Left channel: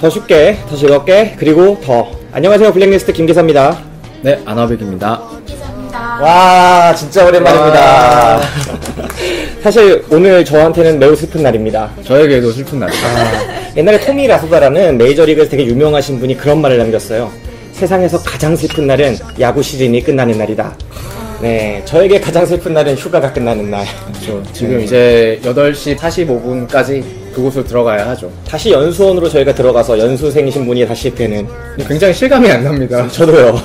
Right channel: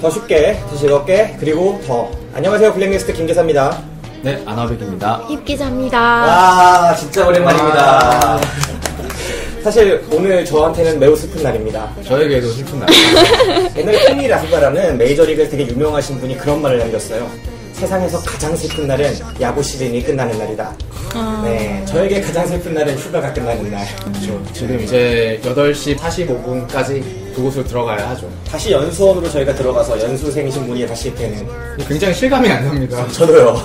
더 쉽게, 더 즐겁게, 그리고 더. 안녕하세요, 블랙리스트 김기사입니다. 네, 아나백입니다. 입기자입니다. 와, 진짜 오랜만입니다. 사실 오늘 저한테는 매우 슬픈 날입니다. 저에게도 슬픈 날이죠. 옛날에 토미 라소바라는 메이저리그에서 되게 유명하신 분이 그런 말을 남겼어요. 세상에서 가장 슬픈 날은 야구 시즌이 끝나는 날이다. 네, 저에게 가장 슬픈 날은 휴가가 끝나는 날. 그렇죠. 지금 이제 8시 45분까지 그곳으로 들어가야 하죠. 다시 연수원으로 저희가 들어가서 연수생이신 분이 다시 되는. 굉장히 실감이 안 납니다. 저도요.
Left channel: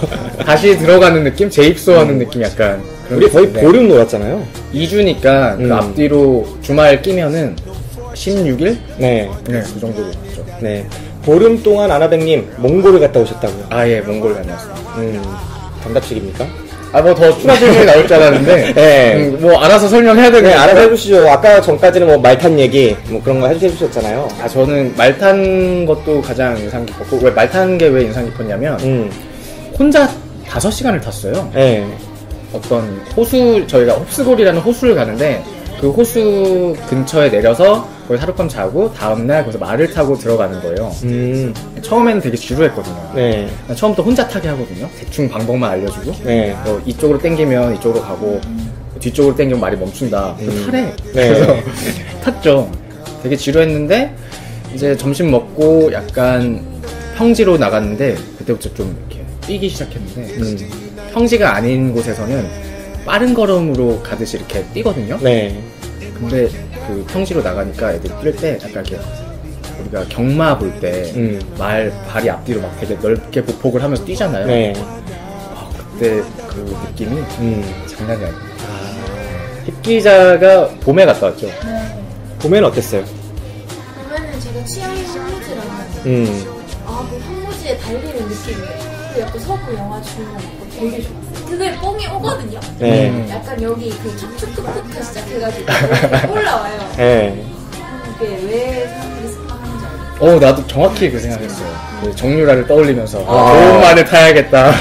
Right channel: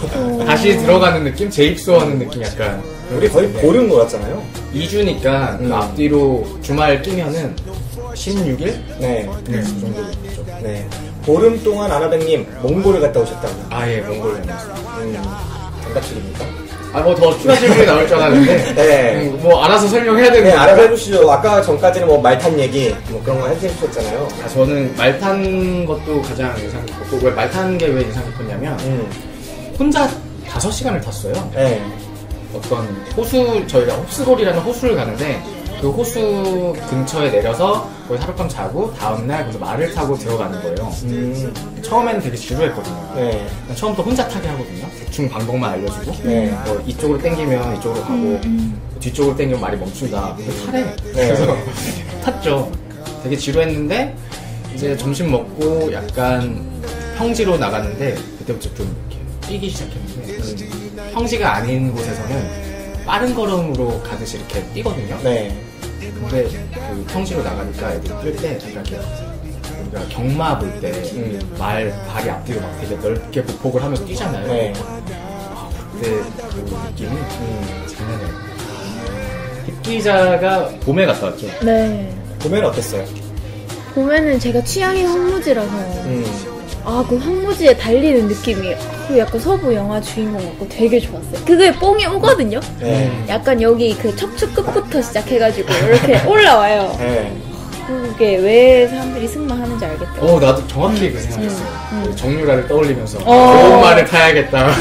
다시 들어가는 느낌? 재입소하는 느낌 약간. 우리 거의 보름 놀았잖아요. 2주니까 그 앞뒤로 주말 끼면은 16일? 네. 네, 그 정도 됐죠. 네. 보름 동안 아나백님 몽골을 갔다 오셨다고. 아, 예, 몽골 다녔어요. 단답식입니까? 아, 뭐 더 추가 질문이 나올 줄 알았는데. 네. 뭐 알아서 설명해야 되는 네, 거니까. 알아보시죠. 아까 전까지는 뭐 말 탄 얘기, 뭐 그런 거 해주셨잖아요. 아, 저는 말 탄 것도 가장 인상 깊었고, 왜 말 타는 게 왜 인상 깊었냐면, 혼자 5시간을 탔어요. 네. 어떤 호수, 저희가 홉스골이라는 호수를 가는데 그 호수 근처에 내려서 거기 하룻밤 자고 다음날 거기서 말을 타고 들어가는 거예요. 처음에는 되게 지루했거든요. 네. 처음부터 혼자 타게 하거든요. 대충 방법만 알려주고 네. 이쪽으로 당기면 이쪽으로 가고 뒤쪽으로 당기면 말이 멈춘다. 타래. 네. 그래서 탔죠. 되게 지루했는데 이제 점심 먹고 약간 평지로 나갔는데 그때부터 좀 이렇게 뛰기 시작했는데 평지가 아닌 곳에서는 빠른 걸음으로 가듯이 이렇게 뛰거든요. 네. 근데 그 평지로 나가니까 애들이 뛸 때 약간 이렇게 우리가 경마 볼 때 발이 앞뒤로 막 되게 넓게 보폭을 하면서 뛰잖아요. 네. 아, 그때 그 느낌이 장난이 아니에요. 힙기자가 봄에 갔다 왔죠. 네. 봄에는 어땠어요? 봄에는 제가 취향이 황무지라서 그 황무지에 달리는 느낌이 그 약간 서부 영화 주인공 같고 되게 좋았어요. 그게 뽕이 오거든요. 네. 약간 여기 그 척추 끝부터 시작해가지고 이렇게 올라와요. 네. 그게 왜 사람들이 승마하는지 알겠어요. 나도 정확히 그 생각했어요. 그 정유라를 떠올리면서 좋은 말을 타야겠다.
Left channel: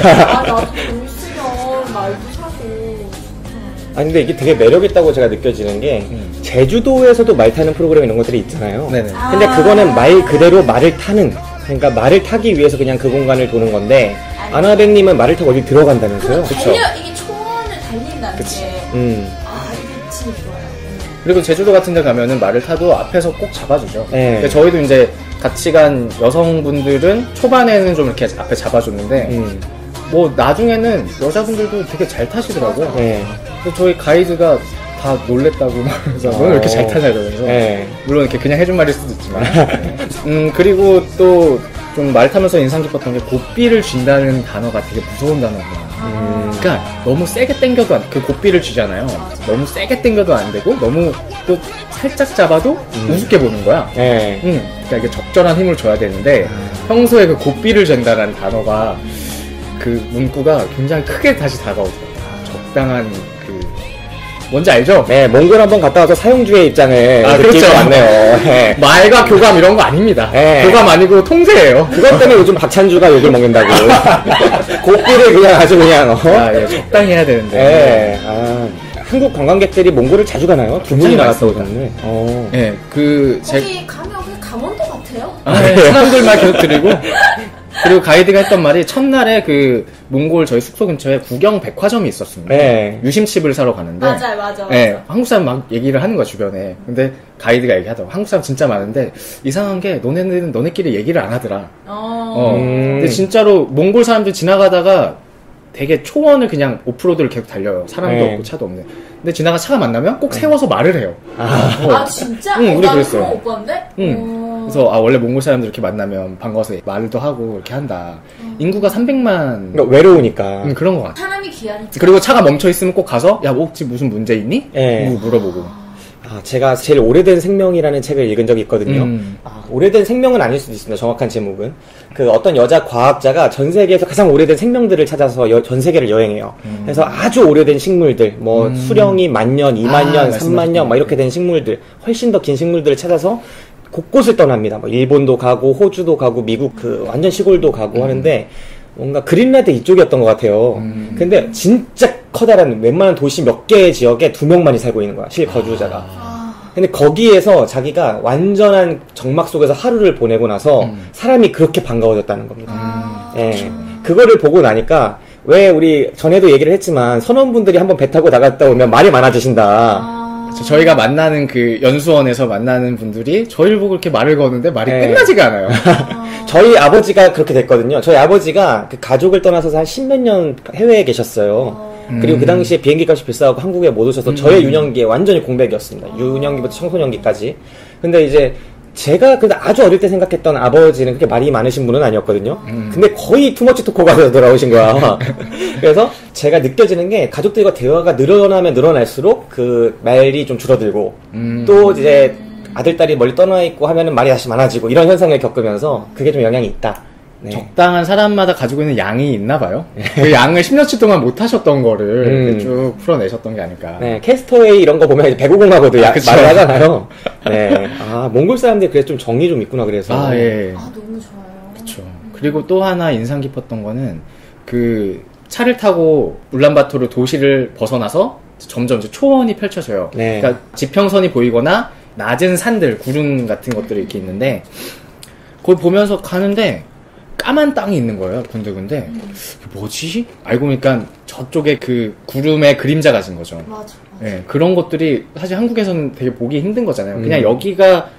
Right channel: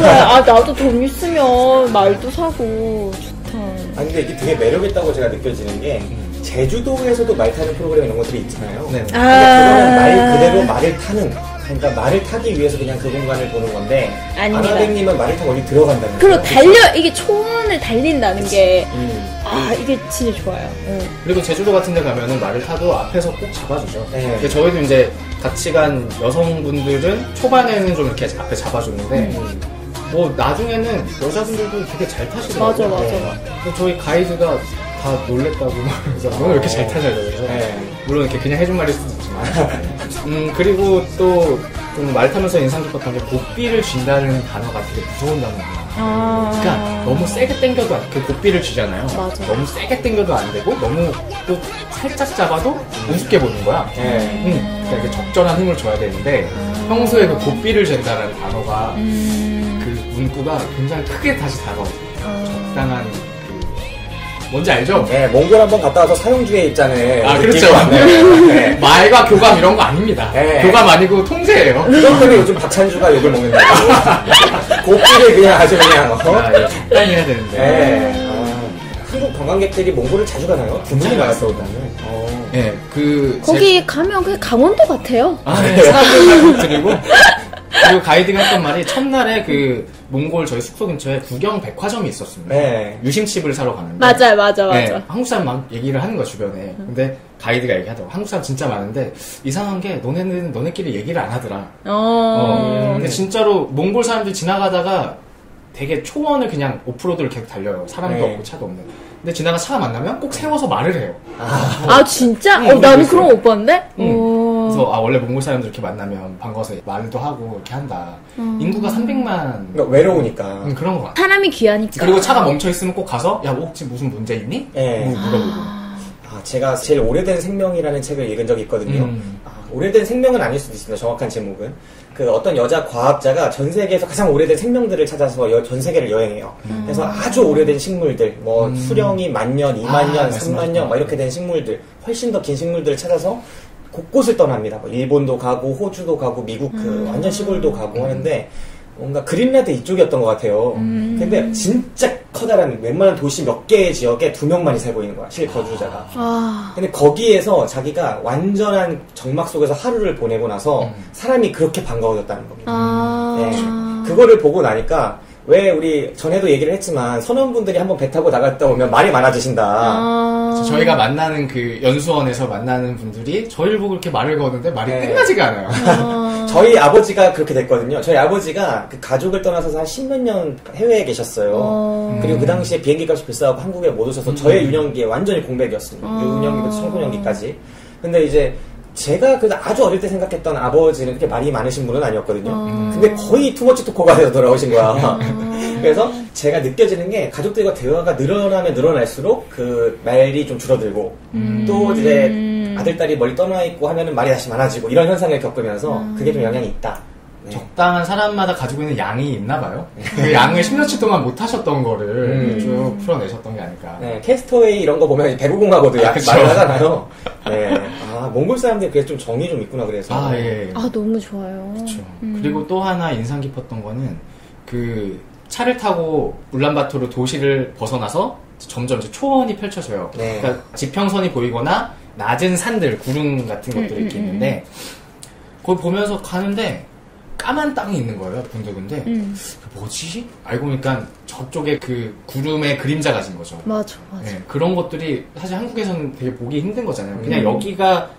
나도 돈 있으면 말도 사고 좋다. 아 근데 이게 되게 매력있다고 제가 느껴지는 게 제주도에서도 말 타는 프로그램 이런 것들이 있잖아요. 네네. 근데 그거는 말 그대로 말을 타는, 그러니까 말을 타기 위해서 그냥 그 공간을 도는 건데 아나백님은 말을 타고 어디 들어간다는 거예요. 그리고 이게 초원을 달린다는 게 이게 진짜 좋아요. 그리고 제주도 같은 데 가면은 말을 타도 앞에서 꼭 잡아주죠. 네. 근데 저희도 이제 같이 간 여성분들은 초반에는 좀 이렇게 앞에 잡아줬는데 뭐 나중에는 여자분들도 되게 잘 타시더라고요. 맞아. 그래서 저희 가이드가 다 놀랬다고 말해서 너는 왜 이렇게 잘 타냐 이러면서 물론 이렇게 그냥 해준 말일 수도 있지만 그리고 또 좀 말 타면서 인상 깊었던 게 고삐를 쥔다는 단어가 되게 무서운 단어예요. 그러니까 너무 세게 당겨도 그 고삐를 쥐잖아요. 맞아. 너무 세게 당겨도 안 되고 너무 또 살짝 잡아도 우습게 보는 거야. 그러니까 이게 적절한 힘을 줘야 되는데 평소에 그 고삐를 잰다는 단어가 그 문구가 굉장히 크게 다시 다가오더라고요. 적당한 뭔지 알죠? 네, 몽골 한번 갔다 와서 사형주의 입장을. 그렇죠. 네. 말과 교감 이런 거 아닙니다. 네. 교감 아니고 통제예요. 그런데 요즘 박찬주가 욕을 먹는다고. 고삐를 그냥 아주 그냥. 예, 적당히 해야 되는데. 네. 한국 관광객들이 몽골을 자주 가나요? 굉장히 많습니다. 예, 거기 가면 그냥 강원도 같아요. 사람들 말 계속 드리고. 그리고 가이드가 했던 말이 첫날에 그 몽골 저희 숙소 근처에 구경 백화점이 있었습니다. 네. 유심칩을 사러 가는데. 맞아. 네, 한국 사람 막 얘기를 하는 거야 주변에. 근데 가이드가 얘기하더라고. 한국 사람 진짜 많은데 이상한 게 너네는 너네끼리 얘기를 안 하더라. 근데 진짜로 몽골 사람들 지나가다가 되게 초원을 그냥 오프로드를 계속 달려요. 사람도 없고 차도 없는. 근데 지나가 차가 만나면 꼭 세워서 말을 해요. 진짜? 응, 나는 그런 거 못 봤는데? 그래서 원래 몽골 사람들 이렇게 만나면 반가워서 말도 하고 이렇게 한다. 인구가 300만. 그러니까 외로우니까. 그런 것 같아. 사람이 귀하니까. 그리고 차가 멈춰 있으면 꼭 가서 야 혹시 무슨 문제 있니? 물어보고. 제가 제일 오래된 생명이라는 책을 읽은 적이 있거든요. 오래된 생명은 아닐 수도 있습니다. 정확한 제목은. 그 어떤 여자 과학자가 전 세계에서 가장 오래된 생명들을 찾아서 전 세계를 여행해요. 그래서 아주 오래된 식물들, 뭐 수령이 10,000년, 20,000년, 30,000년 막 이렇게 된 식물들, 훨씬 더 긴 식물들을 찾아서 곳곳을 떠납니다. 뭐 일본도 가고 호주도 가고 미국 그 완전 시골도 가고 하는데 뭔가 그린란드 이쪽이었던 것 같아요. 근데 진짜 커다란 웬만한 도시 몇 개의 지역에 2명만이 살고 있는 거야. 실거주자가. 근데 거기에서 자기가 완전한 정막 속에서 하루를 보내고 나서 사람이 그렇게 반가워졌다는 겁니다. 네. 그거를 보고 나니까 왜 우리 전에도 얘기를 했지만 선원분들이 한번 배 타고 나갔다 오면 말이 많아지신다. 저희가 만나는 그 연수원에서 만나는 분들이 저희를 보고 이렇게 말을 거는데 말이 끝나지가 않아요. 저희 아버지가 그렇게 됐거든요. 저희 아버지가 그 가족을 떠나서 한 10몇 년 해외에 계셨어요. 그리고 그 당시에 비행기 값이 비싸고 한국에 못 오셔서 저의 유년기에 완전히 공백이었습니다. 유년기부터 청소년기까지. 근데 이제 제가 그 아주 어릴 때 생각했던 아버지는 그렇게 말이 많으신 분은 아니었거든요. 근데 거의 투머치 토커가 돌아오신 거야. 그래서 제가 느껴지는 게 가족들과 대화가 늘어나면 늘어날수록 그 말이 좀 줄어들고 또 이제 아들, 딸이 멀리 떠나 있고 하면은 말이 다시 많아지고 이런 현상을 겪으면서 그게 좀 영향이 있다. 네. 적당한 사람마다 가지고 있는 양이 있나 봐요. 그 양을 10년치 동안 못 하셨던 거를 쭉 풀어내셨던 게 아닐까. 네, 캐스터웨이 이런 거 보면 배구공하고도 많이 하잖아요. 네. 몽골 사람들이 그래서 좀 정이 좀 있구나, 그래서. 예. 너무 좋아요. 그쵸. 그리고 또 하나 인상 깊었던 거는 그 차를 타고 울란바토르 도시를 벗어나서 점점 이제 초원이 펼쳐져요. 네. 그러니까 지평선이 보이거나 낮은 산들, 구름 같은 것들이 이렇게 있는데 거기 보면서 가는데 까만 땅이 있는 거예요, 군데군데. 뭐지? 알고 보니까 저쪽에 그 구름의 그림자가 진 거죠. 맞아. 네, 그런 것들이 사실 한국에서는 되게 보기 힘든 거잖아요. 그냥 여기가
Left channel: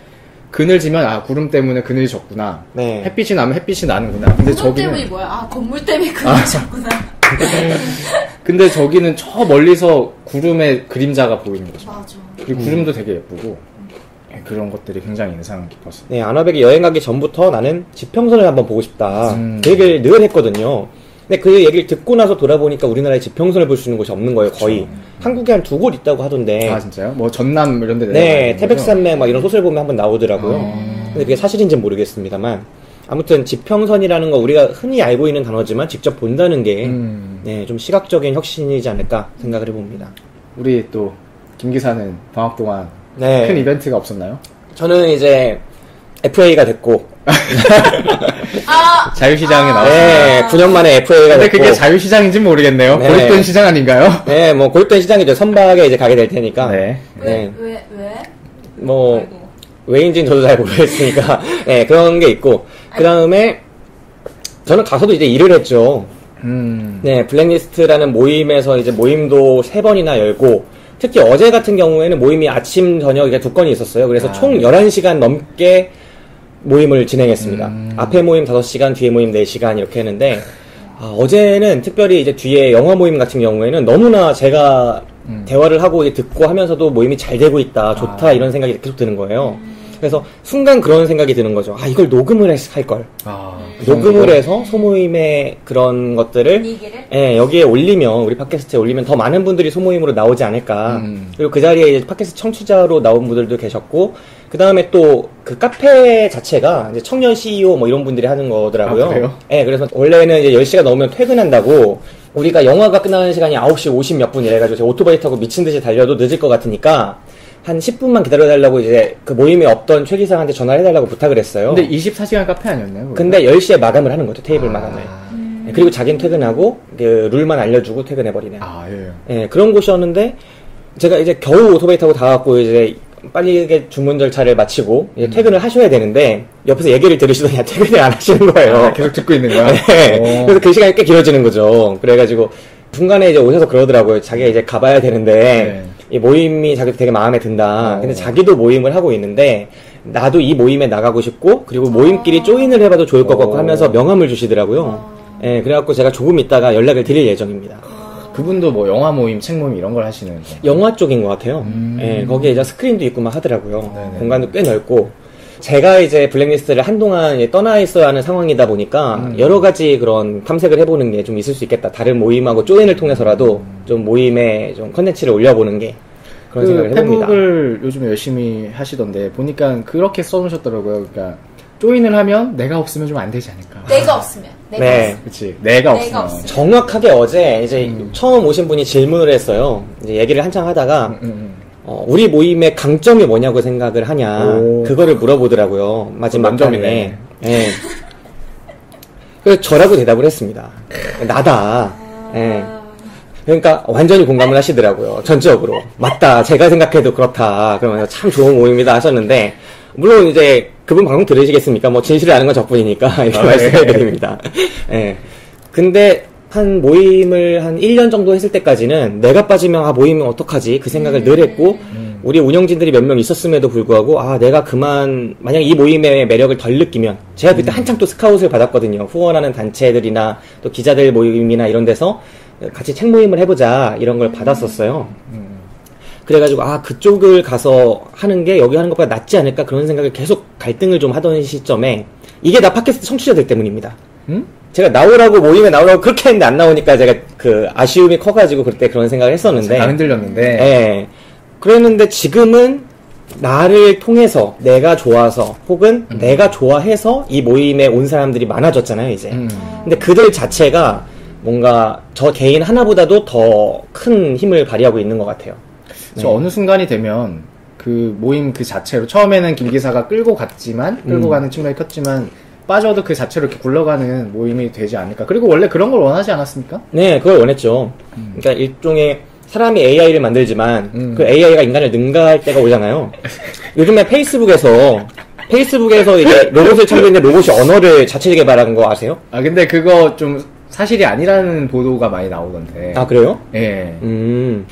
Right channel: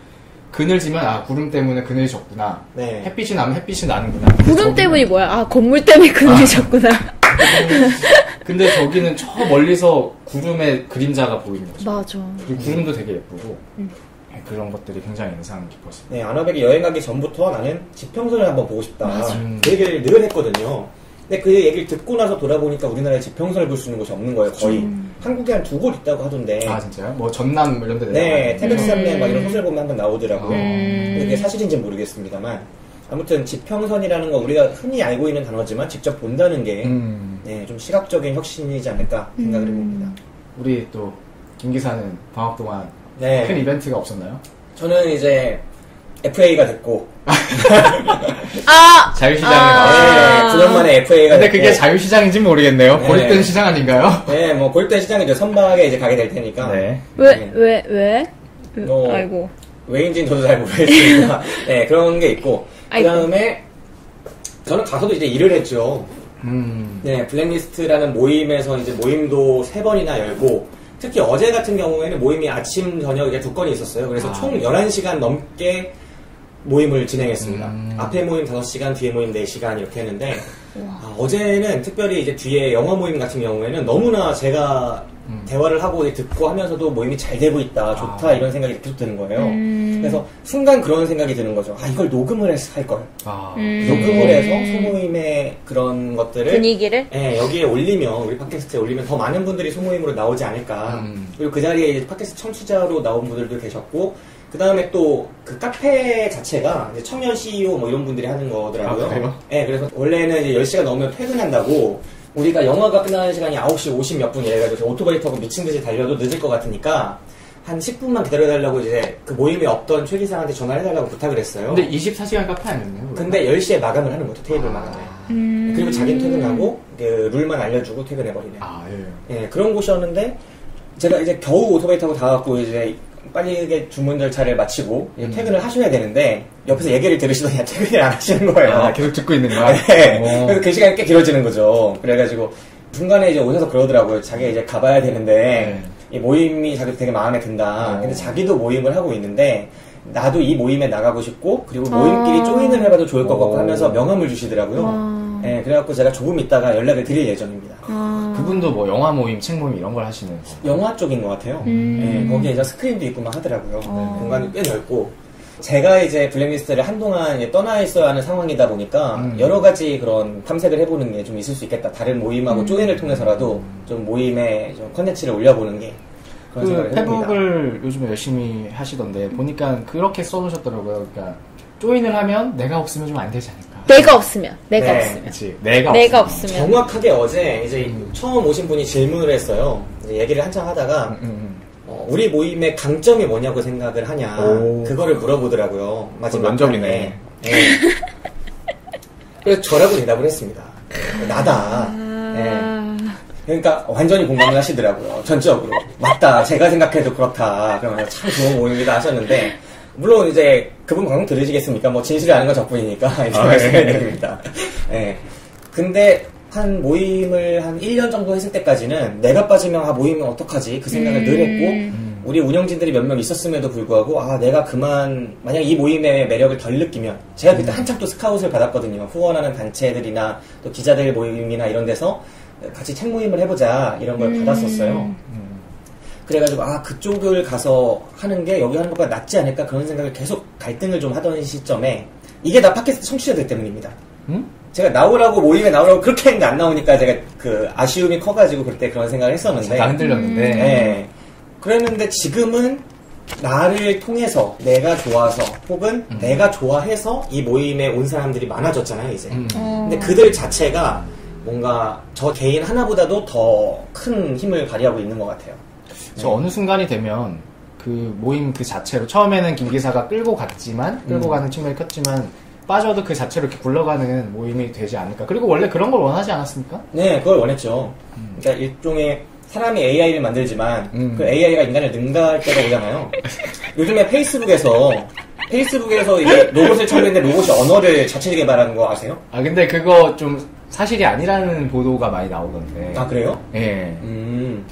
그늘 지면 구름 때문에 그늘이 졌구나. 네. 햇빛이 나면 햇빛이 나는구나. 근데 구름 저기는... 때문이 뭐야? 건물 때문에 그늘이 졌구나. 근데 저기는 저 멀리서 구름의 그림자가 보이는 거죠. 맞아. 그리고 구름도 되게 예쁘고 그런 것들이 굉장히 인상 깊었어요. 네, 아나백이 여행 가기 전부터 나는 지평선을 한번 보고 싶다. 그 얘기를 늘 했거든요. 근데 그 얘기를 듣고 나서 돌아보니까 우리나라에 지평선을 볼 수 있는 곳이 없는 거예요, 거의. 한국에 한 2곳 있다고 하던데. 아, 진짜요? 뭐 전남 이런 데 네, 태백산맥 막 이런 곳을 보면 한번 나오더라고요. 근데 그게 사실인지는 모르겠습니다만. 아무튼 지평선이라는 거 우리가 흔히 알고 있는 단어지만 직접 본다는 게 네, 좀 시각적인 혁신이지 않을까 생각을 해봅니다. 우리 또 김 기사는 방학 동안 네. 큰 이벤트가 없었나요? 저는 이제 FA가 됐고 자유시장에 나왔습니다. 네, 9년 만에 FA가 근데 됐고. 그게 자유시장인지 모르겠네요. 네. 고립된 시장 아닌가요? 네, 뭐 고립된 시장이죠. 선박에 이제 가게 될 테니까. 네. 왜? 뭐 아이고. 왜인지는 저도 잘 모르겠으니까. 네, 그런 게 있고. 그 다음에 저는 가서도 이제 일을 했죠. 네, 블랙리스트라는 모임에서 이제 모임도 3번이나 열고, 특히 어제 같은 경우에는 모임이 아침, 저녁 이렇게 2건이 있었어요. 그래서 총 11시간 넘게 모임을 진행했습니다. 앞에 모임 5시간, 뒤에 모임 4시간 이렇게 했는데, 어제는 특별히 이제 뒤에 영화 모임 같은 경우에는 너무나 제가 대화를 하고 듣고 하면서도 모임이 잘 되고 있다, 좋다, 이런 생각이 계속 드는 거예요. 그래서 순간 그런 생각이 드는 거죠. 이걸 녹음을 할 걸. 녹음을 해서 소모임의 그런 것들을 분위기를? 예, 여기에 올리면, 우리 팟캐스트에 올리면 더 많은 분들이 소모임으로 나오지 않을까. 그리고 그 자리에 이제 팟캐스트 청취자로 나온 분들도 계셨고, 그 다음에 또 그 카페 자체가 이제 청년 CEO 뭐 이런 분들이 하는 거더라고요. 그래요? 예, 그래서 원래는 이제 10시가 넘으면 퇴근한다고, 우리가 영화가 끝나는 시간이 9시 50 몇 분 이래가지고 오토바이 타고 미친 듯이 달려도 늦을 것 같으니까 한 10분만 기다려달라고 이제 그 모임에 없던 최 기사한테 전화를 해달라고 부탁을 했어요. 근데 24시간 카페 아니었나요? 그거? 근데 10시에 마감을 하는 거죠, 테이블 마감을. 그리고 자기는 퇴근하고 그 룰만 알려주고 퇴근해버리네. 예, 그런 곳이었는데 제가 이제 겨우 오토바이 타고 다 왔고 이제 빨리 주문 절차를 마치고 이제 퇴근을 하셔야 되는데 옆에서 얘기를 들으시더니 퇴근을 안 하시는 거예요. 계속 듣고 있는 거야? 네. 그래서 그 시간이 꽤 길어지는 거죠. 그래가지고 중간에 이제 오셔서 그러더라고요. 자기가 이제 가봐야 되는데 이 모임이 자기 되게 마음에 든다. 근데 자기도 모임을 하고 있는데 나도 이 모임에 나가고 싶고 그리고 모임끼리 조인을 해봐도 좋을 것 같고 하면서 명함을 주시더라고요. 네, 그래갖고 제가 조금 있다가 연락을 드릴 예정입니다. 그분도 뭐 영화 모임, 책 모임 이런 걸 하시는 건가요? 영화 쪽인 것 같아요. 네, 거기에 이제 스크린도 있고 막 하더라고요. 공간도 꽤 넓고. 제가 이제 블랙리스트를 한동안 떠나 있어야 하는 상황이다 보니까 여러 가지 그런 탐색을 해보는 게 좀 있을 수 있겠다. 다른 모임하고 조인을 통해서라도 좀 모임에 좀 컨텐츠를 올려보는 게. 그런 생각을 해봅니다. 페북을 요즘에 열심히 하시던데 보니까 그렇게 써놓으셨더라고요. 그러니까 조인을 하면 내가 없으면 좀 안 되지 않을까. 내가 없으면. 그치. 내가 없으면. 정확하게 어제 이제 처음 오신 분이 질문을 했어요. 이제 얘기를 한참 하다가 우리 모임의 강점이 뭐냐고 생각을 하냐. 그거를 물어보더라고요. 마지막 면접이네. 네. 그래서 저라고 대답을 했습니다. 나다. 네. 그러니까 완전히 공감을 하시더라고요. 전적으로. 맞다. 제가 생각해도 그렇다. 그러면서 참 좋은 모임이다 하셨는데 물론 이제 그분 방송 들으시겠습니까? 뭐 진실을 아는 건 저뿐이니까 이렇게 말씀드립니다. 네. 근데 한 모임을 한 1년 정도 했을 때까지는 내가 빠지면 모임은 어떡하지? 그 생각을 늘 했고 우리 운영진들이 몇 명 있었음에도 불구하고 내가 그만 만약 이 모임의 매력을 덜 느끼면 제가 그때 한참 또 스카웃을 받았거든요. 후원하는 단체들이나 또 기자들 모임이나 이런 데서 같이 책 모임을 해보자 이런 걸 받았었어요. 그래가지고 그쪽을 가서 하는 게 여기 하는 것보다 낫지 않을까 그런 생각을 계속 갈등을 좀 하던 시점에 이게 다 팟캐스트 청취자들 때문입니다. 제가 나오라고 모임에 나오라고 그렇게 했는데 안 나오니까 제가 그 아쉬움이 커가지고 그때 그런 생각을 했었는데 다 흔들렸는데 네. 그랬는데 지금은 나를 통해서 내가 좋아서 혹은 내가 좋아해서 이 모임에 온 사람들이 많아졌잖아요 이제. 근데 그들 자체가 뭔가 저 개인 하나보다도 더 큰 힘을 발휘하고 있는 것 같아요. 저 어느 순간이 되면 그 모임 그 자체로 처음에는 김 기사가 끌고 가는 측면이 컸지만 빠져도 그 자체로 이렇게 굴러가는 모임이 되지 않을까. 그리고 원래 그런 걸 원하지 않았습니까? 네, 그걸 원했죠. 그러니까 일종의 사람이 AI를 만들지만 그 AI가 인간을 능가할 때가 오잖아요. 요즘에 페이스북에서 이제 로봇을 찾는데 로봇이 언어를 자체 개발하는 거 아세요? 근데 그거 좀 사실이 아니라는 보도가 많이 나오던데. 그래요? 예.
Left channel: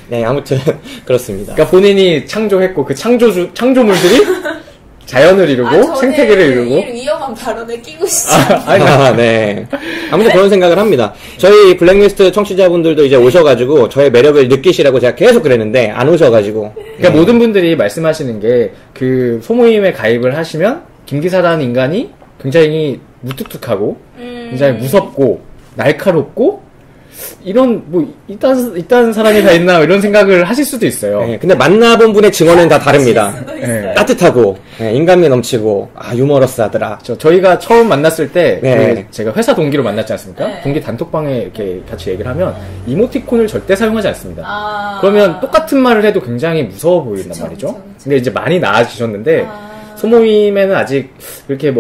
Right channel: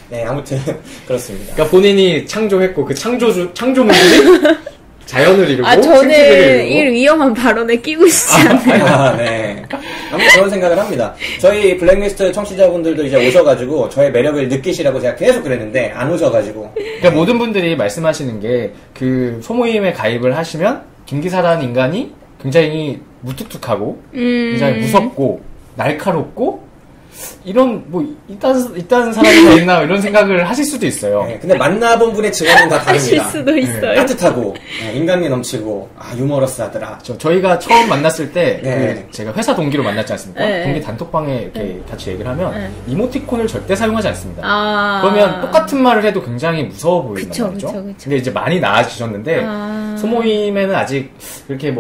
네, 아무튼 그렇습니다. 그러니까 본인이 창조했고 그 창조물들이 자연을 이루고 생태계를 이루고. 이 위험한 발언에 끼고 있지 않나요? 네. 아무튼 그런 생각을 합니다. 저희 블랙리스트 청취자분들도 이제 오셔가지고 저의 매력을 느끼시라고 제가 계속 그랬는데 안 오셔가지고. 그러니까 모든 분들이 말씀하시는 게 그 소모임에 가입을 하시면 김기사라는 인간이 굉장히 무뚝뚝하고 굉장히 무섭고 날카롭고 이런 이딴 사람이 다 있나 이런 생각을 하실 수도 있어요. 네, 근데 만나본 분의 증언은 다 다릅니다. 하실 수도 있어요. 따뜻하고 인간미 넘치고 유머러스하더라. 저희가 처음 만났을 때 네. 제가 회사 동기로 만났지 않습니까? 네. 동기 단톡방에 이렇게 같이 얘기를 하면 이모티콘을 절대 사용하지 않습니다. 그러면 아. 똑같은 말을 해도 굉장히 무서워 보인단 말이죠. 그쵸. 근데 이제 많이 나아지셨는데 소모임에는 아직 그렇게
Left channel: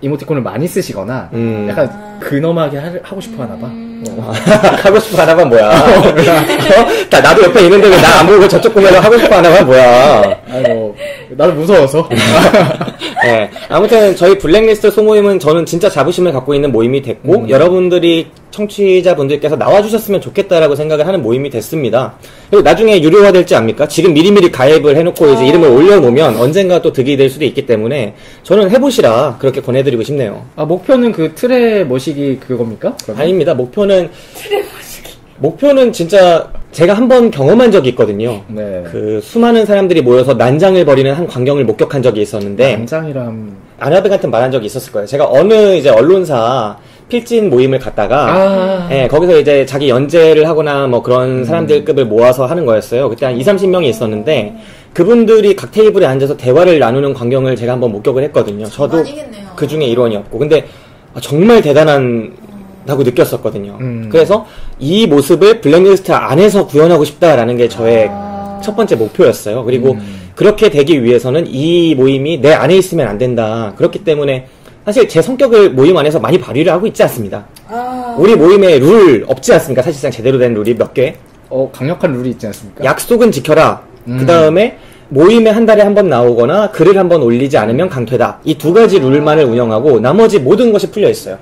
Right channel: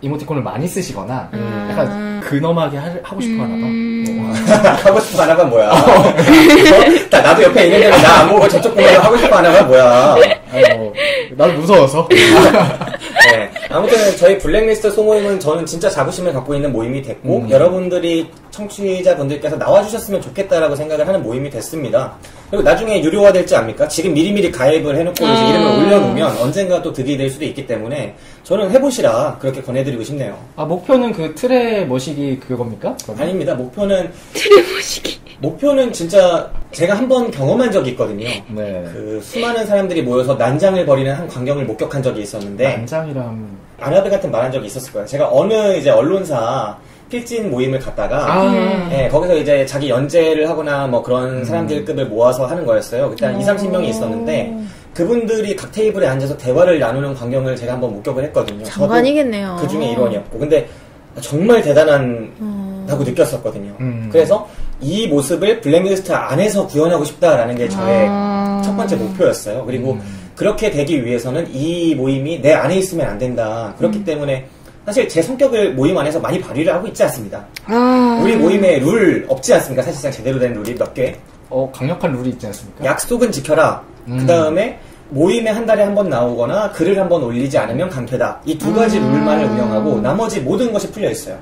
이모티콘을 많이 쓰시거나 약간 근엄하게 하고 싶어 하나 봐. 하고 싶어 하나 봐 뭐야. 나도 옆에 있는데 나 안 보고 저쪽 보면 하고 싶어 하나 봐 뭐야. 나도 무서워서. 네. 아무튼 저희 블랙리스트 소모임은 저는 진짜 자부심을 갖고 있는 모임이 됐고 여러분들이 청취자분들께서 나와주셨으면 좋겠다라고 생각을 하는 모임이 됐습니다. 그리고 나중에 유료화될지 압니까? 지금 미리미리 가입을 해놓고 이제 이름을 올려놓으면 언젠가 또 득이 될 수도 있기 때문에 저는 해보시라 그렇게 권해드리고 싶네요. 목표는 그 틀에 모시기 그겁니까? 그러면? 아닙니다. 목표는 틀에 모시기. 목표는 진짜 제가 한번 경험한 적이 있거든요. 네. 그 수많은 사람들이 모여서 난장을 벌이는 한 광경을 목격한 적이 있었는데 난장이랑 아나베 같은 말한 적이 있었을 거예요. 제가 어느 이제 언론사 필진 모임을 갔다가 거기서 이제 자기 연재를 하거나 뭐 그런 사람들급을 모아서 하는 거였어요. 그때 한 20-30명이 있었는데 그분들이 각 테이블에 앉아서 대화를 나누는 광경을 제가 한번 목격을 했거든요. 장관이겠네요. 저도 그 중에 일원이었고 근데 정말 대단하다고 느꼈었거든요. 그래서 이 모습을 블랙리스트 안에서 구현하고 싶다라는 게 저의 첫 번째 목표였어요. 그리고 그렇게 되기 위해서는 이 모임이 내 안에 있으면 안 된다. 그렇기 때문에 사실 제 성격을 모임 안에서 많이 발휘를 하고 있지 않습니다. 우리 모임에 룰 없지 않습니까? 사실상 제대로 된 룰이 몇 개. 강력한 룰이 있지 않습니까? 약속은 지켜라. 그 다음에 모임에 한 달에 한 번 나오거나 글을 한 번 올리지 않으면 강퇴다. 이 두 가지 룰만을 운영하고 나머지 모든 것이 풀려 있어요.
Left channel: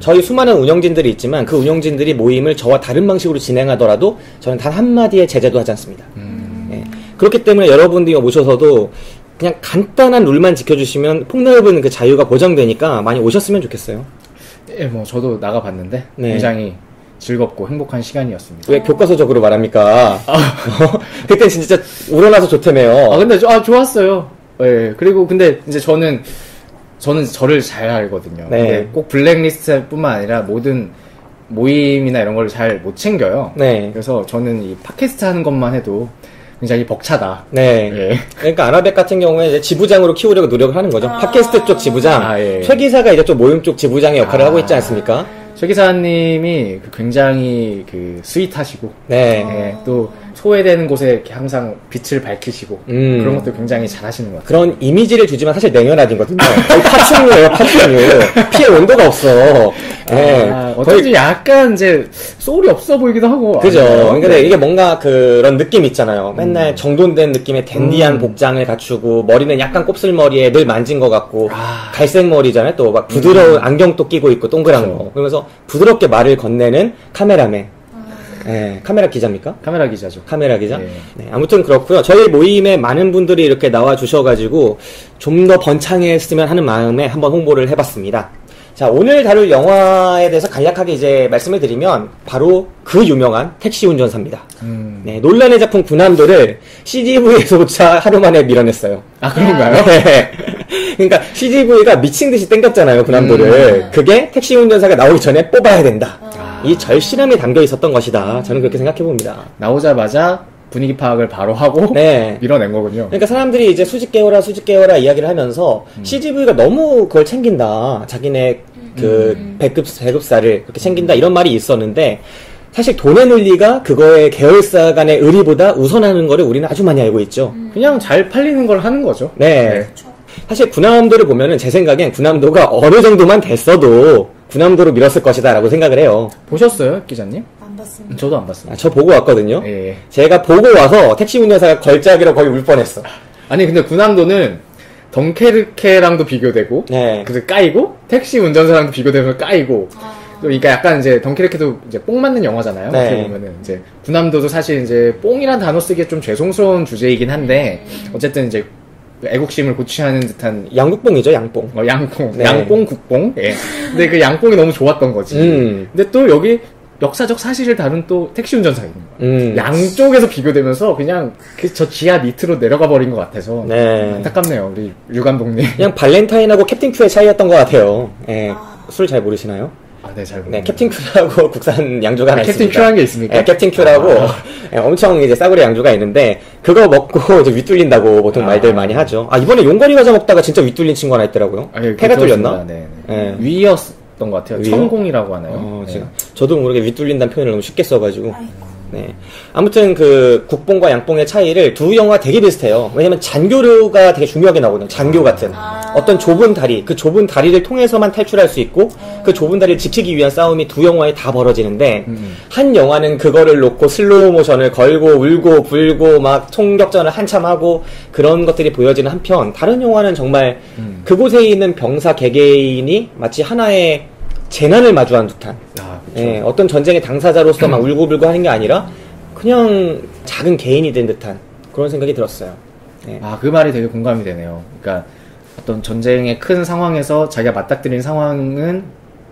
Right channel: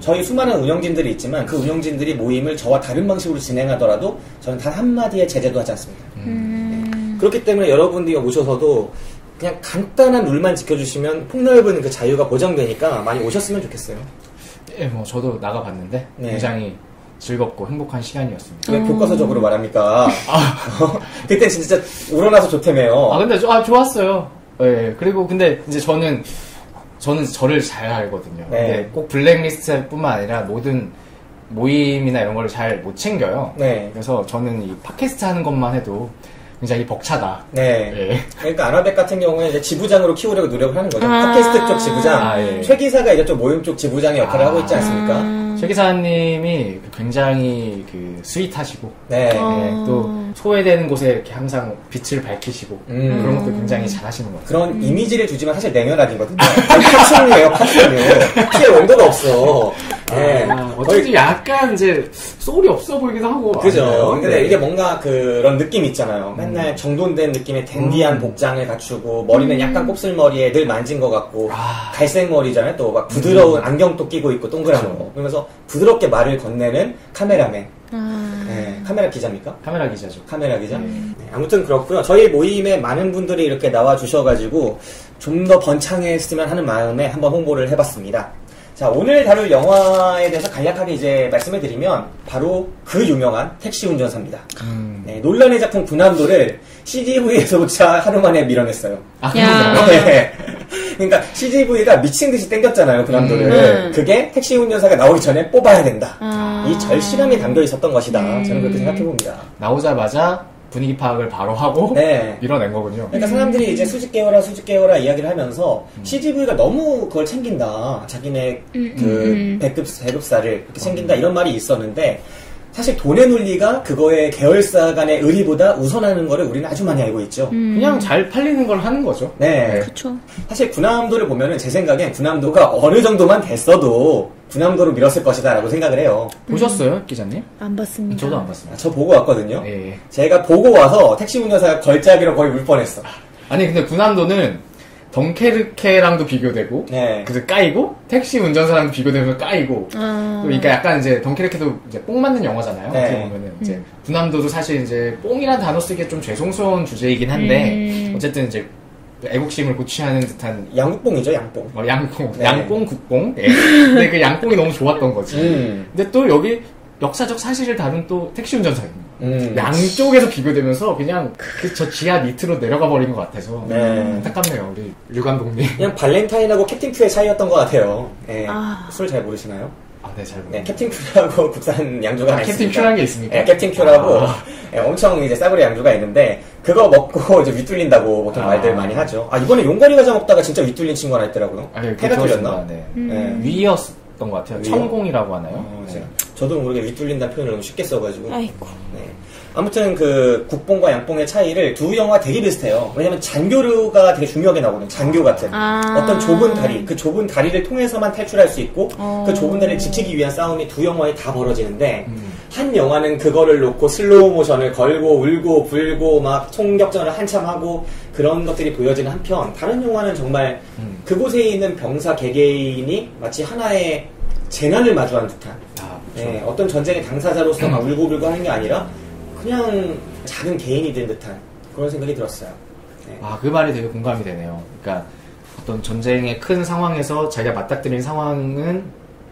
저희 수많은 운영진들이 있지만 그 운영진들이 모임을 저와 다른 방식으로 진행하더라도 저는 단 한마디의 제재도 하지 않습니다. 네. 그렇기 때문에 여러분들이 오셔서도 그냥 간단한 룰만 지켜주시면 폭넓은 그 자유가 보장되니까 많이 오셨으면 좋겠어요. 예, 저도 나가봤는데 굉장히 즐겁고 행복한 시간이었습니다. 왜 교과서적으로 말합니까? 그때 진짜 우러나서 좋다며요. 근데 좋았어요. 예, 그리고 근데 이제 저는 저를 잘 알거든요. 네. 근데 꼭 블랙리스트뿐만 아니라 모든 모임이나 이런 걸 잘 못 챙겨요. 네. 그래서 저는 이 팟캐스트 하는 것만 해도 굉장히 벅차다. 네. 예. 그러니까 아나백 같은 경우에 이제 지부장으로 키우려고 노력을 하는 거죠. 팟캐스트 쪽 지부장, 예. 최 기사가 이제 좀 모임 쪽 지부장의 역할을 하고 있지 않습니까? 최 기사님이 굉장히 스윗하시고, 네. 예, 또 소외되는 곳에 이렇게 항상 빛을 밝히시고 그런 것도 굉장히 잘하시는 것 같아요. 그런 이미지를 주지만 사실 냉연하거든요. 파충류예요, 파충류. 피해 온도가 없어. 네. 어쩐지 약간 이제 소울이 없어 보이기도 하고. 그죠. 근데 네. 이게 뭔가 그런 느낌 있잖아요. 맨날 정돈된 느낌의 댄디한 복장을 갖추고 머리는 약간 곱슬머리에 늘 만진 것 같고 갈색 머리잖아요. 또 막 부드러운 안경도 끼고 있고 동그란 거. 그러면서 부드럽게 말을 건네는 카메라맨. 네, 카메라 기자입니까? 카메라 기자죠. 카메라 기자? 네. 네, 아무튼 그렇고요. 저희 모임에 많은 분들이 이렇게 나와 주셔가지고 좀 더 번창했으면 하는 마음에 한번 홍보를 해봤습니다. 자, 오늘 다룰 영화에 대해서 간략하게 이제 말씀을 드리면 바로 그 유명한 택시 운전사입니다. 네, 논란의 작품 군함도를 CGV에서조차 하루 만에 밀어냈어요. 아, 그런가요? 네. 그러니까 CGV가 미친 듯이 땡겼잖아요, 군함도를. 그게 택시 운전사가 나오기 전에 뽑아야 된다. 이 절실함이 담겨 있었던 것이다. 저는 그렇게 생각해 봅니다. 나오자마자 분위기 파악을 바로 하고 네. 밀어낸 거군요. 그러니까 사람들이 이제 수직 깨워라 이야기를 하면서 CGV가 너무 그걸 챙긴다. 자기네 그 배급사를 그렇게 챙긴다. 이런 말이 있었는데 사실 돈의 논리가 그거의 계열사 간의 의리보다 우선하는 거를 우리는 아주 많이 알고 있죠. 그냥 잘 팔리는 걸 하는 거죠. 네. 그렇죠. 사실 군함도를 보면은 제 생각엔 군함도가 어느 정도만 됐어도 군함도로 밀었을 것이다 라고 생각을 해요. 보셨어요, 기자님? 안 봤습니다. 저도 안 봤습니다. 저 보고 왔거든요. 예. 제가 보고 와서 택시 운전사가 걸작이로 거의 울 뻔했어. 아니 근데 군함도는 덩케르케랑도 비교되고, 네. 그래서 까이고, 택시 운전사랑도 비교되면서 까이고, 또 그러니까 약간 이제 덩케르케도 이제 뽕 맞는 영화잖아요. 네. 어떻게 보면은 이제 군함도도 사실 이제 뽕이란 단어 쓰기에 좀 죄송스러운 주제이긴 한데, 어쨌든 이제 애국심을 고취하는 듯한 양국뽕이죠, 양뽕. 양뽕, 네. 양뽕 국뽕. 예. 근데 그 양뽕이 너무 좋았던 거지. 근데 또 여기 역사적 사실을 다룬 또 택시 운전사가 있는 거야. 양쪽에서 비교되면서 그냥 저 지하 밑으로 내려가 버린 것 같아서 안타깝네요, 우리 류 감독님. 그냥 발렌타인하고 캡틴 큐의 차이였던 것 같아요. 예. 술 잘 모르시나요? 아, 네, 잘 모르겠네요. 네, 캡틴 큐라고 국산 양조가 하나 캡틴 있습니다. 큐라는 게 있습니까? 네, 캡틴 큐라고 예, 엄청 이제 싸구려 양조가 있는데 그거 먹고 이제 윗뚫린다고 보통 말들 많이 하죠. 아, 이번에 용가리 과자 먹다가 진짜 윗뚫린 친구 하나 있더라고요. 예, 해가 뚫렸나? 네. 위였던 것 같아요. 천공이라고 하나요? 네. 저도 모르게 윗뚫린다는 표현을 너무 쉽게 써가지고. 네. 아무튼 그 국뽕과 양뽕의 차이를 두 영화 되게 비슷해요. 왜냐면 잔교류가 되게 중요하게 나오거든요. 잔교 같은 어떤 좁은 다리, 그 좁은 다리를 통해서만 탈출할 수 있고 그 좁은 다리를 지키기 위한 싸움이 두 영화에 다 벌어지는데 한 영화는 그거를 놓고 슬로우 모션을 걸고 울고 불고 막 총격전을 한참 하고 그런 것들이 보여지는 한편 다른 영화는 정말 그곳에 있는 병사 개개인이 마치 하나의 재난을 마주한 듯한 네, 어떤 전쟁의 당사자로서 막 울고불고 하는 게 아니라 그냥 작은 개인이 된 듯한 그런 생각이 들었어요. 네. 아, 그 말이 되게 공감이 되네요. 그러니까 어떤 전쟁의 큰 상황에서 자기가 맞닥뜨린 상황은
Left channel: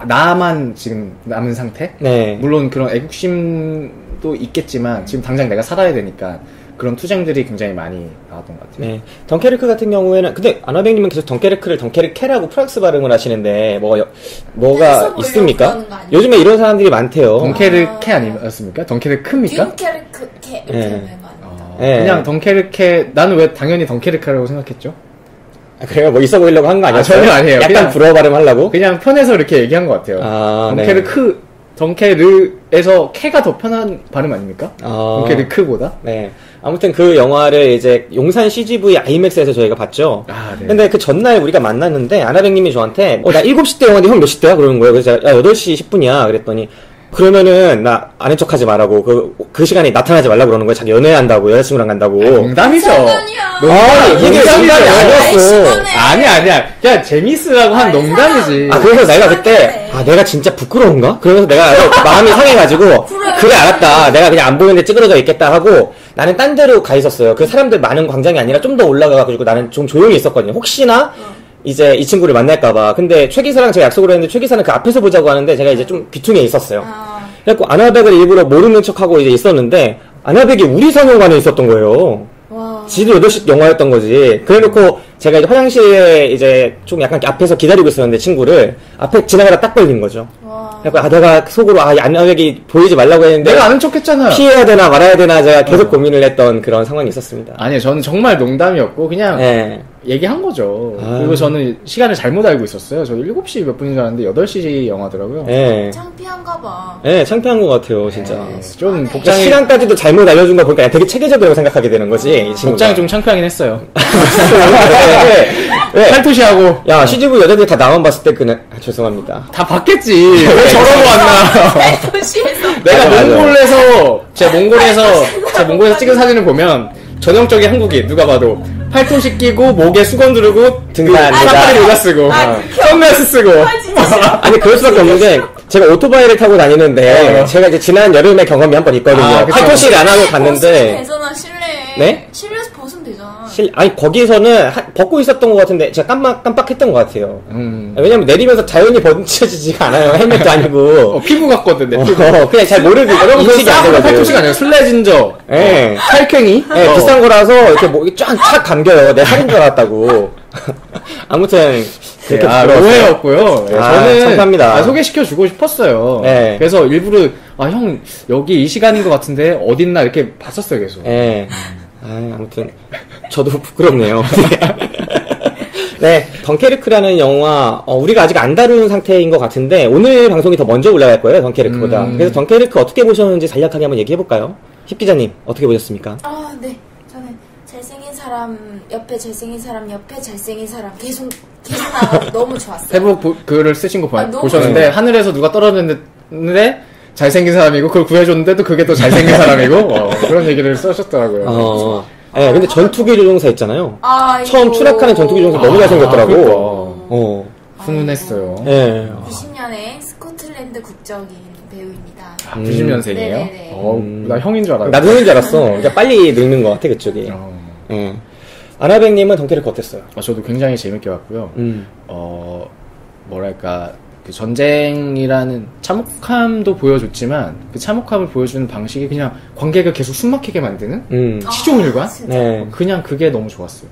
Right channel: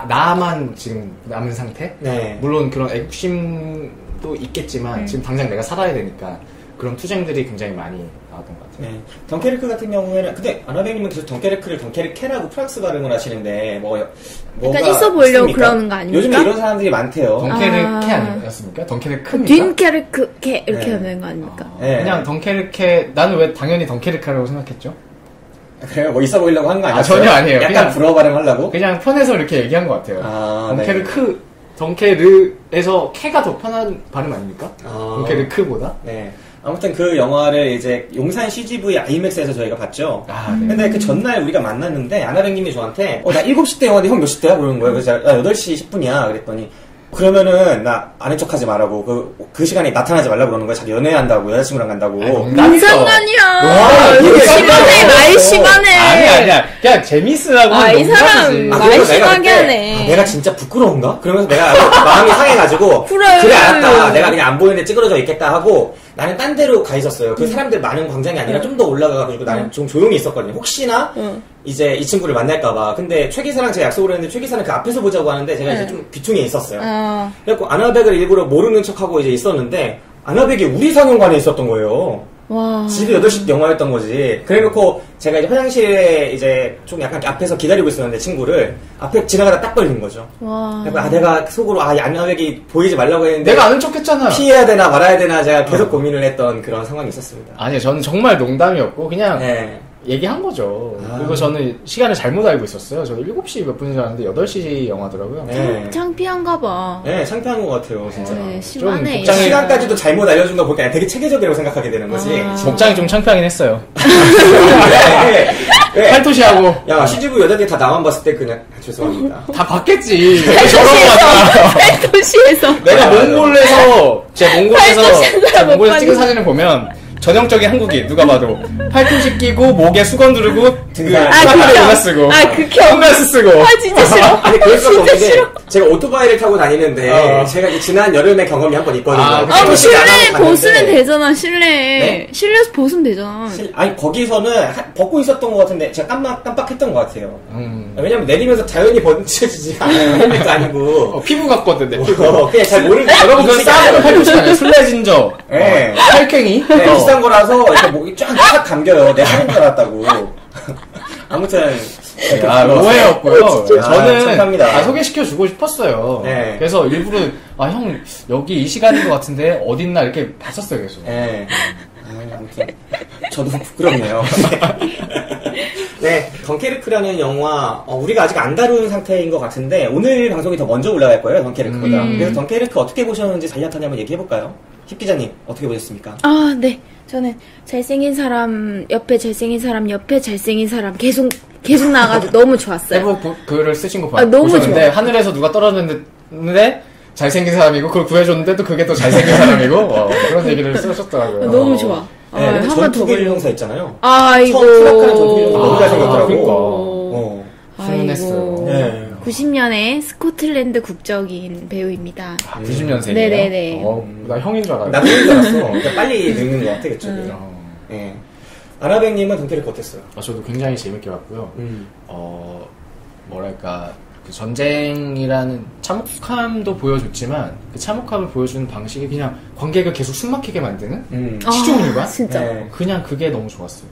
나만 지금 남은 상태? 네. 물론 그런 애국심도 있겠지만 지금 당장 내가 살아야 되니까 그런 투쟁들이 굉장히 많이 나왔던 것 같아요. 네. 덩케르크 같은 경우에는 근데 아나백님은 계속 덩케르크를 덩케르케라고 프랑스 발음을 하시는데 뭐가 있어 보이려고 있습니까? 그러는 거 아닙니까? 요즘에 이런 사람들이 많대요. 덩케르케 아니었습니까? 덩케르크입니까? 딘케르크케 이렇게 하는 거 아닙니까? 네. 그냥 덩케르케 나는 왜 당연히 덩케르크라고 생각했죠? 그래가 뭐 있어 보이려고 한 거 아니에요? 전혀 아니에요. 약간 그냥 불어 발음하려고? 그냥 편해서 이렇게 얘기한 것 같아요. 덩케르크, 덩케르에서 케가 더 편한 발음 아닙니까? 덩케르크보다? 네. 아무튼 그 영화를 이제 용산 CGV IMAX에서 저희가 봤죠. 네. 근데 그 전날 우리가 만났는데 아나백님이 저한테 나 7시 때 영화인데 형 몇 시 때야? 그러는 거예요. 그래서 야 8시 10분이야. 그랬더니 그러면은 나 아는 척하지 말라고 그 시간에 나타나지 말라고 그러는 거예요. 자기 연애한다고 여자친구랑 간다고. 농담이죠. 농담이죠. 나이 심하네. 아니야. 그냥 재밌으라고 한 농담이지. 그래서 내가 그때 내가 진짜 부끄러운가? 그러면서 내가 마음이 상해가지고 그래 알았다. 내가 그냥 안 보이는데 찌그러져 있겠다 하고 나는 딴 데로 가 있었어요. 그 사람들 많은 광장이 아니라 좀 더 올라가가지고 나는 좀 조용히 있었거든요. 혹시나 이제 이 친구를 만날까봐. 근데 최 기사랑 제가 약속을 했는데 최 기사는 그 앞에서 보자고 하는데 제가 이제 좀 귀퉁이에 있었어요. 그래갖고 아나백을 일부러 모르는 척하고 이제 있었는데 아나백이 우리 상호관에 있었던 거예요. 지도 8시 영화였던 거지. 그래놓고 제가 이제 화장실에 이제 좀 약간 앞에서 기다리고 있었는데 친구를 앞에 지나가다 딱 걸린 거죠. 그러니까 내가 속으로 안나에게 보이지 말라고 했는데 내가 아는 척했잖아. 피해야 되나 말아야 되나 제가 계속 고민을 했던 그런 상황이 있었습니다. 아니요, 저는 정말 농담이었고 그냥 얘기한 거죠. 그리고 저는 시간을 잘못 알고 있었어요. 저 7시 몇 분인 줄 알았는데 8시 영화더라고요. 창피한가 봐. 네, 창피한 것 같아요, 진짜. 좀 복장이 시간까지도 잘못 알려준 거 보니까 되게 체계적이라고 생각하게 되는 거지. 복장이 좀 창피하긴 했어요. 팔토시하고. 야, CGV 여자들 다 나만 봤을 때 그냥 죄송합니다. 다 봤겠지. 왜 저러고 왔나? 팔토시에서. 내가 몽골에서 찍은 사진을 보면 전형적인 한국인 누가 봐도 팔토시 끼고 목에 수건 두르고 사파리 모자 쓰고 선글라스 쓰고 진짜 싫어. 아니 그럴 수가 없는 게 제가 오토바이를 타고 다니는데 제가 이제 지난 여름에 경험이 한 번 있거든요. 팔토시를 안 하고 갔는데 벗으면 되잖아. 실내에 실내에서 벗으면 되잖아. 아니 거기서는 벗고 있었던 것 같은데 제가 깜빡했던 것 같아요. 왜냐면 내리면서 자연히 벗겨지지가 않아요. 헬멧도 아니고 피부 같거든. 내 피부. 그냥 잘 모르고 여러분 그건 싸구려 팔토시가 아니에요. 술래진저 팔캥이 비싼 거라서 이렇게 목이 쫙 감겨요. 내가 사는 줄 알았다고. 아무튼 오해였고요. 저는 감사합니다. 소개시켜 주고 싶었어요. 그래서 일부러 형 여기 이 시간인 것 같은데 어딨나 이렇게 봤었어요 계속. 아무튼 저도 부끄럽네요. 네, 덩케르크라는 영화 우리가 아직 안 다룬 상태인 것 같은데 오늘 방송이 더 먼저 올라갈 거예요. 덩케르크보다. 그래서 덩케르크 어떻게 보셨는지 간략하게 한번 얘기해볼까요? 힙 기자님 어떻게 보셨습니까? 네. 저는 잘생긴 사람 옆에 잘생긴 사람 옆에 잘생긴 사람 계속 나가지고 너무 좋았어요. 페북 글을 쓰신 거 보셨는데 좋아. 하늘에서 누가 떨어졌는데 잘생긴 사람이고 그걸 구해줬는데 또 그게 또 잘생긴 사람이고 그런 얘기를 쓰셨더라고요. 너무 좋아. 네, 근데 전투기를 용사 있잖아요. 처음 추락하는 전투기 용사 너무 잘생겼더라고요. 훈훈했어요. 90년에 스코틀랜드 국적인 배우입니다. 90년생이에요? 네네네. 나 형인 줄 알았어. 나 형인 줄 알았어. 그러니까 빨리 늙는 것 같아, 그쪽이. 아나백님은 덩케르크 어땠어요? 저도 굉장히 재밌게 봤고요. 뭐랄까, 그 전쟁이라는 참혹함도 보여줬지만 그 참혹함을 보여주는 방식이 그냥 관객을 계속 숨막히게 만드는 시종일관? 그냥 그게 너무 좋았어요.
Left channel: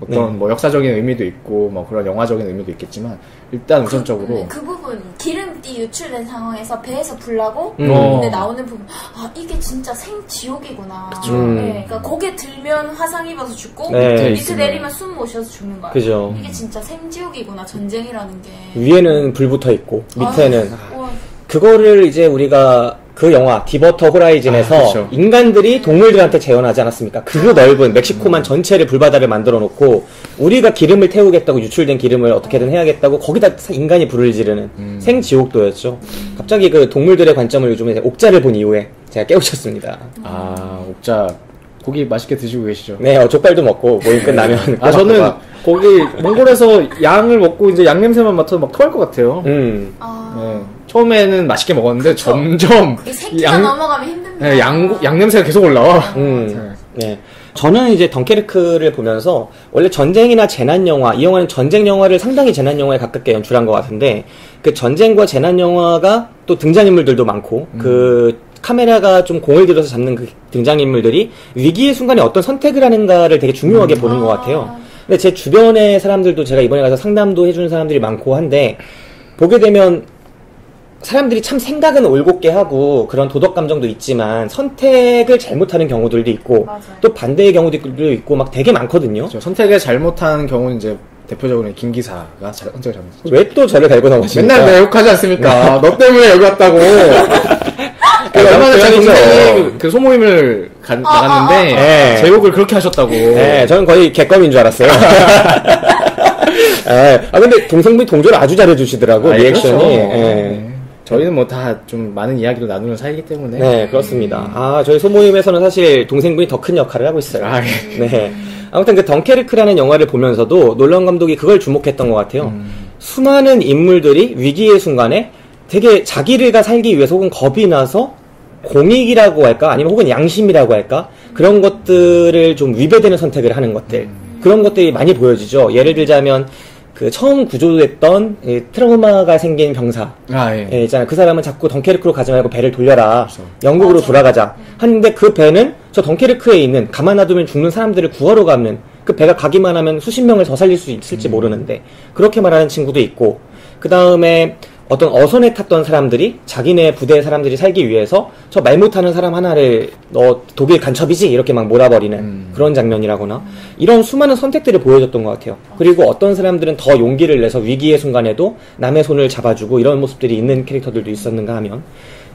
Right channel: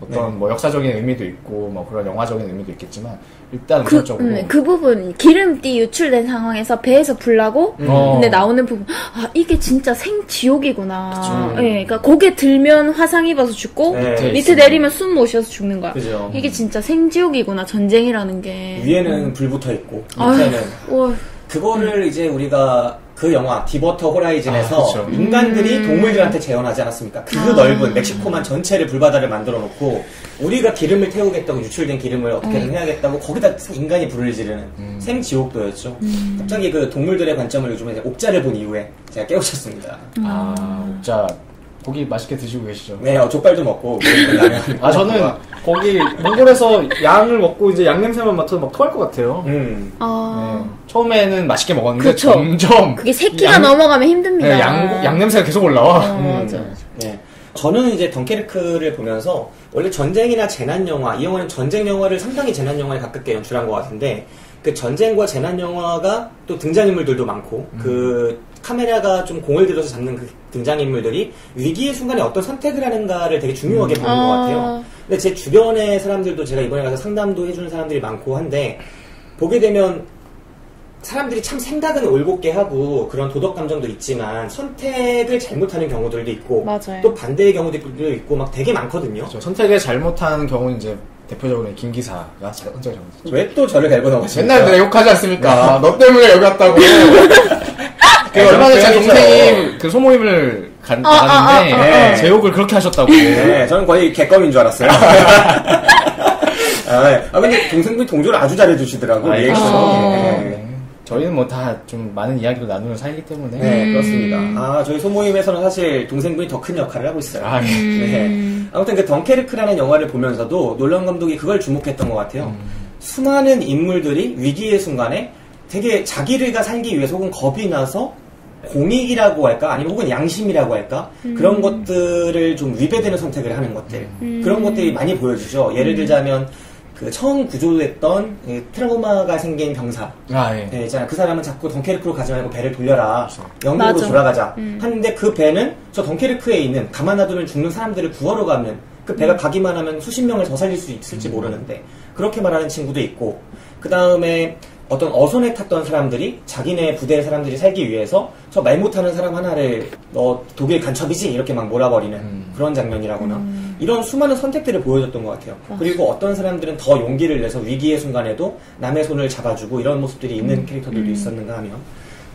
어떤 뭐 역사적인 의미도 있고 뭐 그런 영화적인 의미도 있겠지만 일단 우선적으로 그 부분 기름띠 유출된 상황에서 배에서 불 나고 근데 나오는 부분 이게 진짜 생지옥이구나. 그러니까 고개 들면 화상 입어서 죽고 밑에 내리면 숨 못 쉬어서 죽는 거야. 그죠. 이게 진짜 생지옥이구나. 전쟁이라는 게. 위에는 불 붙어 있고 밑에는 그거를 이제 우리가 그 영화 디버터 호라이즌에서 인간들이 동물들한테 재현하지 않았습니까? 그 넓은 멕시코만 전체를 불바다를 만들어 놓고 우리가 기름을 태우겠다고 유출된 기름을 어떻게든 해야겠다고 거기다 인간이 불을 지르는 생지옥도였죠. 갑자기 그 동물들의 관점을 요즘에 옥자를 본 이후에 제가 깨우쳤습니다. 옥자 고기 맛있게 드시고 계시죠? 네, 족발도 먹고 모임 끝나면 저는 거기 몽골에서 양을 먹고 이제 양 냄새만 맡아도 막 토할 것 같아요. 처음에는 맛있게 먹었는데 그쵸. 점점 그게 새끼가 넘어가면 힘듭니다. 양 냄새가 계속 올라와. 네. 저는 이제 덩케르크를 보면서 원래 전쟁이나 재난 영화, 이 영화는 전쟁 영화를 상당히 재난 영화에 가깝게 연출한 것 같은데 그 전쟁과 재난 영화가 또 등장인물들도 많고 그 카메라가 좀 공을 들여서 잡는 그 등장인물들이 위기의 순간에 어떤 선택을 하는가를 되게 중요하게 보는 것 같아요. 근데 제 주변의 사람들도 제가 이번에 가서 상담도 해주는 사람들이 많고 한데 보게 되면 사람들이 참 생각은 올곧게 하고 그런 도덕 감정도 있지만 선택을 잘못하는 경우들도 있고 맞아요. 또 반대의 경우도 있고 막 되게 많거든요. 그렇죠. 선택을 잘못하는 경우는 이제 대표적으로 김 기사가 선택을 잘못했죠. 왜 또 저를 갈고 넘어가십니까? 맨날 내 욕하지 않습니까? 너 때문에 여기 왔다고. 그 얼마 전에 제 동생이 그 소모임을 나갔는데 제 욕을 그렇게 하셨다고. 네, 저는 거의 개껌인 줄 알았어요. 근데 동생분이 동조를 아주 잘해주시더라고. 리액션이. 저희는 뭐 다 좀 많은 이야기를 나누는 사이기 때문에. 네, 그렇습니다. 저희 소모임에서는 사실 동생분이 더 큰 역할을 하고 있어요. 네. 아무튼 그 덩케르크라는 영화를 보면서도 놀라운 감독이 그걸 주목했던 것 같아요. 수많은 인물들이 위기의 순간에 되게 자기가 살기 위해서 혹은 겁이 나서 공익이라고 할까? 아니면 혹은 양심이라고 할까? 그런 것들을 좀 위배되는 선택을 하는 것들. 그런 것들이 많이 보여지죠. 예를 들자면 그 처음 구조됐던 트라우마가 생긴 병사. 예, 있잖아요. 그 사람은 자꾸 덩케르크로 가지 말고 배를 돌려라. 그렇죠. 영국으로 돌아가자. 하는데 그 배는 저 덩케르크에 있는 가만 놔두면 죽는 사람들을 구하러 가면 그 배가 가기만 하면 수십 명을 더 살릴 수 있을지 모르는데 그렇게 말하는 친구도 있고 그 다음에 어떤 어선에 탔던 사람들이 자기네 부대 사람들이 살기 위해서 저 말 못하는 사람 하나를 너 독일 간첩이지 이렇게 막 몰아버리는 그런 장면이라거나 이런 수많은 선택들을 보여줬던 것 같아요. 그리고 어떤 사람들은 더 용기를 내서 위기의 순간에도 남의 손을 잡아주고 이런 모습들이 있는 캐릭터들도 있었는가 하면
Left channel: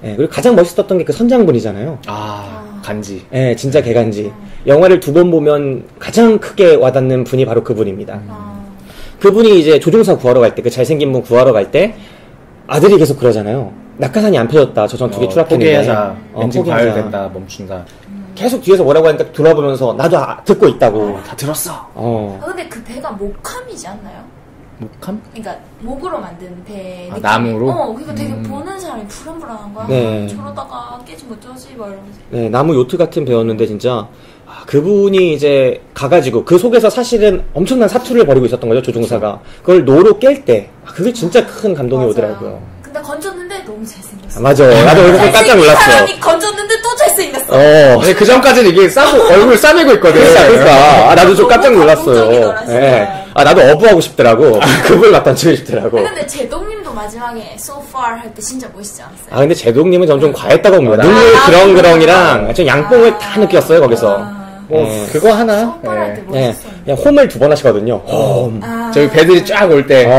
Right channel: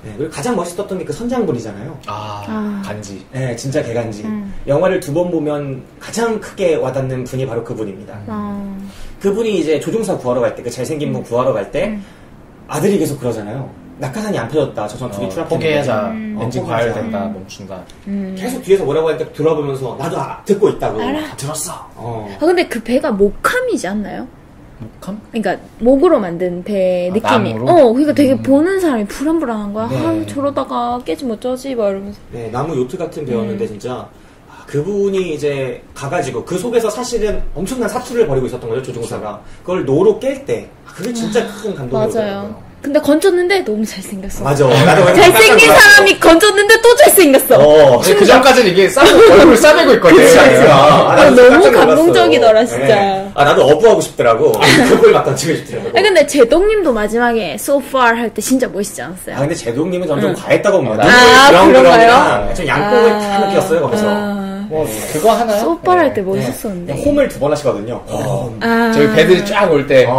예, 그리고 가장 멋있었던 게 그 선장분이잖아요. 간지. 예, 진짜 개간지. 영화를 2번 보면 가장 크게 와닿는 분이 바로 그분입니다. 그분이 이제 조종사 구하러 갈 때, 그 잘생긴 분 구하러 갈 때 아들이 계속 그러잖아요. 낙하산이 안 펴졌다. 저 전투기 추락했는데. 포기하자. 엔진 과열된다. 멈춘다. 계속 뒤에서 뭐라고 하니까 돌아보면서 나도 듣고 있다고. 다 들었어. 근데 그 배가 목함이지 않나요? 목함? 그러니까 목으로 만든 배 느낌이. 나무로? 그러니까 되게 보는 사람이 불안불안한 거야. 네. 저러다가 깨지면 어쩌지? 막 이러면서. 네, 나무 요트 같은 배였는데 진짜 그분이 이제 가가지고 그 속에서 사실은 엄청난 사투를 벌이고 있었던 거죠, 조종사가. 그걸 노로 깰 때 그게 진짜 큰 감동이 오더라고요. 근데 건졌는데 너무 잘생겼어. 맞아. 잘생긴 사람이 건졌는데 또 잘생겼어. 그 전까지는 이게 얼굴을 싸매고 있거든. 나도 좀 깜짝 놀랐어. 감동적이더라, 진짜. 네. 나도 어부하고 싶더라고. 그걸 갖다 치고 싶더라고. 근데 제동님도 마지막에 So Far 할 때 진짜 멋있지 않았어요? 근데 제동님은 점점 과했다고 봅니다. 브라운이랑 저 양뽕을 다 느꼈어요, 거기서. 그거 하나. 소빨 할 때 멋있었는데. 그냥 홈을 2번 하시거든요. 저기 배들이 쫙 올 때.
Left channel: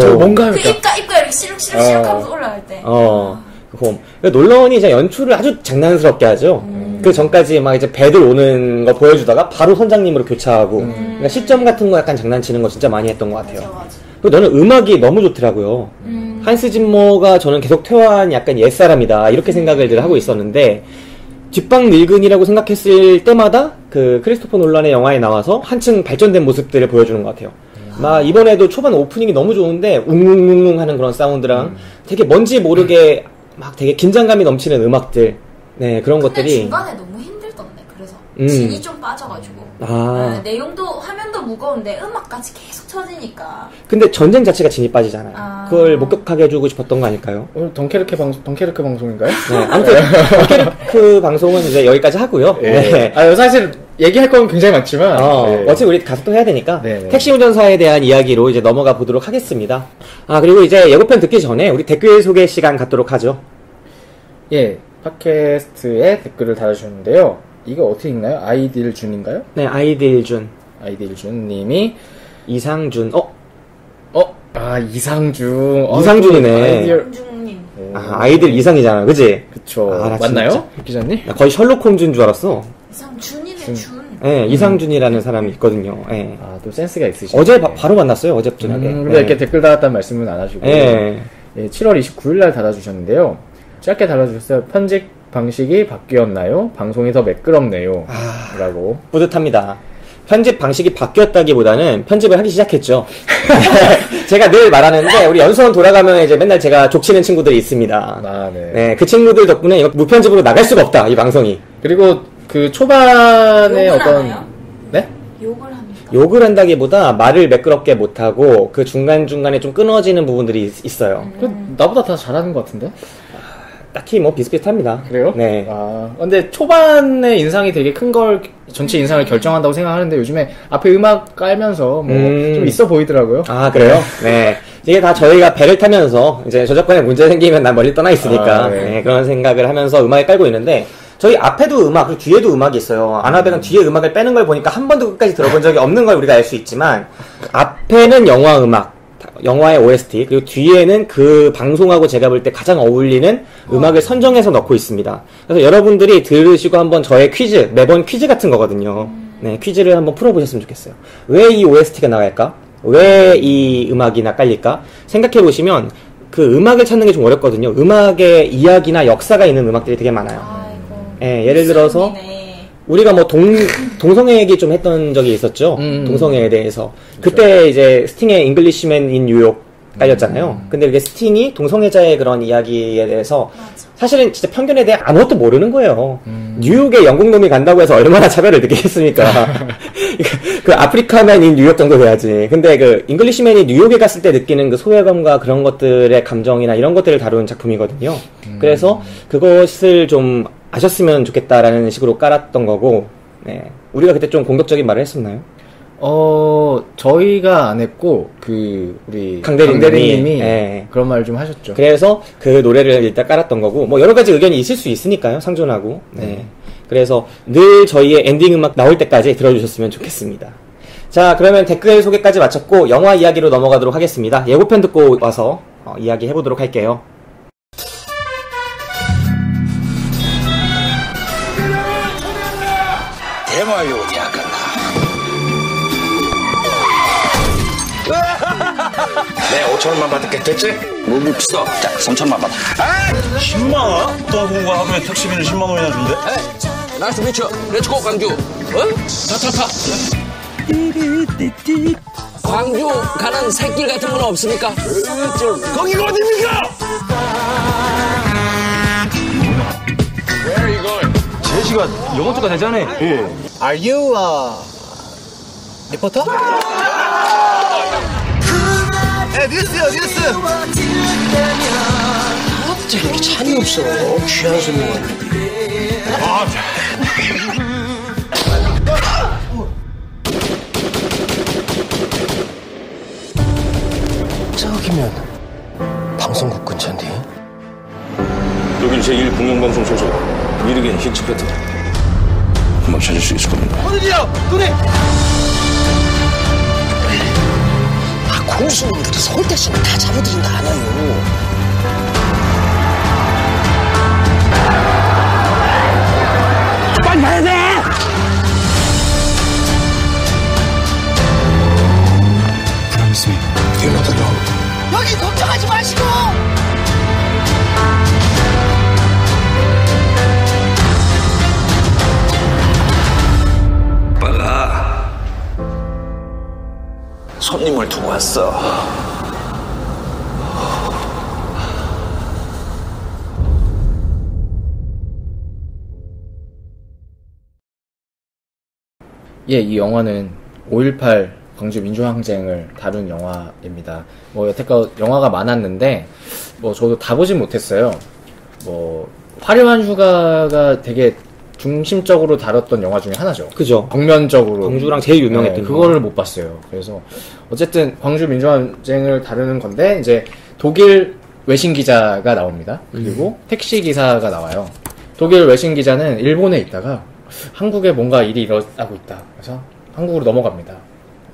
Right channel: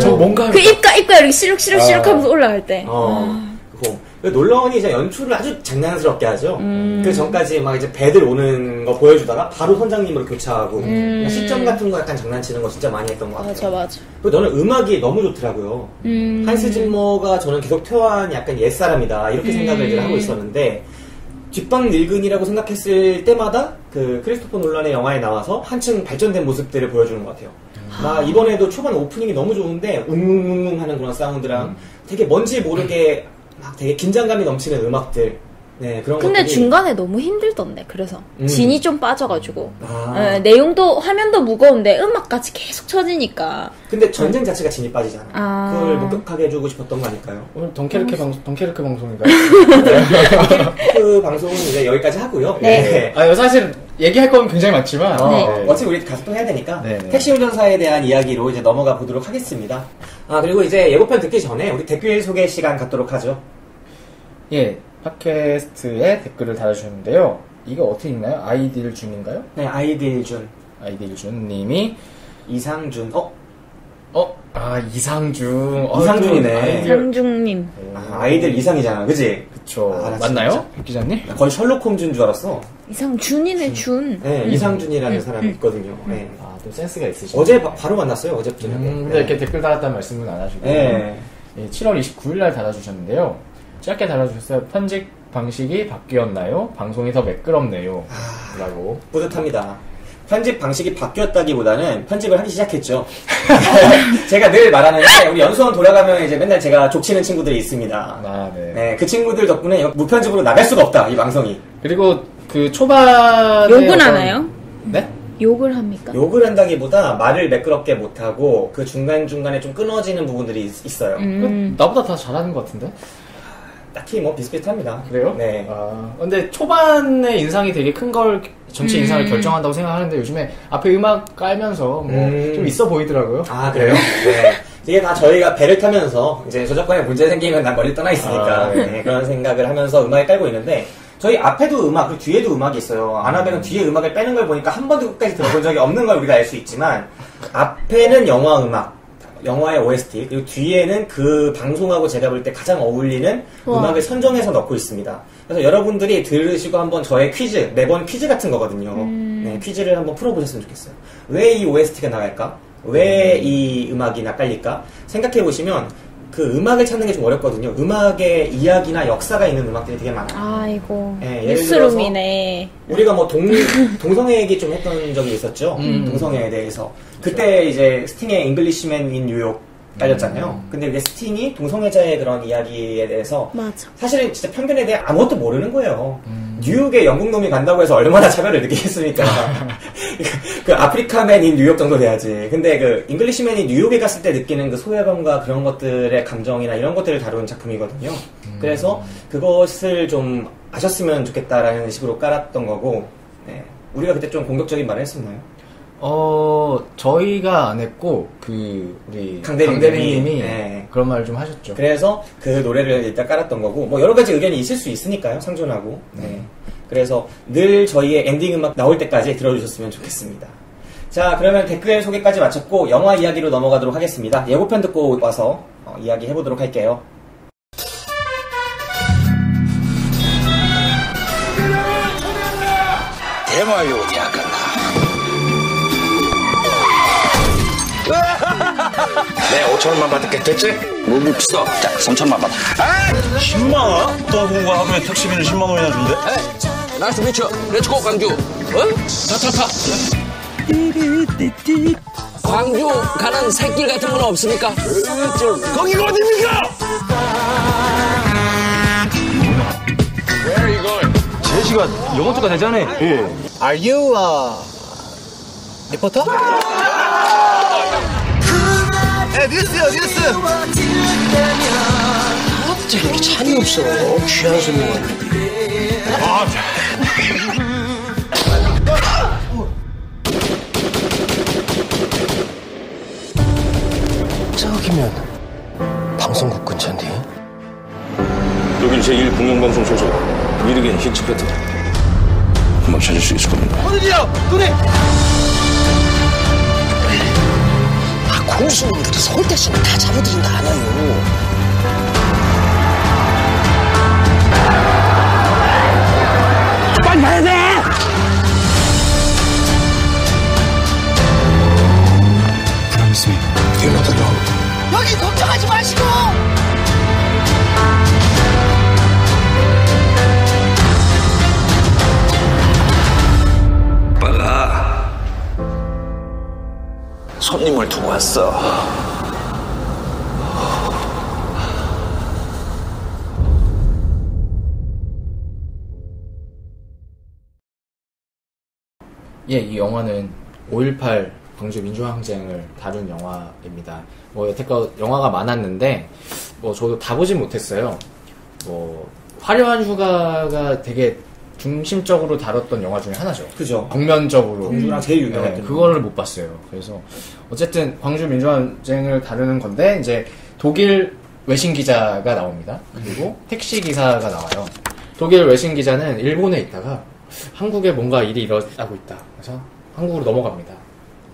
저거 뭔가. 그 입가 이렇게 시룩시룩 하면서 올라갈 때. 홈. 놀라운이 이제 연출을 아주 장난스럽게 하죠. 그 전까지 막 이제 배들 오는 거 보여주다가 바로 선장님으로 교차하고. 그러니까 시점 같은 거 약간 장난치는 거 진짜 많이 했던 것 같아요. 맞아. 그리고 너는 음악이 너무 좋더라고요. 한스 짐머가 저는 계속 퇴화한 약간 옛사람이다. 이렇게 생각을 하고 있었는데, 뒷방 늙은이라고 생각했을 때마다 그 크리스토퍼 놀란의 영화에 나와서 한층 발전된 모습들을 보여주는 것 같아요. 막 이번에도 초반 오프닝이 너무 좋은데 웅웅웅 하는 그런 사운드랑 되게 뭔지 모르게 막 되게 긴장감이 넘치는 음악들. 네, 그런 근데 것들이. 중간에 너무 힘들던데, 그래서. 진이 좀 빠져가지고. 네, 내용도, 화면도 무거운데 음악까지 계속 쳐지니까. 근데 전쟁 자체가 진이 빠지잖아요. 그걸 목격하게 해주고 싶었던 거 아닐까요? 오늘 덩케르크 방송인가요? 덩케르크 방송은 이제 여기까지 하고요. 네. 사실 얘기할 건 굉장히 많지만. 어차피 우리 가서 또 해야 되니까. 택시 운전사에 대한 이야기로 이제 넘어가 보도록 하겠습니다. 그리고 이제 예고편 듣기 전에 우리 댓글 소개 시간 갖도록 하죠. 예. 팟캐스트에 댓글을 달아주셨는데요. 이거 어떻게 읽나요? 아이딜준인가요? 네, 아이딜준 님이 이상준. 이상준. 이상준이네. 이상준님. 아이들 이상이잖아, 그치? 그쵸. 맞나요? 기자님? 거의 셜록 홈즈인 줄 알았어. 이상준이네, 준. 네, 이상준이라는 사람이 있거든요. 네. 또 센스가 있으시네. 어제 바로 만났어요, 어제부터. 근데 이렇게 댓글 달았다는 말씀은 안 하시고. 7월 29일날 달아주셨는데요. 짧게 달아주셨어요. 편집 방식이 바뀌었나요? 방송이 더 매끄럽네요. 라고. 뿌듯합니다. 편집 방식이 바뀌었다기보다는 편집을 하기 시작했죠. 제가 늘 말하는데 우리 연수원 돌아가면 이제 맨날 제가 족치는 친구들이 있습니다. 네. 그 친구들 덕분에 이거 무편집으로 나갈 수가 없다, 이 방송이. 그리고 그 초반에 욕은 하나요? 네? 욕을 합니까? 욕을 한다기보다 말을 매끄럽게 못하고 그 중간중간에 좀 끊어지는 부분들이 있어요. 나보다 다 잘하는 것 같은데? 딱히 뭐 비슷비슷합니다. 그래요? 네. 근데 초반에 인상이 되게 큰 걸 전체 인상을 결정한다고 생각하는데 요즘에 앞에 음악 깔면서 좀 있어 보이더라고요. 그래요? 네. 이게 다 저희가 배를 타면서 이제 저작권에 문제 생기면 난 멀리 떠나 있으니까 네, 그런 생각을 하면서 음악을 깔고 있는데 저희 앞에도 음악, 그리고 뒤에도 음악이 있어요. 아나벨은 뒤에 음악을 빼는 걸 보니까 한 번도 끝까지 들어본 적이 없는 걸 우리가 알 수 있지만 앞에는 영화 음악, 영화의 OST, 그리고 뒤에는 그 방송하고 제가 볼 때 가장 어울리는 음악을 선정해서 넣고 있습니다. 그래서 여러분들이 들으시고 한번 저의 퀴즈, 매번 퀴즈 같은 거거든요. 네, 퀴즈를 한번 풀어보셨으면 좋겠어요. 왜 이 OST가 나갈까? 왜 이 음악이나 깔릴까? 생각해보시면 그 음악을 찾는 게 좀 어렵거든요. 음악의 이야기나 역사가 있는 음악들이 되게 많아요. 아이고. 네, 예를 들어서 우리가 뭐 동성애 얘기 좀 했던 적이 있었죠. 동성애에 대해서. 그렇죠. 그때 이제 스팅의 잉글리시맨 인 뉴욕 깔렸잖아요. 근데 이게 스팅이 동성애자의 그런 이야기에 대해서 사실은 진짜 편견에 대해 아무것도 모르는 거예요. 뉴욕에 영국 놈이 간다고 해서 얼마나 차별을 느끼겠습니까? 그 아프리카맨인 뉴욕 정도 돼야지. 근데 그 잉글리시맨이 뉴욕에 갔을 때 느끼는 그 소외감과 그런 것들의 감정이나 이런 것들을 다룬 작품이거든요. 그래서 그것을 좀 아셨으면 좋겠다라는 식으로 깔았던 거고, 네. 우리가 그때 좀 공격적인 말을 했었나요? 저희가 안 했고, 우리 강대리님이 네. 그런 말을 좀 하셨죠. 그래서 그 노래를 일단 깔았던 거고, 뭐 여러 가지 의견이 있을 수 있으니까요, 상존하고. 네. 그래서 늘 저희의 엔딩 음악 나올 때까지 들어주셨으면 좋겠습니다. 자, 그러면 댓글 소개까지 마쳤고, 영화 이야기로 넘어가도록 하겠습니다. 예고편 듣고 와서 이야기 해보도록 할게요. 대마요 대학 간다. 내 5천원만 받을게. 됐지? 뭐 비싸. 자, 3천원만 받아. 10만원? 또 공과 하루에 택시비를 10만원이나 준대? 나이스 미쳐. 렛츠고 광주. 타. 광주 가는 새길 같은 건 없습니까? 거기가 어딥니까? Where are you going? 제시가 영어 쪽가 되잖아. 예. Are you 리포터? 네, 뉴스. 어째 이렇게 찬이 없어? 귀한 손님 왔는데. 저기면 방송국 근처인데. 여긴 제1 공영방송 소속 미르겐 힌츠패트. 금방 찾을 수 있을 겁니다. 어디요? 눈에! 공수놈들이 서울 대신에 다 잡아들인다 않아요. 빨리 가야 돼! Promise me. You're not alone. 여기 걱정하지 마시고! 빨라. 손님을 두고 왔어. 예, 이 영화는 5.18 광주 민주항쟁을 다룬 영화입니다. 뭐 여태껏 영화가 많았는데 뭐 저도 다 보진 못했어요. 뭐 화려한 휴가가 되게 중심적으로 다뤘던 영화 중에 하나죠. 그죠. 벽면적으로. 광주랑 제일 유명했던 그거를 못 봤어요. 그래서 어쨌든 광주 민주항쟁을 다루는 건데 이제 독일 외신 기자가 나옵니다. 그리고 택시 기사가 나와요. 독일 외신 기자는 일본에 있다가 한국에 뭔가 일이 일어나고 있다. 그래서 한국으로 넘어갑니다.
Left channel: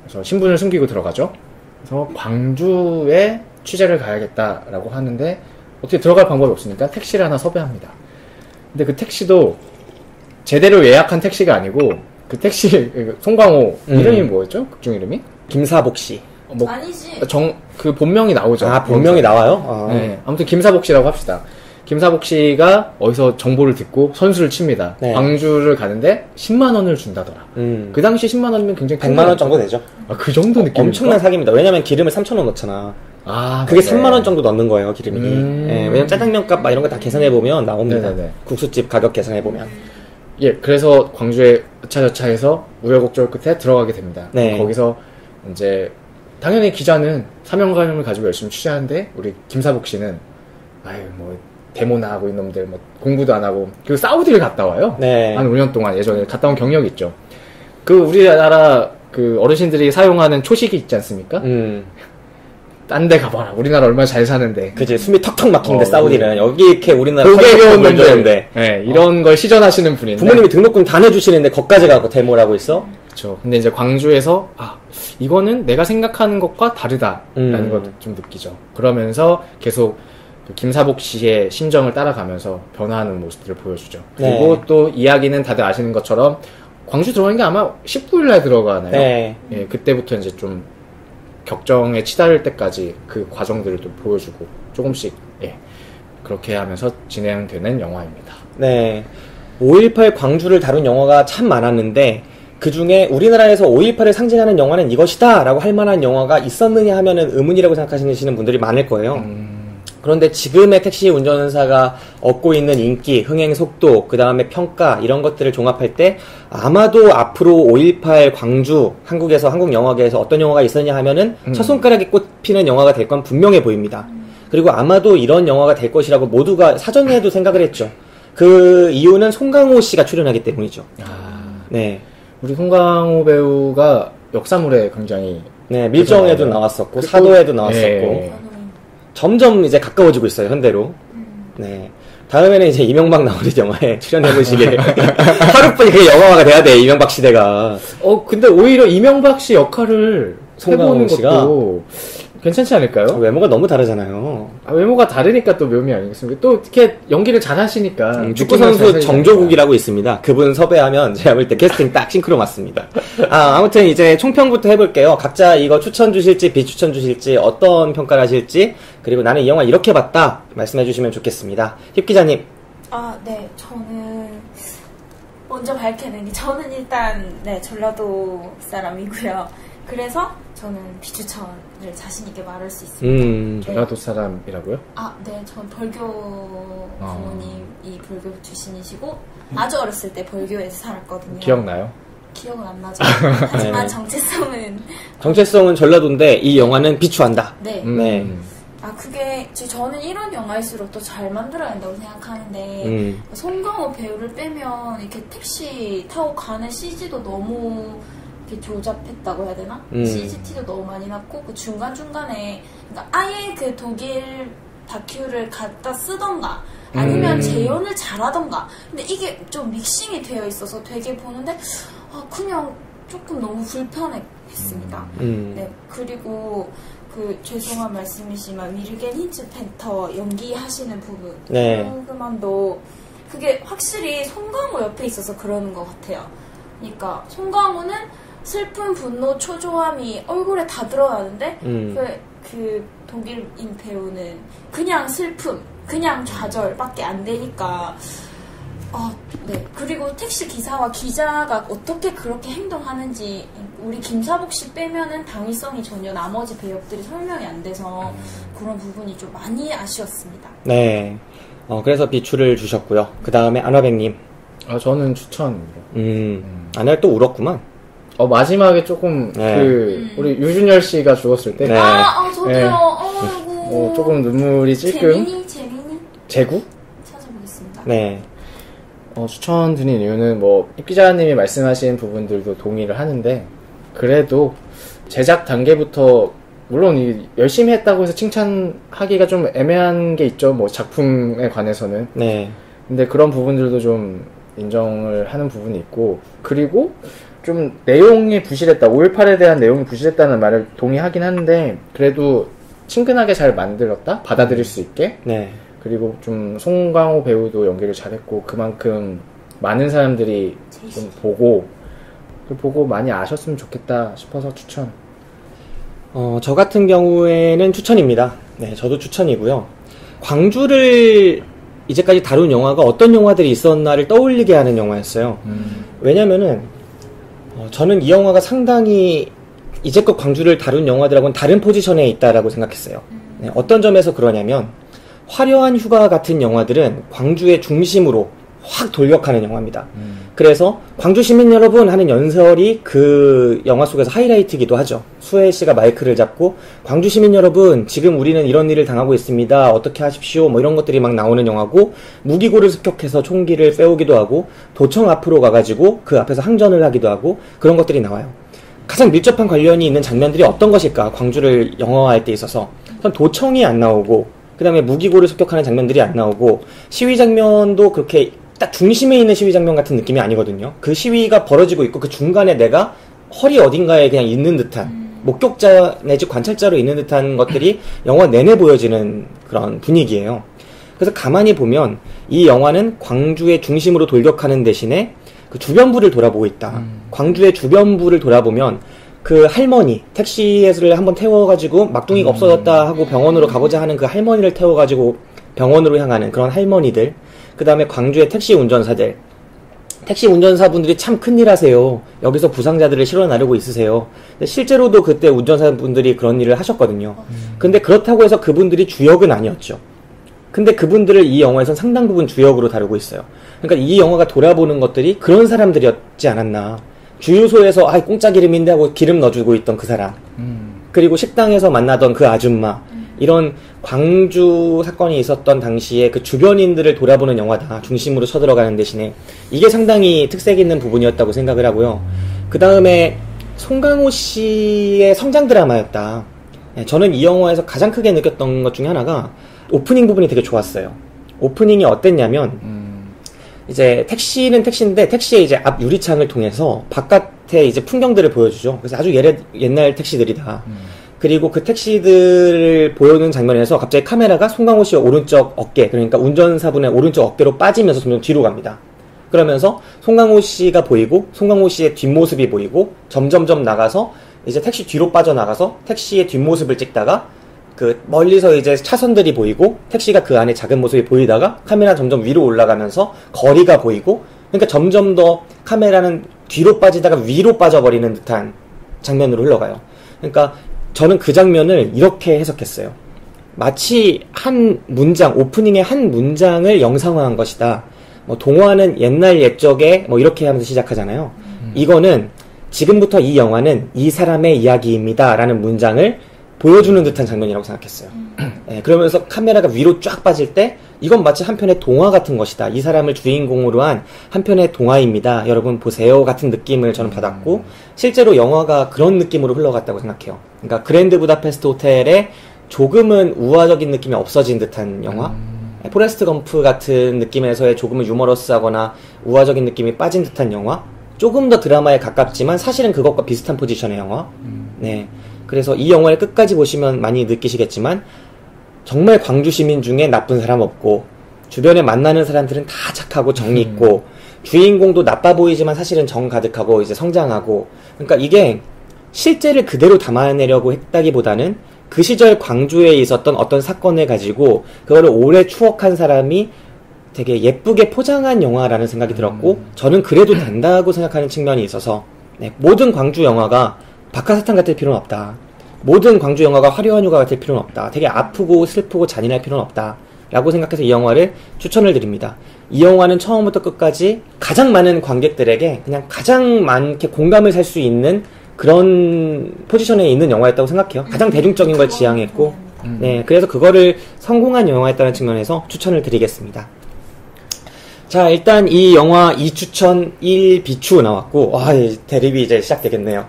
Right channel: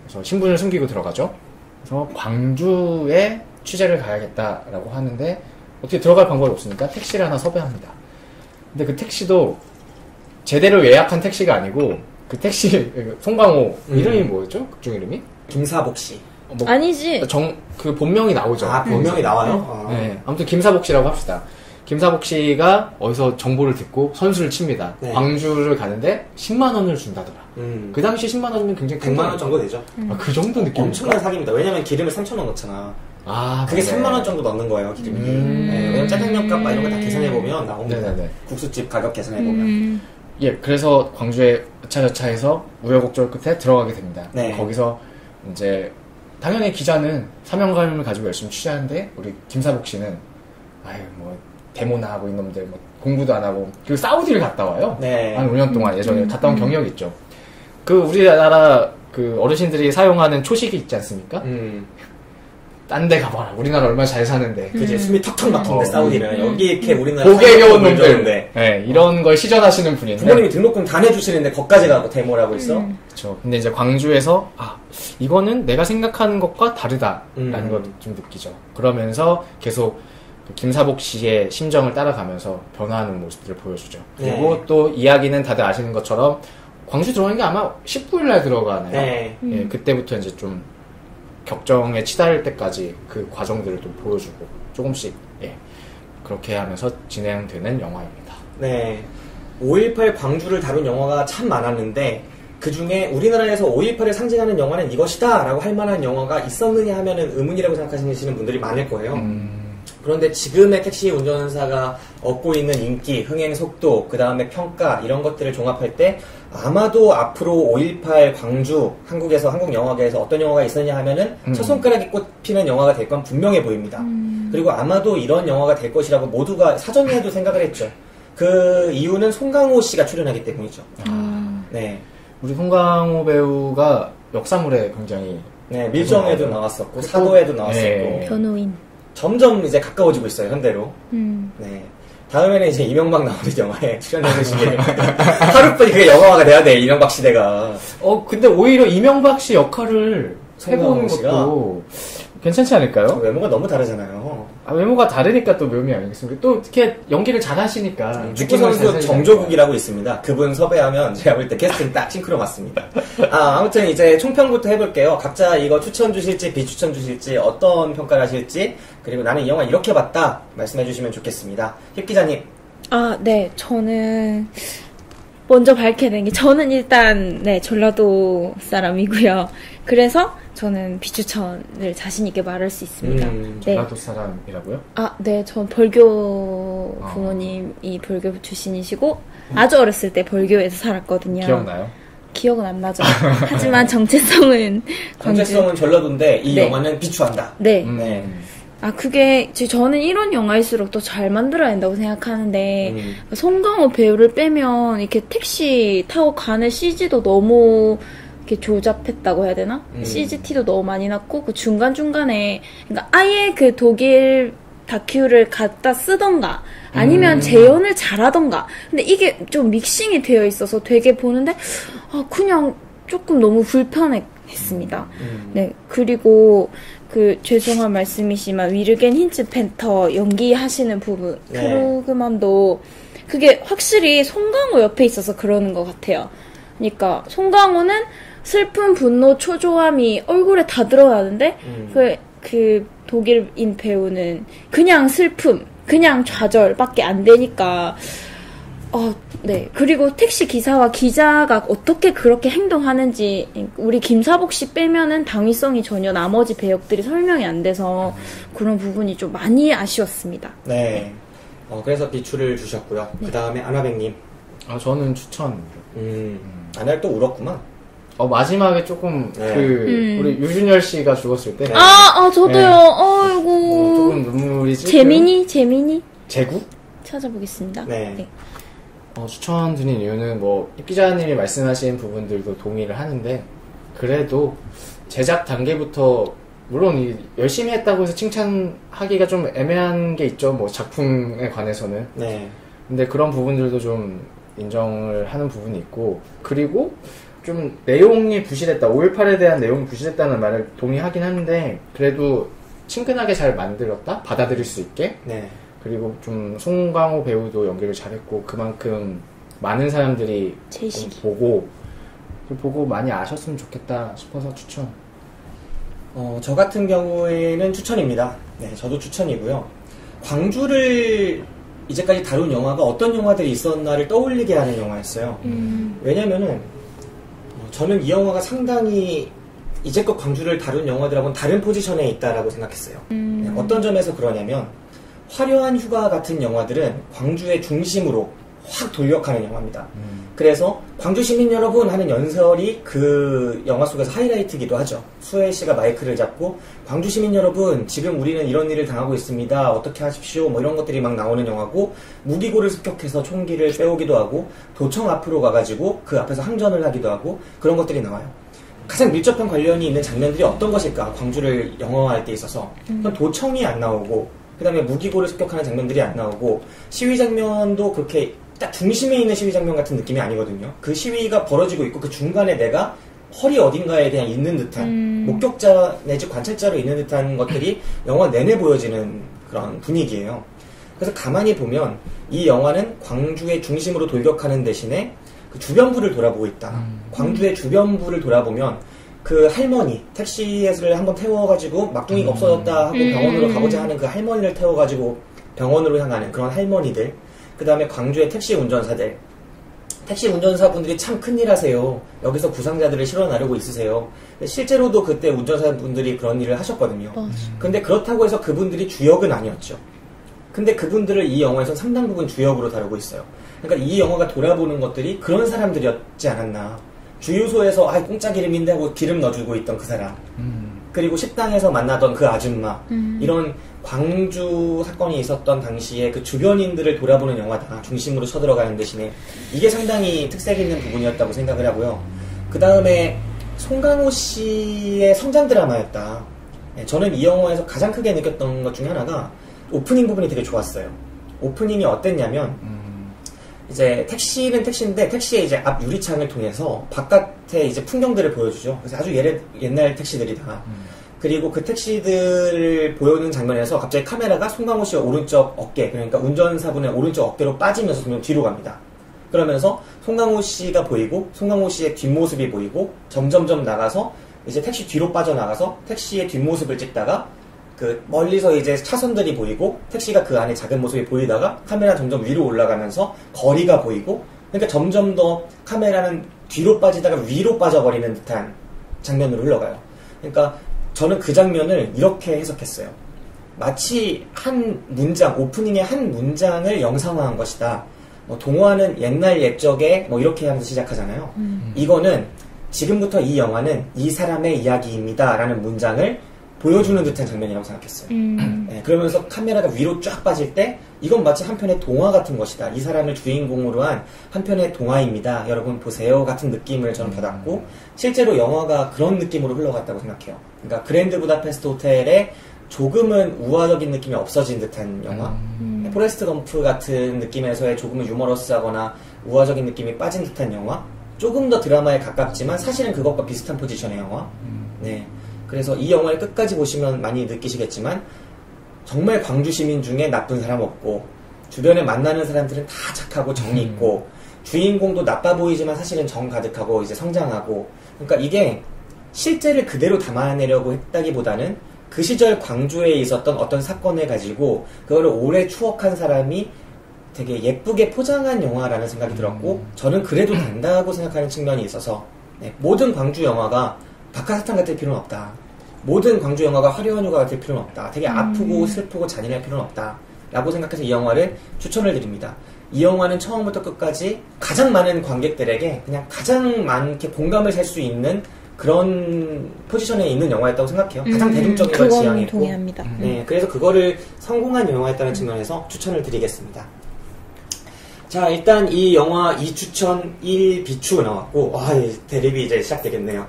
그래서 신분을 숨기고 들어가죠. 그래서 광주에 취재를 가야겠다라고 하는데 어떻게 들어갈 방법이 없으니까 택시를 하나 섭외합니다. 근데 그 택시도 제대로 예약한 택시가 아니고 그 택시 송강호 이름이 뭐였죠? 극중 이름이? 김사복 씨. 뭐 아니지. 그 본명이 나오죠. 아, 본명이 나와요? 네. 아무튼 김사복 씨라고 합시다. 김사복 씨가 어디서 정보를 듣고 선수를 칩니다. 네. 광주를 가는데 10만 원을 준다더라. 그 당시 10만 원이면 굉장히 100만 원 정도 되죠. 아, 그 정도 느낌입니까? 엄청난 사기입니다. 왜냐면 기름을 3,000원 넣잖아. 아, 그게 3만 원 정도 넣는 거예요, 기름이. 네, 왜냐면 짜장면 값 막 이런 거 다 계산해보면 나옵니다. 네네네. 국수집 가격 계산해보면. 예, 그래서 광주에 여차저차해서 우여곡절 끝에 들어가게 됩니다. 네. 거기서 이제 당연히 기자는 사명감을 가지고 열심히 취재하는데 우리 김사복 씨는 아유 뭐 데모나 하고 이놈들 뭐 공부도 안 하고 그 사우디를 갔다 와요. 네. 한 5년 동안 예전에 갔다 온 경력이 있죠. 그 우리나라 그 어르신들이 사용하는 초식이 있지 않습니까? 딴 데 가봐라. 우리나라 얼마나 잘 사는데. 그치, 숨이 턱턱 막히는데, 사우디는. 여기 이렇게 우리나라. 고개 겨운 놈들. 네, 이런 걸 시전하시는 분인데. 부모님이 등록금 다 내주시는데, 거기까지 가고 데모를 하고 있어? 그쵸. 근데 이제 광주에서, 이거는 내가 생각하는 것과 다르다라는 걸 좀 느끼죠. 그러면서 계속 그 김사복 씨의 심정을 따라가면서 변화하는 모습들을 보여주죠. 그리고 네. 또 이야기는 다들 아시는 것처럼, 광주 들어가는 게 아마 19일날 들어가나요? 네. 예, 그때부터 이제 좀, 격정에 치달을 때까지 그 과정들을 또 보여주고 조금씩 예 그렇게 하면서 진행되는 영화입니다. 네, 5.18 광주를 다룬 영화가 참 많았는데 그 중에 우리나라에서 5.18을 상징하는 영화는 이것이다 라고 할 만한 영화가 있었느냐 하면은 의문이라고 생각하시는 분들이 많을 거예요. 그런데 지금의 택시 운전사가 얻고 있는 인기, 흥행 속도, 그 다음에 평가 이런 것들을 종합할 때 아마도 앞으로 5.18 광주, 한국에서 한국 영화계에서 어떤 영화가 있었냐 하면은 첫 손가락에 꼽히는 영화가 될 건 분명해 보입니다. 그리고 아마도 이런 영화가 될 것이라고 모두가 사전에도 생각을 했죠. 그 이유는 송강호 씨가 출연하기 때문이죠. 네. 우리 송강호 배우가 역사물에 굉장히 네, 밀정에도 나왔었고 사도에도 나왔었고 변호인. 점점 이제 가까워지고 있어요, 현대로. 네. 다음에는 이제 이명박 나오는 영화에 출연해보시길. 하루뿐이 그게 영화화가 돼야 돼, 이명박 시대가. 근데 오히려 이명박 씨 역할을 해보는 것도 괜찮지 않을까요? 외모가 너무 다르잖아요. 외모가 다르니까 또 묘미 아니겠습니까? 또 이렇게 연기를 잘 하시니까. 축구선수 정조국이라고 있습니다. 그분 섭외하면 제가 볼 때 캐스팅 딱 싱크로 맞습니다. 아무튼 이제 총평부터 해볼게요. 각자 이거 추천 주실지 비추천 주실지 어떤 평가를 하실지 그리고 나는 이 영화 이렇게 봤다 말씀해 주시면 좋겠습니다. 힙 기자님. 네. 저는 먼저 밝혀낸 게 저는 일단 네 전라도 사람이고요. 그래서 저는 비추천을 자신있게 말할 수 있습니다. 네. 전라도 사람이라고요? 네. 전 벌교 부모님이 벌교 출신이시고 아주 어렸을 때 벌교에서 살았거든요. 기억나요? 기억은 안 나죠. 하지만 정체성은 전라도인데 이 네. 영화는 비추한다. 네. 그게 저는 이런 영화일수록 더 잘 만들어야 된다고 생각하는데 송강호 배우를 빼면 이렇게 택시 타고 가는 CG도 너무 이렇게 조잡했다고 해야 되나? CGT도 너무 많이 났고 그 중간중간에 그러니까 아예 그 독일 다큐를 갖다 쓰던가 아니면 재현을 잘하던가 근데 이게 좀 믹싱이 되어 있어서 되게 보는데 그냥 조금 너무 불편했습니다. 네. 그리고 죄송한 말씀이지만 위르겐 힌츠 팬터 연기하시는 부분 크루그만도 그게 확실히 송강호 옆에 있어서 그러는 것 같아요. 그러니까 송강호는 슬픈 분노 초조함이 얼굴에 다 드러나는데 그 독일인 배우는 그냥 슬픔 그냥 좌절밖에 안 되니까 네. 그리고 택시 기사와 기자가 어떻게 그렇게 행동하는지 우리 김사복 씨 빼면은 당위성이 전혀 나머지 배역들이 설명이 안 돼서 그런 부분이 좀 많이 아쉬웠습니다. 네. 그래서 비추를 주셨고요. 그 다음에 안화백님. 저는 추천. 안화 또 울었구만. 마지막에 조금 우리 유준열 씨가 죽었을 때. 네. 저도요. 네. 아이고. 조금 눈물이 찔끔. 재민이. 재구? 찾아보겠습니다. 네. 추천드린 이유는 입 기자님이 말씀하신 부분들도 동의를 하는데 그래도 제작 단계부터 물론 열심히 했다고 해서 칭찬하기가 좀 애매한 게 있죠. 작품에 관해서는. 네. 근데 그런 부분들도 좀 인정을 하는 부분이 있고 그리고 좀 내용이 부실했다. 5.18에 대한 내용이 부실했다는 말을 동의하긴 하는데 그래도 친근하게 잘 만들었다. 받아들일 수 있게. 네. 그리고 좀 송강호 배우도 연기를 잘했고 그만큼 많은 사람들이 좀 보고 많이 아셨으면 좋겠다 싶어서 추천. 저 같은 경우에는 추천입니다. 네, 저도 추천이고요. 광주를 이제까지 다룬 영화가 어떤 영화들이 있었나를 떠올리게 하는 영화였어요. 왜냐면은 저는 이 영화가 상당히 이제껏 광주를 다룬 영화들하고는 다른 포지션에 있다라고 생각했어요. 네, 어떤 점에서 그러냐면 화려한 휴가 같은 영화들은 광주의 중심으로 확 돌격하는 영화입니다. 그래서 광주 시민 여러분 하는 연설이 그 영화 속에서 하이라이트이기도 하죠. 수혜 씨가 마이크를 잡고 광주 시민 여러분 지금 우리는 이런 일을 당하고 있습니다. 어떻게 하십시오. 이런 것들이 막 나오는 영화고 무기고를 습격해서 총기를 빼오기도 하고 도청 앞으로 가가지고 그 앞에서 항전을 하기도 하고 그런 것들이 나와요. 가장 밀접한 관련이 있는 장면들이 어떤 것일까? 광주를 영화화할 때 있어서 도청이 안 나오고 그 다음에 무기고를 습격하는 장면들이 안 나오고 시위 장면도 그렇게 딱 중심에 있는 시위 장면 같은 느낌이 아니거든요. 그 시위가 벌어지고 있고 그 중간에 내가 허리 어딘가에 그냥 있는 듯한 목격자 내지 관찰자로 있는 듯한 것들이 영화 내내 보여지는 그런 분위기예요. 그래서 가만히 보면 이 영화는 광주의 중심으로 돌격하는 대신에 그 주변부를 돌아보고 있다. 광주의 주변부를 돌아보면 그 할머니, 택시를 한번 태워가지고 막둥이가 없어졌다 하고 병원으로 가보자 하는 그 할머니를 태워가지고 병원으로 향하는 그런 할머니들, 그 다음에 광주의 택시 운전사들, 택시 운전사분들이 참 큰일 하세요. 여기서 부상자들을 실어나르고 있으세요. 실제로도 그때 운전사분들이 그런 일을 하셨거든요. 근데 그렇다고 해서 그분들이 주역은 아니었죠. 근데 그분들을 이 영화에서 상당 부분 주역으로 다루고 있어요. 그러니까 이 영화가 돌아보는 것들이 그런 사람들이었지 않았나. 주유소에서 공짜 기름인데 하고 기름 넣어주고 있던 그 사람. 그리고 식당에서 만나던 그 아줌마. 이런 광주 사건이 있었던 당시에 그 주변인들을 돌아보는 영화다. 중심으로 쳐들어가는 대신에. 이게 상당히 특색 있는 부분이었다고 생각을 하고요. 그 다음에 송강호 씨의 성장 드라마였다. 네, 저는 이 영화에서 가장 크게 느꼈던 것 중에 하나가 오프닝 부분이 되게 좋았어요. 오프닝이 어땠냐면 이제 택시는 택시인데 택시의 이제 앞 유리창을 통해서 바깥에 이제 풍경들을 보여주죠. 그래서 아주 옛날 택시들이다. 그리고 그 택시들을 보여주는 장면에서 갑자기 카메라가 송강호 씨의 오른쪽 어깨, 그러니까 운전사분의 오른쪽 어깨로 빠지면서 점점 뒤로 갑니다. 그러면서 송강호 씨가 보이고 송강호 씨의 뒷모습이 보이고 점점점 나가서 이제 택시 뒤로 빠져나가서 택시의 뒷모습을 찍다가 그 멀리서 이제 차선들이 보이고 택시가 그 안에 작은 모습이 보이다가 카메라 점점 위로 올라가면서 거리가 보이고, 그러니까 점점 더 카메라는 뒤로 빠지다가 위로 빠져버리는 듯한 장면으로 흘러가요. 그러니까 저는 그 장면을 이렇게 해석했어요. 마치 한 문장, 오프닝의 한 문장을 영상화한 것이다. 동화는 옛날 옛적에 이렇게 하면서 시작하잖아요. 이거는 지금부터 이 영화는 이 사람의 이야기입니다 라는 문장을 보여주는 듯한 장면이라고 생각했어요. 네, 그러면서 카메라가 위로 쫙 빠질 때 이건 마치 한편의 동화 같은 것이다. 이 사람을 주인공으로 한 한편의 동화입니다. 여러분 보세요 같은 느낌을 저는 받았고, 실제로 영화가 그런 느낌으로 흘러갔다고 생각해요. 그러니까 그랜드 부다페스트 호텔에 조금은 우화적인 느낌이 없어진 듯한 영화, 포레스트 검프 같은 느낌에서의 조금은 유머러스하거나 우화적인 느낌이 빠진 듯한 영화, 조금 더 드라마에 가깝지만 사실은 그것과 비슷한 포지션의 영화. 네, 그래서 이 영화를 끝까지 보시면 많이 느끼시겠지만 정말 광주 시민 중에 나쁜 사람 없고 주변에 만나는 사람들은 다 착하고 정이 있고 주인공도 나빠 보이지만 사실은 정 가득하고 이제 성장하고, 그러니까 이게 실제를 그대로 담아내려고 했다기보다는 그 시절 광주에 있었던 어떤 사건을 가지고 그거를 오래 추억한 사람이 되게 예쁘게 포장한 영화라는 생각이 들었고, 저는 그래도 된다고 생각하는 측면이 있어서, 네, 모든 광주 영화가 박하사탕 같을 필요는 없다. 모든 광주 영화가 화려한 휴가 같을 필요는 없다. 되게 아프고 슬프고 잔인할 필요는 없다 라고 생각해서 이 영화를 추천을 드립니다. 이 영화는 처음부터 끝까지 가장 많은 관객들에게 그냥 가장 많게 공감을 살 수 있는 그런 포지션에 있는 영화였다고 생각해요. 가장 대중적인 걸 지향했고, 동의합니다. 네, 그래서 그거를 성공한 영화였다는 측면에서 추천을 드리겠습니다. 자, 일단 이 영화 2추천 1비추 나왔고, 와, 대립이 이제 시작되겠네요.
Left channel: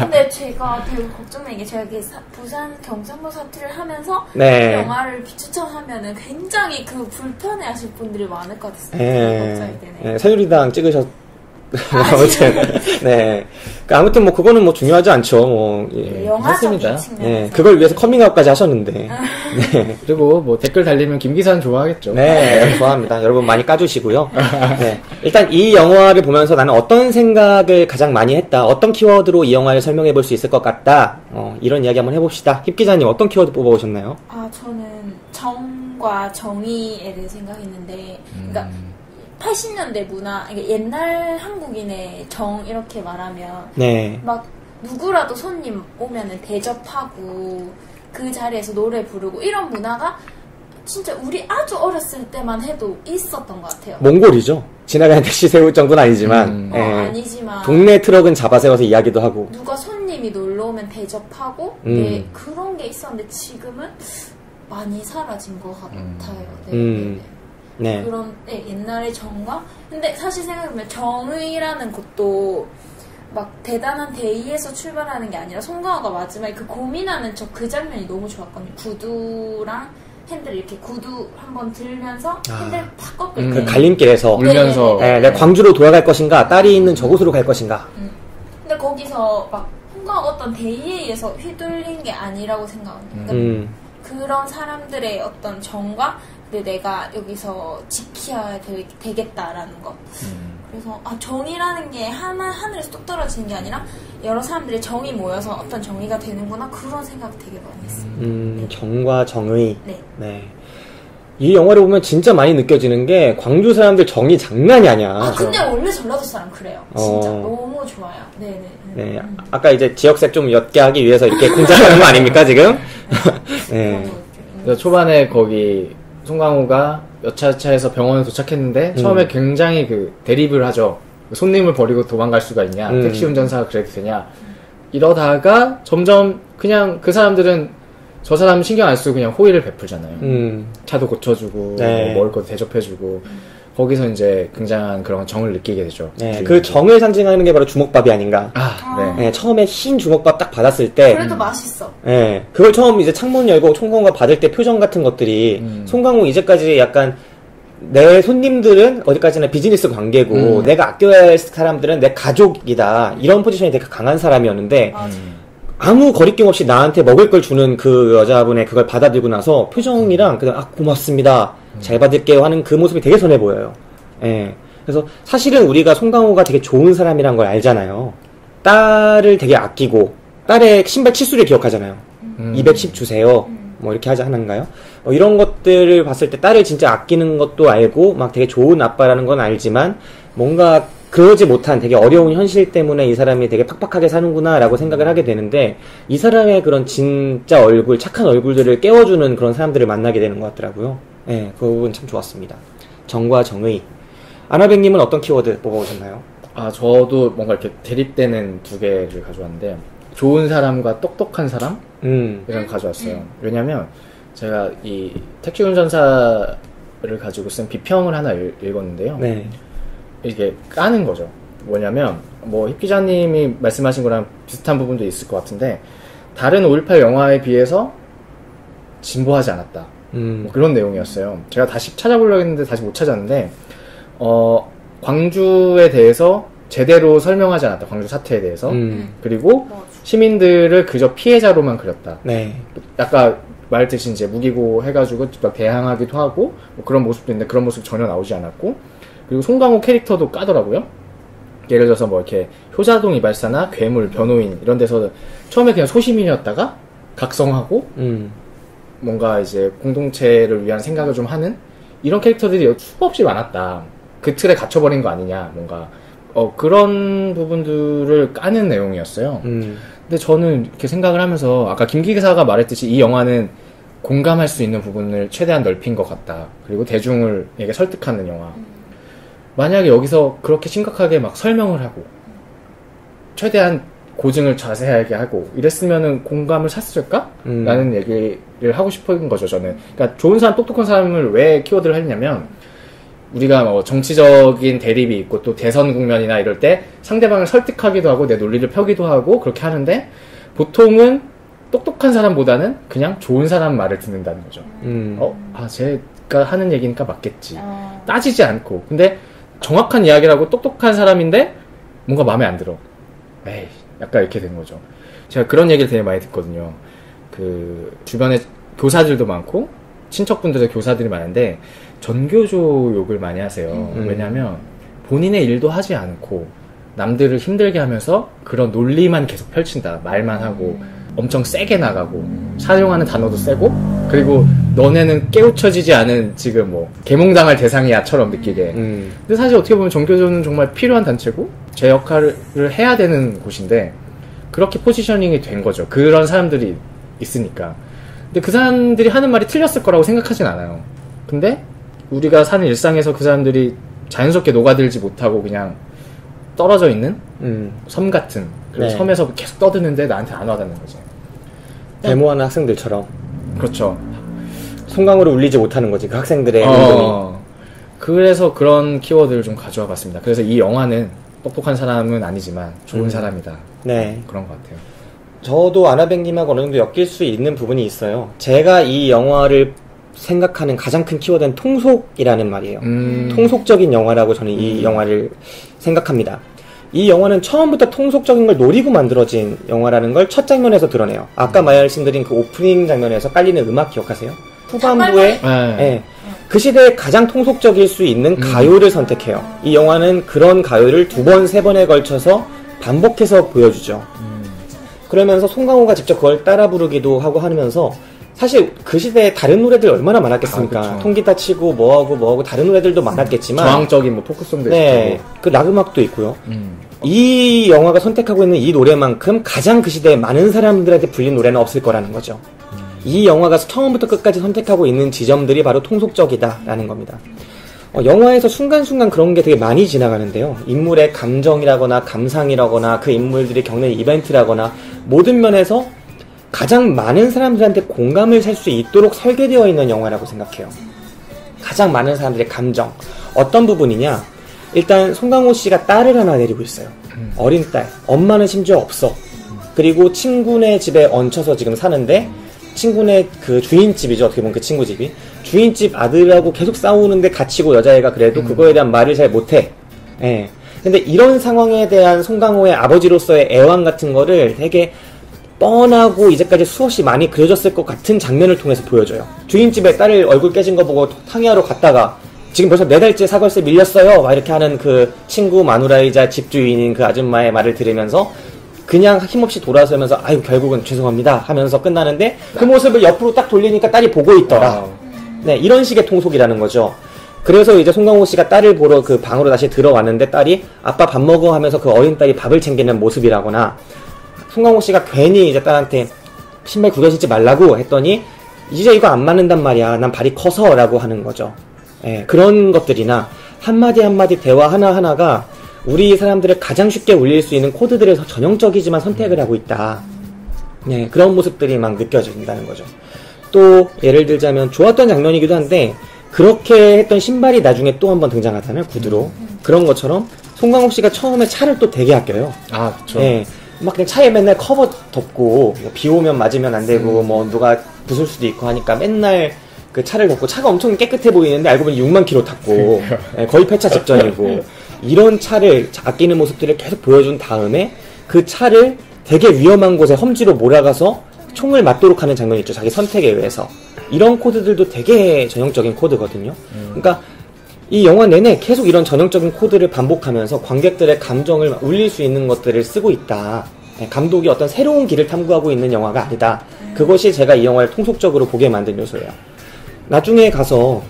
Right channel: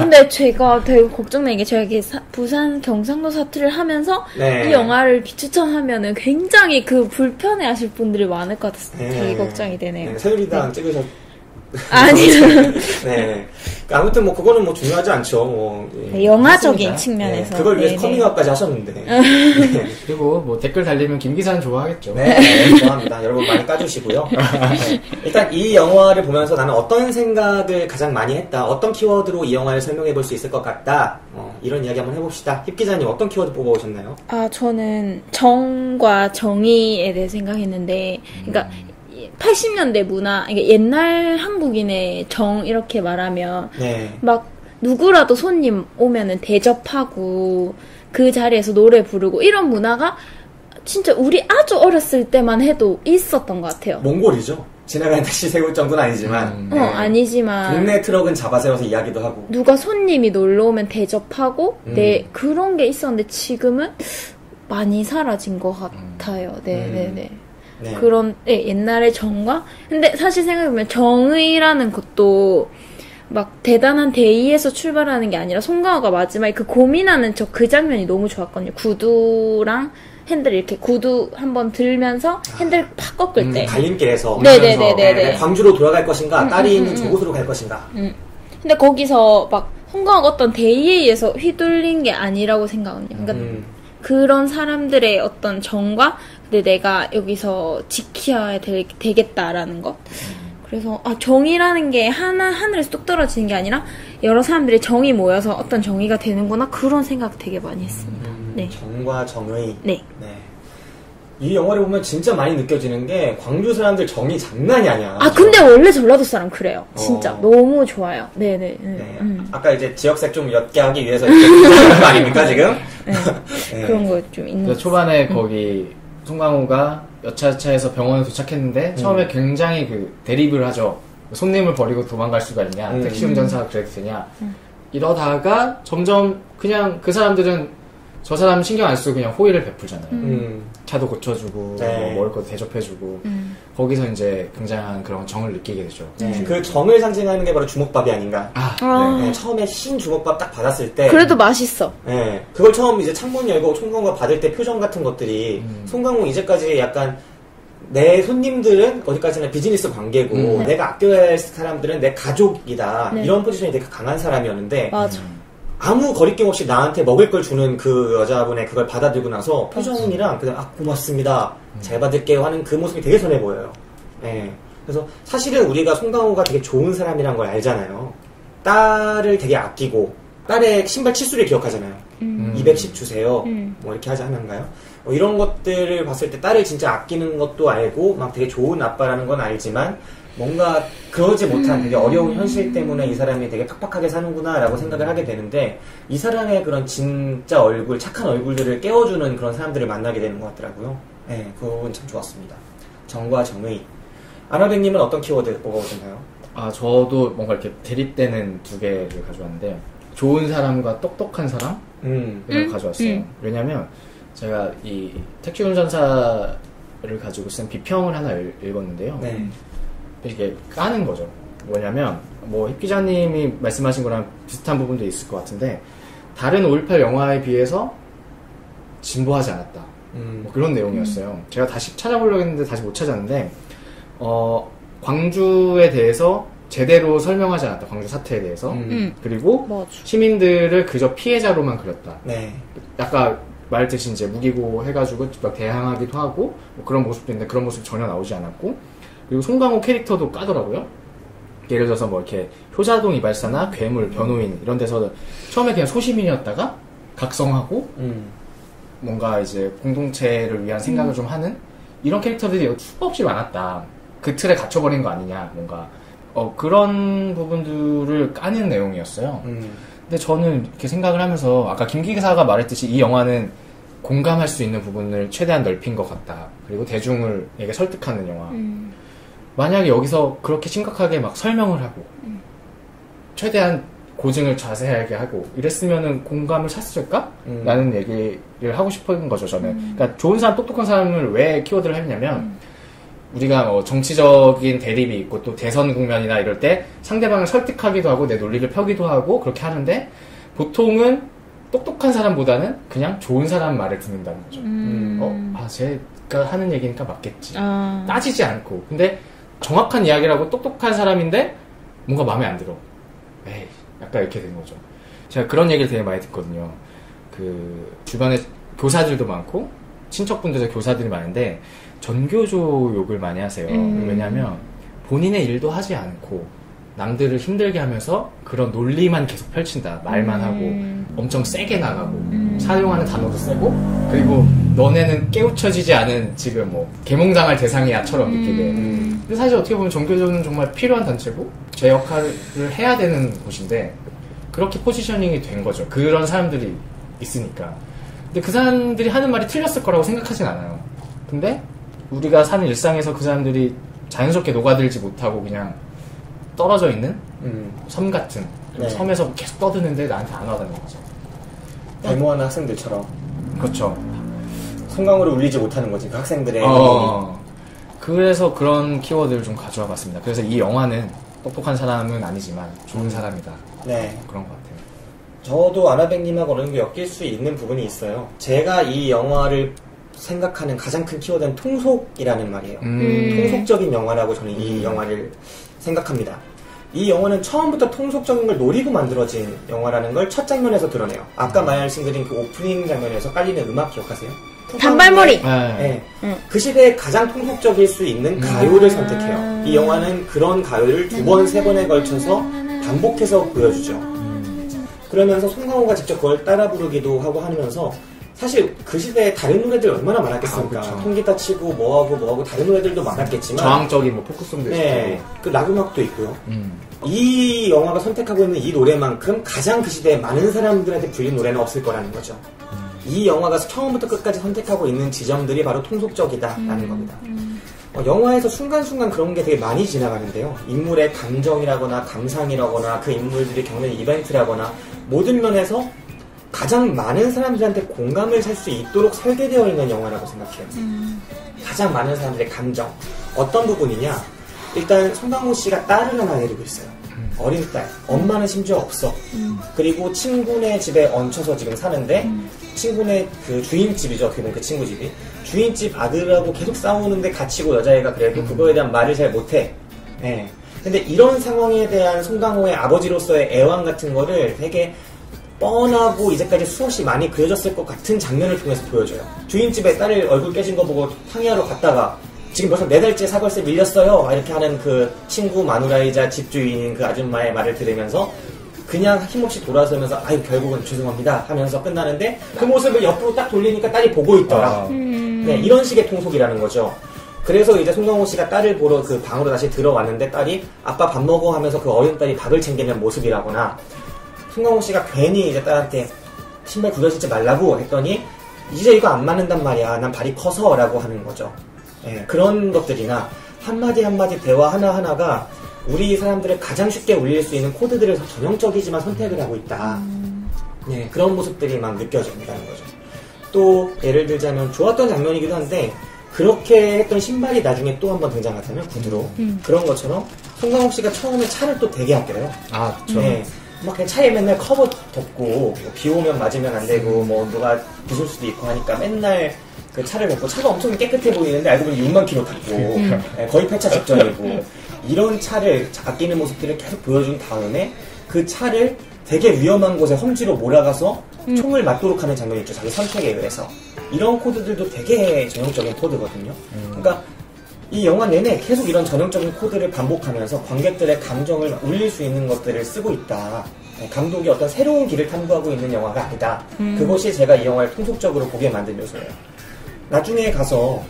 근데 제가 되게 걱정되는 게, 제가 부산 경상도 사투리를 하면서 네. 이 영화를 비추천하면은 굉장히 그 불편해 하실 분들이 많을 것 같아서 되게 걱정이 되네요. 네, 새누리당 찍으셨, 아니. 네. 아무튼 그거는 중요하지 않죠. 예, 영화적인 측면에서. 네, 그걸 위해서 커밍아웃까지 하셨는데. 네. 그리고 댓글 달리면 김 기사는 좋아하겠죠. 네, 좋아합니다. 여러분 많이 까주시고요. 네. 일단 이 영화를 보면서 나는 어떤 생각을 가장 많이 했다, 어떤 키워드로 이 영화를 설명해 볼 수 있을 것 같다, 이런 이야기 한번 해봅시다. 힙 기자님 어떤 키워드 뽑아오셨나요? 저는 정과 정의에 대해 생각했는데, 그러니까 80년대 문화, 이게 옛날 한국인의 정 이렇게 말하면, 네. 막 누구라도 손님 오면은 대접하고 그 자리에서 노래 부르고 이런 문화가 진짜 우리 아주 어렸을 때만 해도 있었던 것 같아요. 몽골이죠. 지나가는 택시 세울 정도는 아니지만, 네. 아니지만 동네 트럭은 잡아세워서 이야기도 하고, 누가 손님이 놀러 오면 대접하고, 그런 게 있었는데 지금은 많이 사라진 것 같아요. 네네네. 네. 그런, 옛날의 정과, 근데 사실 생각해보면 정의라는 것도 막 대단한 대의에서 출발하는 게 아니라, 송강호가 마지막에 그 고민하는 그 장면이 너무 좋았거든요. 구두랑 핸들 이렇게 구두 한번 들면서 핸들 팍 꺾을 때. 갈림길에서 울면서 네, 광주로 돌아갈 것인가, 딸이 있는 저곳으로 갈 것인가. 근데 거기서 막 송강호가 어떤 대의에 의해서 휘둘린 게 아니라고 생각합니다. 그러니까 그런 사람들의 어떤 정과, 근데 내가 여기서 지켜야 되겠다라는 것. 그래서 정의라는 게 하늘에서 뚝 떨어지는 게 아니라 여러 사람들이 정이 모여서 어떤 정의가 되는구나, 그런 생각 되게 많이 했습니다. 네. 정과 정의. 네. 네. 이 영화를 보면 진짜 많이 느껴지는 게 광주 사람들 정이 장난이 아니야. 근데 원래 전라도 사람 그래요. 진짜 너무 좋아요. 네네. 네. 아까 이제 지역색 좀 옅게 하기 위해서 이렇게 공부하는 거 아닙니까 지금? 네. 그런 거 좀 있는. 그래서 초반에 거기 송강호가 여차차에서 병원에 도착했는데 처음에 굉장히 그 대립을 하죠. 손님을 버리고 도망갈 수가 있냐, 택시 운전사가 그래도 되냐. 이러다가 점점 그냥 그 사람들은 저 사람 신경 안 쓰고 그냥 호의를 베풀잖아요. 차도 고쳐주고 네. 뭐 먹을 것도 대접해주고 거기서 이제 굉장한 그런 정을 느끼게 되죠. 네. 그 정을 상징하는 게 바로 주먹밥이 아닌가. 네. 네. 처음에 흰 주먹밥 딱 받았을 때 그래도 맛있어. 네. 그걸 처음 이제 창문 열고 송강호가 받을 때 표정 같은 것들이 송강호 이제까지 약간 내 손님들은 어디까지나 비즈니스 관계고 내가 아껴야 할 사람들은 내 가족이다. 네. 이런 포지션이 되게 강한 사람이었는데 맞아. 아무 거리낌 없이 나한테 먹을 걸 주는 그 여자분의 그걸 받아들고 나서 표정이랑 그냥 고맙습니다. 잘 받을게요 하는 그 모습이 되게 선해 보여요. 예. 그래서 사실은 우리가 송강호가 되게 좋은 사람이란 걸 알잖아요. 딸을 되게 아끼고 딸의 신발 치수를 기억하잖아요. 210 주세요. 뭐 이렇게 하지 않았나요? 이런 것들을 봤을 때 딸을 진짜 아끼는 것도 알고 막 되게 좋은 아빠라는 건 알지만 뭔가 그러지 못한 되게 어려운 현실 때문에 이 사람이 되게 팍팍하게 사는구나 라고 생각을 하게 되는데 이 사람의 그런 진짜 얼굴, 착한 얼굴들을 깨워주는 그런 사람들을 만나게 되는 것 같더라고요. 네, 그 부분 참 좋았습니다. 정과 정의. 아나백님은 어떤 키워드 보고 오셨나요? 저도 뭔가 이렇게 대립되는 두 개를 가져왔는데 좋은 사람과 똑똑한 사람? 이런 거 가져왔어요. 왜냐면 제가 이 택시 운전사를 가지고 쓴 비평을 하나 읽었는데요. 네. 이게 까는 거죠. 뭐냐면 뭐 힙 기자님이 말씀하신 거랑 비슷한 부분도 있을 것 같은데 다른 5.18 영화에 비해서 진보하지 않았다. 뭐 그런 내용이었어요. 제가 다시 찾아보려고 했는데 다시 못 찾았는데 광주에 대해서 제대로 설명하지 않았다. 광주 사태에 대해서. 그리고 시민들을 그저 피해자로만 그렸다. 네. 아까 말했듯이 이제 무기고 해가지고 막 대항하기도 하고 뭐 그런 모습도 있는데 그런 모습이 전혀 나오지 않았고 그리고 송강호 캐릭터도 까더라고요. 예를 들어서 뭐 이렇게 효자동 이발사나 괴물, 변호인 이런 데서 처음에 그냥 소시민이었다가 각성하고 뭔가 이제 공동체를 위한 생각을 좀 하는 이런 캐릭터들이 수가 없이 많았다. 그 틀에 갇혀버린 거 아니냐 뭔가 그런 부분들을 까는 내용이었어요. 근데 저는 이렇게 생각을 하면서 아까 김 기사가 말했듯이 이 영화는 공감할 수 있는 부분을 최대한 넓힌 것 같다. 그리고 대중을에게 설득하는 영화. 만약에 여기서 그렇게 심각하게 막 설명을 하고 최대한 고증을 자세하게 하고 이랬으면은 공감을 샀을까? 라는 얘기를 하고 싶은 거죠, 저는. 그러니까 좋은 사람, 똑똑한 사람을 왜 키워드를 했냐면 우리가 뭐 정치적인 대립이 있고 또 대선 국면이나 이럴 때 상대방을 설득하기도 하고 내 논리를 펴기도 하고 그렇게 하는데 보통은 똑똑한 사람보다는 그냥 좋은 사람 말을 듣는다는 거죠. 제가 하는 얘기니까 맞겠지. 따지지 않고. 근데 정확한 이야기라고 똑똑한 사람인데 뭔가 마음에 안 들어. 에이, 약간 이렇게 된 거죠. 제가 그런 얘기를 되게 많이 듣거든요. 그 주변에 교사들도 많고 친척분들의 교사들이 많은데 전교조 욕을 많이 하세요. 왜냐하면 본인의 일도 하지 않고 남들을 힘들게 하면서 그런 논리만 계속 펼친다. 말만 하고 엄청 세게 나가고 사용하는 단어도 세고 그리고 너네는 깨우쳐지지 않은 지금 뭐 계몽당할 대상이야처럼 느끼게. 근데 사실 어떻게 보면 전교조는 정말 필요한 단체고 제 역할을 해야 되는 곳인데 그렇게 포지셔닝이 된 거죠. 그런 사람들이 있으니까. 근데 그 사람들이 하는 말이 틀렸을 거라고 생각하진 않아요. 근데 우리가 사는 일상에서 그 사람들이 자연스럽게 녹아들지 못하고 그냥 떨어져 있는 섬 같은 그리고 네. 섬에서 계속 떠드는데 나한테 안 와닿는 거죠. 데모하는 학생들처럼. 그렇죠. 송강호를 울리지 못하는 거지 그 학생들의 그래서 그런 키워드를 좀 가져와 봤습니다. 그래서 이 영화는 똑똑한 사람은 아니지만 좋은 사람이다. 네. 그런 것 같아요. 저도 아나백님하고 어느 정도 엮일 수 있는 부분이 있어요. 제가 이 영화를 생각하는 가장 큰 키워드는 통속이라는 말이에요. 통속적인 영화라고 저는 이 영화를 생각합니다. 이 영화는 처음부터 통속적인 걸 노리고 만들어진 영화라는 걸 첫 장면에서 드러내요. 아까 말씀드린 그 오프닝 장면에서 깔리는 음악 기억하세요? 단발머리. 네. 그 시대에 가장 통속적일 수 있는 가요를 선택해요. 이 영화는 그런 가요를 2번, 3번에 걸쳐서 반복해서 보여주죠. 그러면서 송강호가 직접 그걸 따라 부르기도 하고 하면서 사실 그 시대에 다른 노래들 얼마나 많았겠습니까? 통기타 치고 뭐하고 다른 노래들도 많았겠지만 저항적인 뭐 포크송도 네, 있고 그 락음악도 있고요. 이 영화가 선택하고 있는 이 노래만큼 가장 그 시대에 많은 사람들한테 불린 노래는 없을 거라는 거죠. 이 영화가 처음부터 끝까지 선택하고 있는 지점들이 바로 통속적이다라는 겁니다. 영화에서 순간순간 그런 게 되게 많이 지나가는데요. 인물의 감정이라거나 감상이라거나 그 인물들이 겪는 이벤트라거나 모든 면에서 가장 많은 사람들한테 공감을 살 수 있도록 설계되어 있는 영화라고 생각해요. 가장 많은 사람들의 감정. 어떤 부분이냐? 일단 송강호 씨가 딸을 하나 데리고 있어요. 어린 딸. 엄마는 심지어 없어. 그리고 친구네 집에 얹혀서 지금 사는데 친구네 그 주인집이죠. 어떻게 보면 그 친구 집이. 주인집 아들하고 계속 싸우는데 갇히고 여자애가 그래도 그거에 대한 말을 잘 못해. 예. 근데 이런 상황에 대한 송강호의 아버지로서의 애환 같은 거를 되게 뻔하고 이제까지 수없이 많이 그려졌을 것 같은 장면을 통해서 보여줘요. 주인집에 딸 얼굴 깨진 거 보고 상의하러 갔다가 지금 벌써 4달째 사벌세 밀렸어요. 막 이렇게 하는 그 친구 마누라이자 집주인인 그 아줌마의 말을 들으면서 그냥 힘없이 돌아서면서 아유 결국은 죄송합니다 하면서 끝나는데 그 모습을 옆으로 딱 돌리니까 딸이 보고 있더라. 네, 이런 식의 통속이라는 거죠. 그래서 이제 송강호 씨가 딸을 보러 그 방으로 다시 들어왔는데 딸이 아빠 밥 먹어 하면서 그 어린 딸이 밥을 챙기는 모습이라거나 송강호 씨가 괜히 이제 딸한테 신발 구겨 신지 말라고 했더니 이제 이거 안 맞는단 말이야. 난 발이 커서 라고 하는 거죠. 예, 그런 것들이나 한마디 한마디 대화 하나하나가 우리 사람들을 가장 쉽게 울릴 수 있는 코드들을 전형적이지만 선택을 하고 있다. 예, 그런 모습들이 막 느껴진다는 거죠. 또 예를 들자면 좋았던 장면이기도 한데 그렇게 했던 신발이 나중에 또 한 번 등장하잖아요. 구두로. 그런 것처럼 송강호 씨가 처음에 차를 또 되게 아껴요. 아, 그쵸. 예, 막 그냥 차에 맨날 커버 덮고 뭐 비 오면 맞으면 안 되고 뭐 누가 부술 수도 있고 하니까 맨날 그 차를 놓고 차가 엄청 깨끗해 보이는데 알고 보니 6만 킬로 탔고 예, 거의 폐차 직전이고 이런 차를 아끼는 모습들을 계속 보여준 다음에 그 차를 되게 위험한 곳에 험지로 몰아가서 총을 맞도록 하는 장면이 있죠. 자기 선택에 의해서. 이런 코드들도 되게 전형적인 코드거든요. 그러니까 이 영화 내내 계속 이런 전형적인 코드를 반복하면서 관객들의 감정을 울릴 수 있는 것들을 쓰고 있다. 감독이 어떤 새로운 길을 탐구하고 있는 영화가 아니다. 그것이 제가 이 영화를 통속적으로 보게 만든 요소예요. 나중에 가서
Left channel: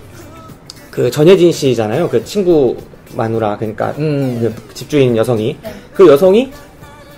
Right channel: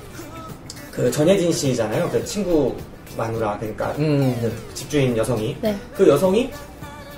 그 전혜진 씨잖아요. 그 친구 마누라, 그러니까 그 집주인 여성이. 네. 그 여성이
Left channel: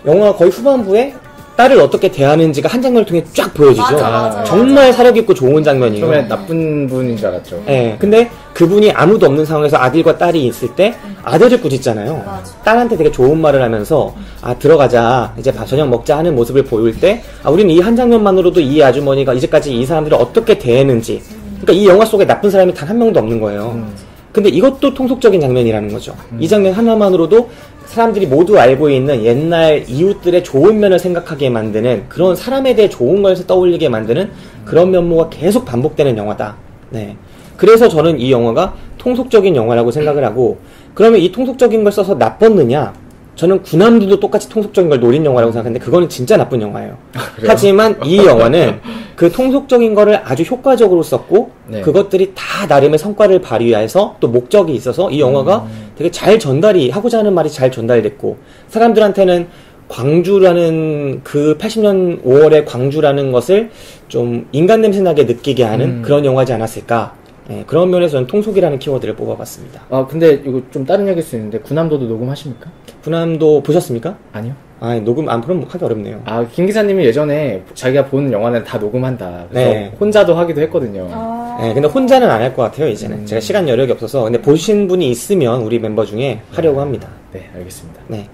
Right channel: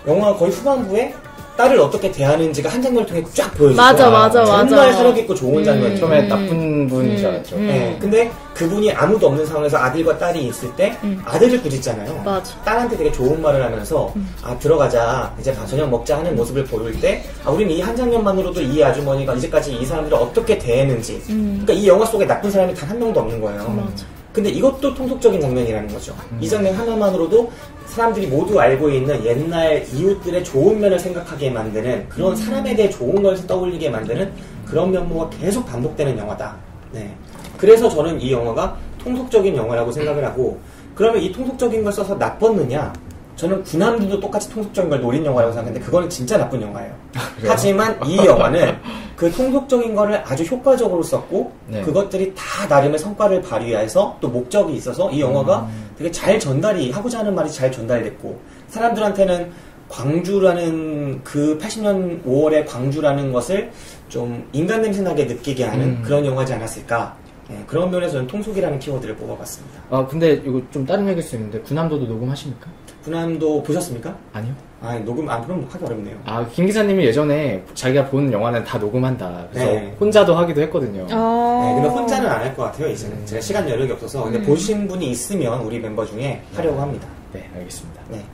영화 거의 후반부에 딸을 어떻게 대하는지가 한 장면을 통해 쫙 보여주죠. 맞아. 정말 사려깊고 좋은 장면이에요. 처음에 나쁜 분인 줄 알았죠. 네, 근데 그분이 아무도 없는 상황에서 아들과 딸이 있을 때 아들을 꾸짖잖아요. 맞아. 딸한테 되게 좋은 말을 하면서 아 들어가자 이제 저녁 먹자 하는 모습을 보일 때 우리는 이 한 장면만으로도 이 아주머니가 이제까지 이 사람들을 어떻게 대했는지 그러니까 이 영화 속에 나쁜 사람이 단 한 명도 없는 거예요. 근데 이것도 통속적인 장면이라는 거죠. 이 장면 하나만으로도 사람들이 모두 알고 있는 옛날 이웃들의 좋은 면을 생각하게 만드는 그런 사람에 대해 좋은 것을 떠올리게 만드는 그런 면모가 계속 반복되는 영화다. 네. 그래서 저는 이 영화가 통속적인 영화라고 생각을 하고 그러면 이 통속적인 걸 써서 나빴느냐? 저는 군함도도 똑같이 통속적인 걸 노린 영화라고 생각하는데 그거는 진짜 나쁜 영화예요. 하지만 이 영화는 그 통속적인 거를 아주 효과적으로 썼고 네. 그것들이 다 나름의 성과를 발휘해서 또 목적이 있어서 이 영화가 되게 잘 전달이 하고자 하는 말이 잘 전달됐고 사람들한테는 광주라는 그 80년 5월의 광주라는 것을 좀 인간 냄새나게 느끼게 하는 그런 영화지 않았을까. 네, 그런 면에서 저는 통속이라는 키워드를 뽑아봤습니다. 아 근데 이거 좀 다른 얘기일 수 있는데 군함도도 녹음하십니까? 군함도 보셨습니까? 아니요. 아 녹음 안 그럼 하기 어렵네요. 아 김 기사님이 예전에 자기가 본 영화는 다 녹음한다. 그래서 네. 혼자도 하기도 했거든요. 네, 근데 혼자는 안 할 것 같아요 이제는. 제가 시간 여력이 없어서. 근데 보신 분이 있으면 우리 멤버 중에 하려고 합니다. 네, 알겠습니다. 네.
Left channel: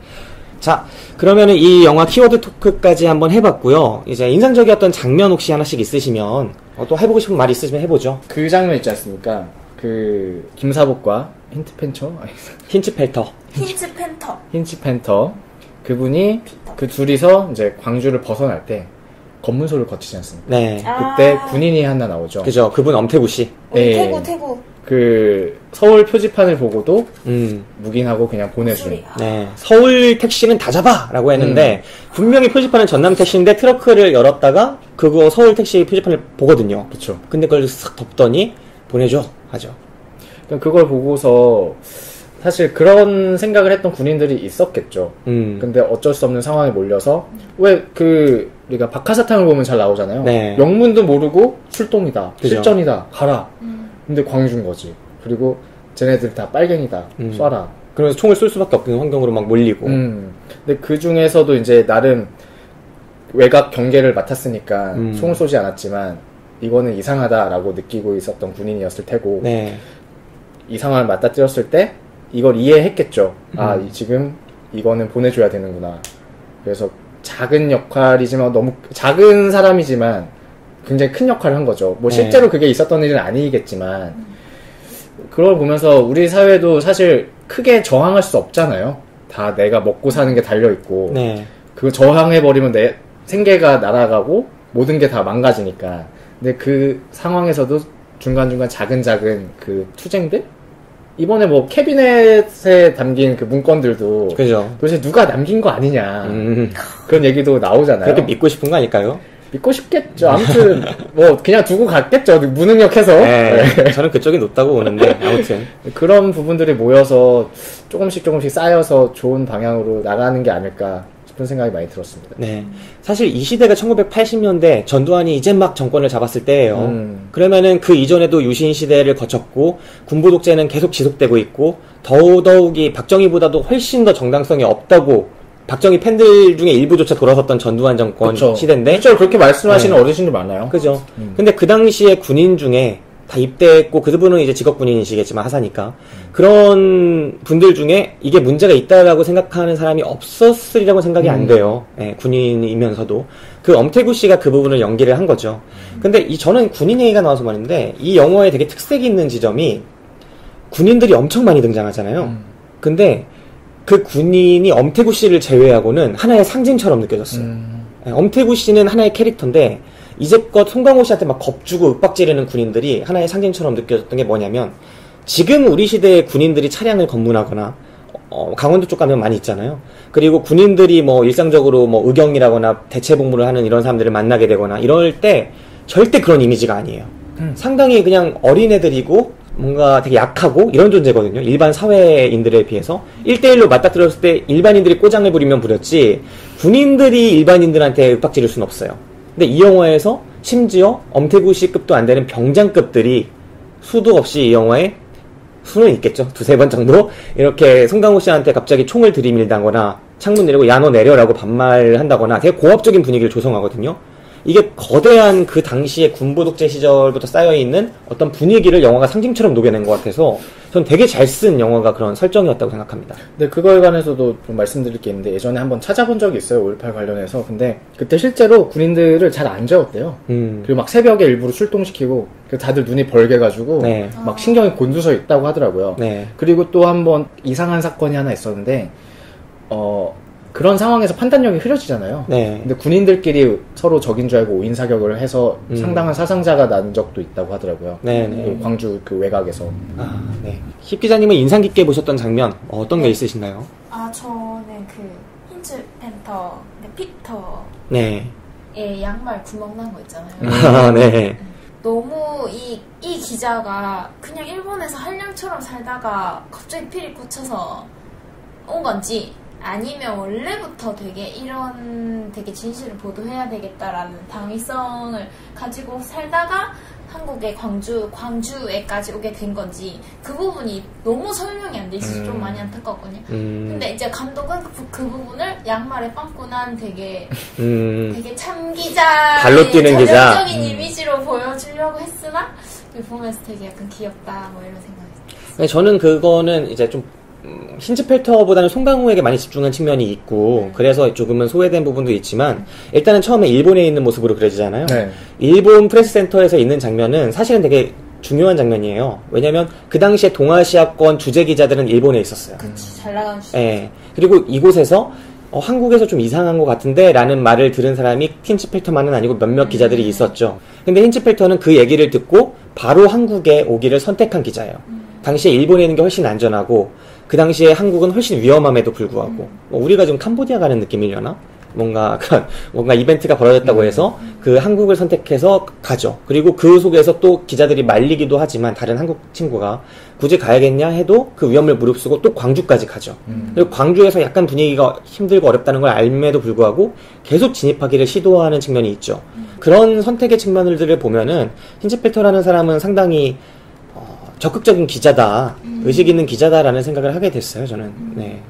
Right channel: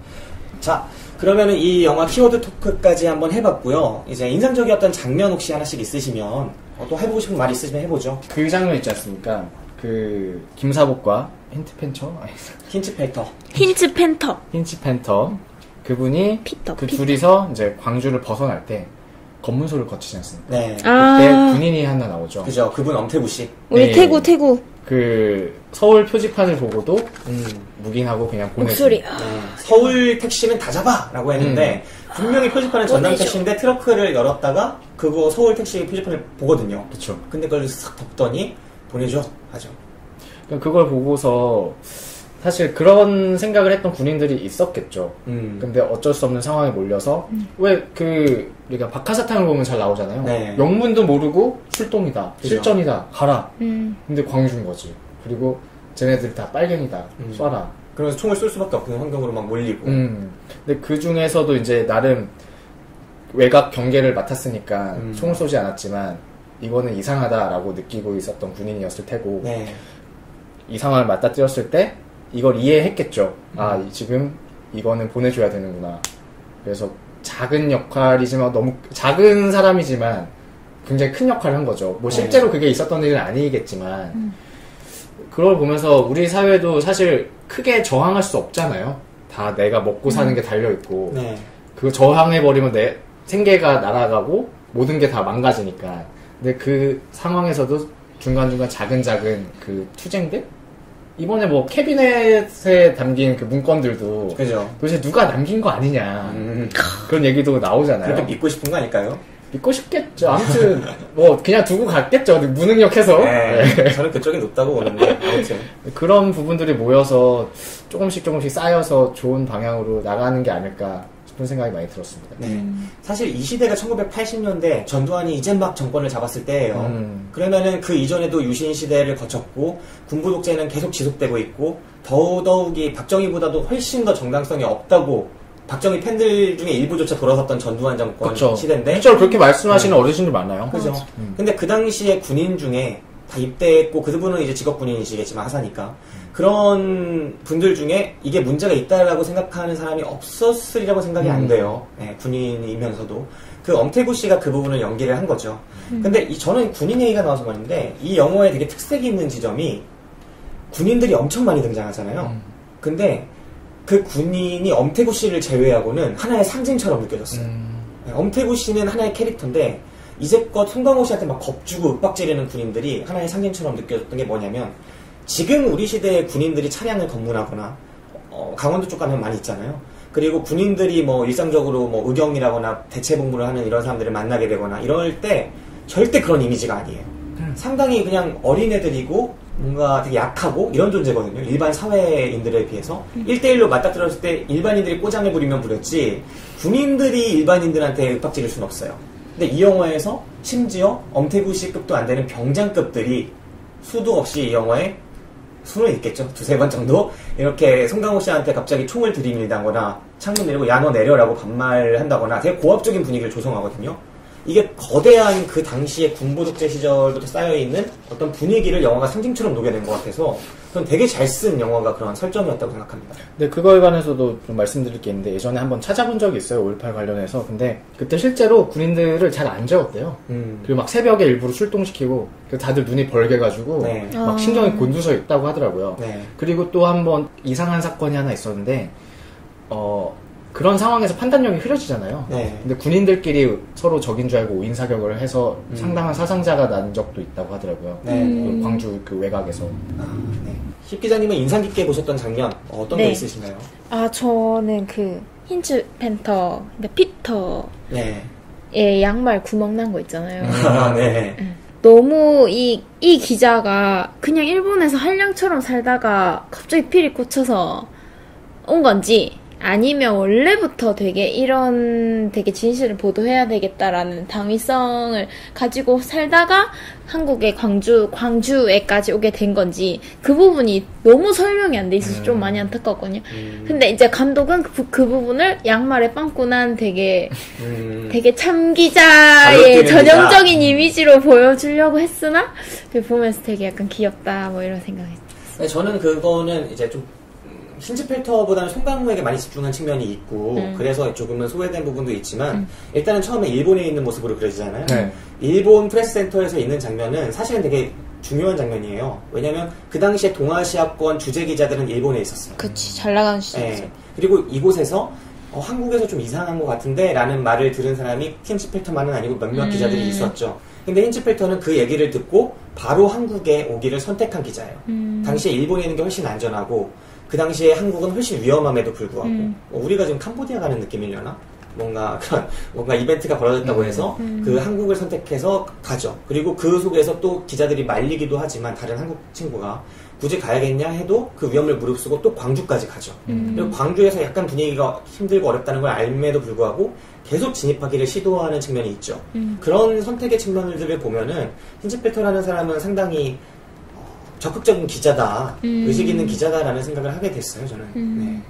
자, 그러면은 이 영화 키워드 토크까지 한번 해봤고요. 이제 인상적이었던 장면 혹시 하나씩 있으시면 또 해보고 싶은 말 있으시면 해보죠. 그 장면 있지 않습니까? 그 김사복과 힌트팬터? 힌치팬터 그분이 피터. 그 둘이서 이제 광주를 벗어날 때 검문소를 거치지 않습니까? 네. 그때 군인이 하나 나오죠. 그죠. 그분 엄태구 씨. 우리 네. 태구. 그 서울 표지판을 보고도 묵인하고 그냥 보내준. 네. 서울 택시는 다 잡아라고 했는데 분명히 표지판은 전남 택시인데 트렁크를 열었다가 그거 서울 택시 표지판을 보거든요. 그렇죠. 근데 그걸 싹 덮더니 보내줘 하죠. 그러니까 그걸 보고서 사실 그런 생각을 했던 군인들이 있었겠죠. 근데 어쩔 수 없는 상황에 몰려서 왜 우리가 박하사탕을 보면 잘 나오잖아요. 네. 영문도 모르고 출동이다, 그죠. 실전이다, 가라. 근데 광주인 거지. 그리고 쟤네들 다 빨갱이다, 쏴라. 그러면서 총을 쏠 수밖에 없는 환경으로 막 몰리고. 근데 그 중에서도 이제 나름 외곽 경계를 맡았으니까 총을 쏘지 않았지만 이거는 이상하다라고 느끼고 있었던 군인이었을 테고 네. 이 상황을 맞닥뜨렸을 때 이걸 이해했겠죠. 아 지금 이거는 보내줘야 되는구나. 그래서 작은 역할이지만 너무 작은 사람이지만 굉장히 큰 역할을 한 거죠. 뭐 실제로 네. 그게 있었던 일은 아니겠지만 그걸 보면서 우리 사회도 사실 크게 저항할 수 없잖아요. 다 내가 먹고 사는 게 달려있고 네. 그거 저항해버리면 내 생계가 날아가고 모든 게 다 망가지니까. 근데 그 상황에서도 중간중간 작은 그 투쟁들? 이번에 뭐 캐비넷에 담긴 그 문건들도 그죠. 도대체 누가 남긴 거 아니냐 그런 얘기도 나오잖아요. 그래도 믿고 싶은 거 아닐까요? 믿고 싶겠죠. 아무튼 뭐 그냥 두고 갔겠죠. 무능력해서. 네, 저는 그쪽이 높다고 보는데 아무튼 그런 부분들이 모여서 조금씩 쌓여서 좋은 방향으로 나가는 게 아닐까 싶은 생각이 많이 들었습니다. 네, 사실 이 시대가 1980년대 전두환이 이제 막 정권을 잡았을 때예요. 그러면은 그 이전에도 유신 시대를 거쳤고 군부 독재는 계속 지속되고 있고 더더욱이 박정희보다도 훨씬 더 정당성이 없다고. 박정희 팬들 중에 일부조차 돌아섰던 전두환 정권 그쵸. 시대인데 실제로 그렇게 말씀하시는 네. 어르신들 많아요. 그죠. 근데 그 당시에 군인 중에 다 입대했고 그분은 이제 직업 군인이시겠지만 하사니까 그런 분들 중에 이게 문제가 있다라고 생각하는 사람이 없었으리라고 생각이 안 돼요. 네, 군인이면서도 그 엄태구 씨가 그 부분을 연기를 한 거죠. 근데 저는 군인 얘기가 나와서 말인데 이 영화에 되게 특색이 있는 지점이 군인들이 엄청 많이 등장하잖아요. 근데 그 군인이 엄태구 씨를 제외하고는 하나의 상징처럼 느껴졌어요. 엄태구 씨는 하나의 캐릭터인데 이제껏 송강호 씨한테 막 겁주고 윽박지르는 군인들이 하나의 상징처럼 느껴졌던 게 뭐냐면 지금 우리 시대의 군인들이 차량을 검문하거나 강원도 쪽 가면 많이 있잖아요. 그리고 군인들이 뭐 일상적으로 뭐 의경이라거나 대체복무를 하는 이런 사람들을 만나게 되거나 이럴 때 절대 그런 이미지가 아니에요. 상당히 그냥 어린애들이고 뭔가 되게 약하고 이런 존재거든요. 일반 사회인들에 비해서 1대1로 맞닥뜨렸을 때 일반인들이 꼬장을 부리면 부렸지 군인들이 일반인들한테 윽박지를 수는 없어요. 근데 이 영화에서 심지어 엄태구 씨급도 안 되는 병장급들이 수도 없이 이 영화에 수는 있겠죠. 2-3번 정도 이렇게 송강호 씨한테 갑자기 총을 들이밀다거나 창문 내리고 야 너 내려라고 반말을 한다거나 되게 고압적인 분위기를 조성하거든요. 이게 거대한 그 당시의 군부독재 시절부터 쌓여있는 어떤 분위기를 영화가 상징처럼 녹여낸 것 같아서 전 되게 잘 쓴 영화가 그런 설정이었다고 생각합니다. 네, 그거에 관해서도 좀 말씀드릴 게 있는데 예전에 한번 찾아본 적이 있어요. 5.18 관련해서. 근데 그때 실제로 군인들을 잘 안 재웠대요. 그리고 막 새벽에 일부러 출동시키고 다들 눈이 벌게가지고 네. 막 신경이 곤두서 있다고 하더라고요. 네. 그리고 또 한번 이상한 사건이 하나 있었는데 그런 상황에서 판단력이 흐려지잖아요. 네. 근데 군인들끼리 서로 적인 줄 알고 오인 사격을 해서 상당한 사상자가 난 적도 있다고 하더라고요. 네. 그 광주 그 외곽에서. 네. 힙 기자님은 인상 깊게 보셨던 장면 어떤 게 있으신가요? 저는 그 힌츠 팬터, 피터. 네. 예, 양말 구멍 난 거 있잖아요. 네. 너무 이 기자가 그냥 일본에서 한량처럼 살다가 갑자기 필이 꽂혀서 온 건지 아니면 원래부터 되게 진실을 보도해야 되겠다라는 당위성을 가지고 살다가 한국의 광주에까지 오게 된 건지 그 부분이 너무 설명이 안 돼 있어서 좀 많이 안타깝거든요. 근데 이제 감독은 그 부분을 양말에 빵꾸 난 되게 참기자의 전형적인 이미지로 보여주려고 했으나 보면서 되게 약간 귀엽다 뭐 이런 생각이 들었어요. 저는 그거는 이제 좀 힌츠펠터보다는 송강호에게 많이 집중한 측면이 있고 그래서 조금은 소외된 부분도 있지만 일단은 처음에 일본에 있는 모습으로 그려지잖아요. 네. 일본 프레스센터에서 있는 장면은 사실은 되게 중요한 장면이에요. 왜냐면 그 당시에 동아시아권 주재 기자들은 일본에 있었어요. 그치, 잘 나가는 시절. 네. 그리고 이곳에서 한국에서 좀 이상한 것 같은데 라는 말을 들은 사람이 힌츠펠터만은 아니고 몇몇 기자들이 있었죠. 근데 힌츠펠터는 그 얘기를 듣고 바로 한국에 오기를 선택한 기자예요. 당시에 일본에 있는 게 훨씬 안전하고 그 당시에 한국은 훨씬 위험함에도 불구하고 우리가 지금 캄보디아 가는 느낌이려나? 뭔가 이벤트가 벌어졌다고 해서 그 한국을 선택해서 가죠. 그리고 그 속에서 또 기자들이 말리기도 하지만 다른 한국 친구가 굳이 가야겠냐 해도 그 위험을 무릅쓰고 또 광주까지 가죠. 그리고 광주에서 약간 분위기가 힘들고 어렵다는 걸 알면에도 불구하고 계속 진입하기를 시도하는 측면이 있죠. 그런 선택의 측면들을 보면은 힌츠펠터라는 사람은 상당히 적극적인 기자다, 의식 있는 기자다라는 생각을 하게 됐어요, 저는. 네.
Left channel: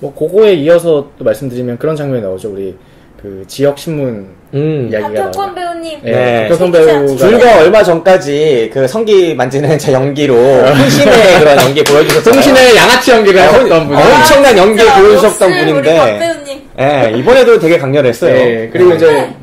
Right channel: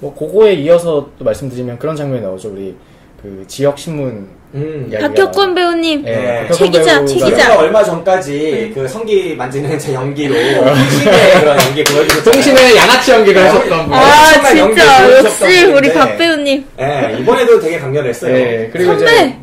뭐 그거에 이어서 또 말씀드리면 그런 장면이 나오죠. 우리 그 지역 신문 이야기가 박혁권 배우님. 네, 박혁권 배우가 얼마 전까지 그 성기 만지는 제 연기로 통신의 연기 보여주셨어요. 통신의 양아치 연기를 하셨던 분이 엄청난 연기 보여주셨던 분인데 우리 박 배우님. 네, 이번에도 되게 강렬했어요. 네, 그리고 이제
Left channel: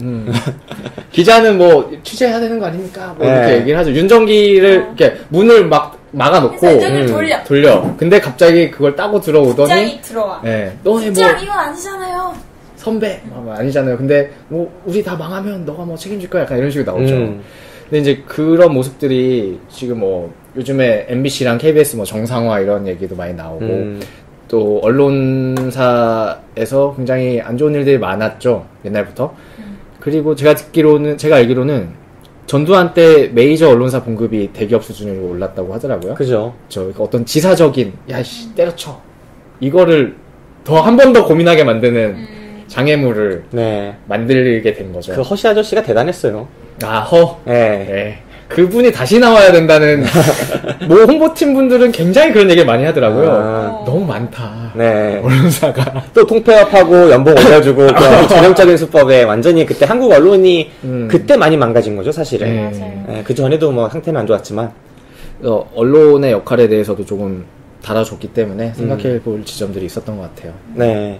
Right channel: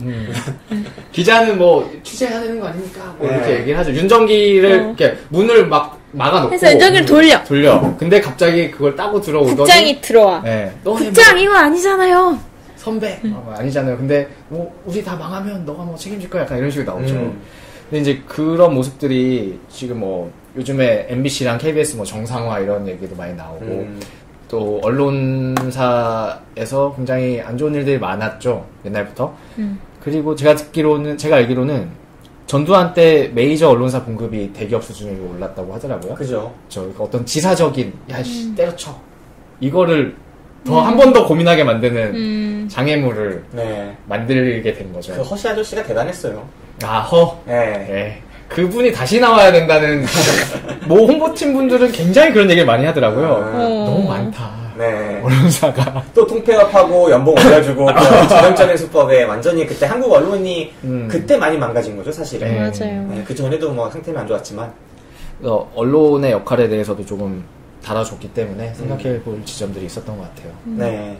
기자는 뭐 취재해야 되는 거 아닙니까? 뭐 이렇게 얘기를 하죠. 윤정기를 이렇게 문을 막 막아놓고 윤정기를 돌려. 근데 갑자기 그걸 따고 들어오더니 국장이 들어와. 네, 국장 이거 아니잖아요. 선배 아니잖아요. 근데 뭐 우리 다 망하면 너가 뭐 책임질 거야. 약간 이런 식으로 나오죠. 근데 이제 그런 모습들이 지금 뭐 요즘에 MBC랑 KBS 뭐 정상화 이런 얘기도 많이 나오고 또 언론사에서 굉장히 안 좋은 일들이 많았죠. 옛날부터. 그리고 제가 알기로는 전두환 때 메이저 언론사 봉급이 대기업 수준으로 올랐다고 하더라고요. 그죠. 어떤 지사적인 야씨 때려쳐 이거를 더 한 번 더 고민하게 만드는 장애물을 만들게 된 거죠. 그 허씨 아저씨가 대단했어요. 네. 그분이 다시 나와야 된다는 뭐 홍보팀 분들은 굉장히 그런 얘기를 많이 하더라고요. 너무 많다. 네. 언론사가 또 통폐합하고 연봉 올려주고 전형적인 수법에 완전히 그때 한국 언론이 그때 많이 망가진 거죠, 사실은. 네. 맞아요. 네, 그 전에도 뭐 상태는 안 좋았지만 언론의 역할에 대해서도 조금 달아줬기 때문에 생각해볼 지점들이 있었던 것 같아요. 네.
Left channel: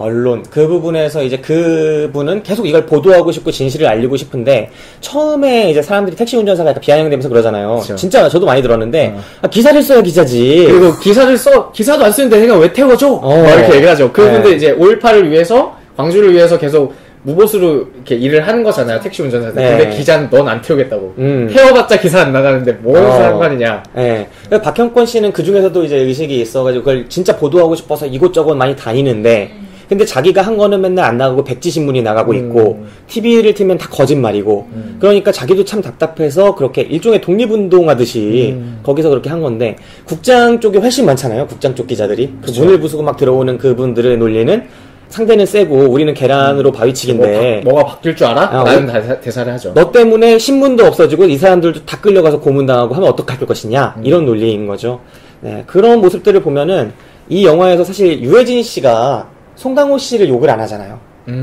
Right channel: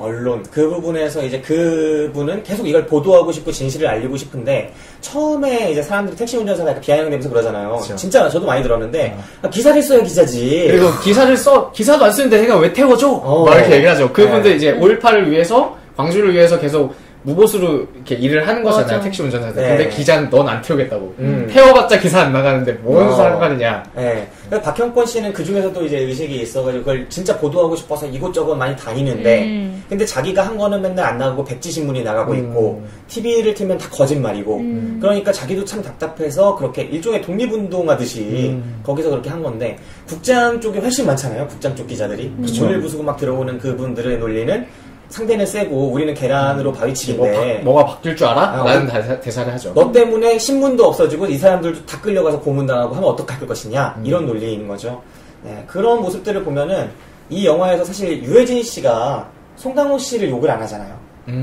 언론 그 부분에서 이제 그분은 계속 이걸 보도하고 싶고 진실을 알리고 싶은데 처음에 이제 사람들이 택시 운전사가 약간 비아냥되면서 그러잖아요. 그렇죠. 진짜 저도 많이 들었는데 기사를 써야 기자지. 그리고 기사도 안 쓰는데 내가 왜 태워줘? 막 이렇게 얘기를 하죠. 그분들 이제 5.18을 위해서 광주를 위해서 계속 무보수로 이렇게 일을 하는 거잖아요. 택시 운전사들. 네. 근데 기자는 넌 안 태우겠다고. 태워봤자 기사 안 나가는데 뭔 상관이냐. 네. 박형권 씨는 그 중에서도 이제 의식이 있어가지고 그걸 진짜 보도하고 싶어서 이곳저곳 많이 다니는데 근데 자기가 한 거는 맨날 안 나가고 백지신문이 나가고 있고 TV를 틀면 다 거짓말이고 그러니까 자기도 참 답답해서 그렇게 일종의 독립운동하듯이 거기서 그렇게 한 건데 국장 쪽이 훨씬 많잖아요. 국장 쪽 기자들이. 그렇죠. 문을 부수고 막 들어오는 그분들의 논리는 상대는 세고 우리는 계란으로 바위치기인데 뭐가 바뀔 줄 알아? 라는 대사를 하죠. 너 때문에 신문도 없어지고 이 사람들도 다 끌려가서 고문당하고 하면 어떡할 것이냐 이런 논리인 거죠. 네, 그런 모습들을 보면은 이 영화에서 사실 유해진 씨가 송강호 씨를 욕을 안 하잖아요.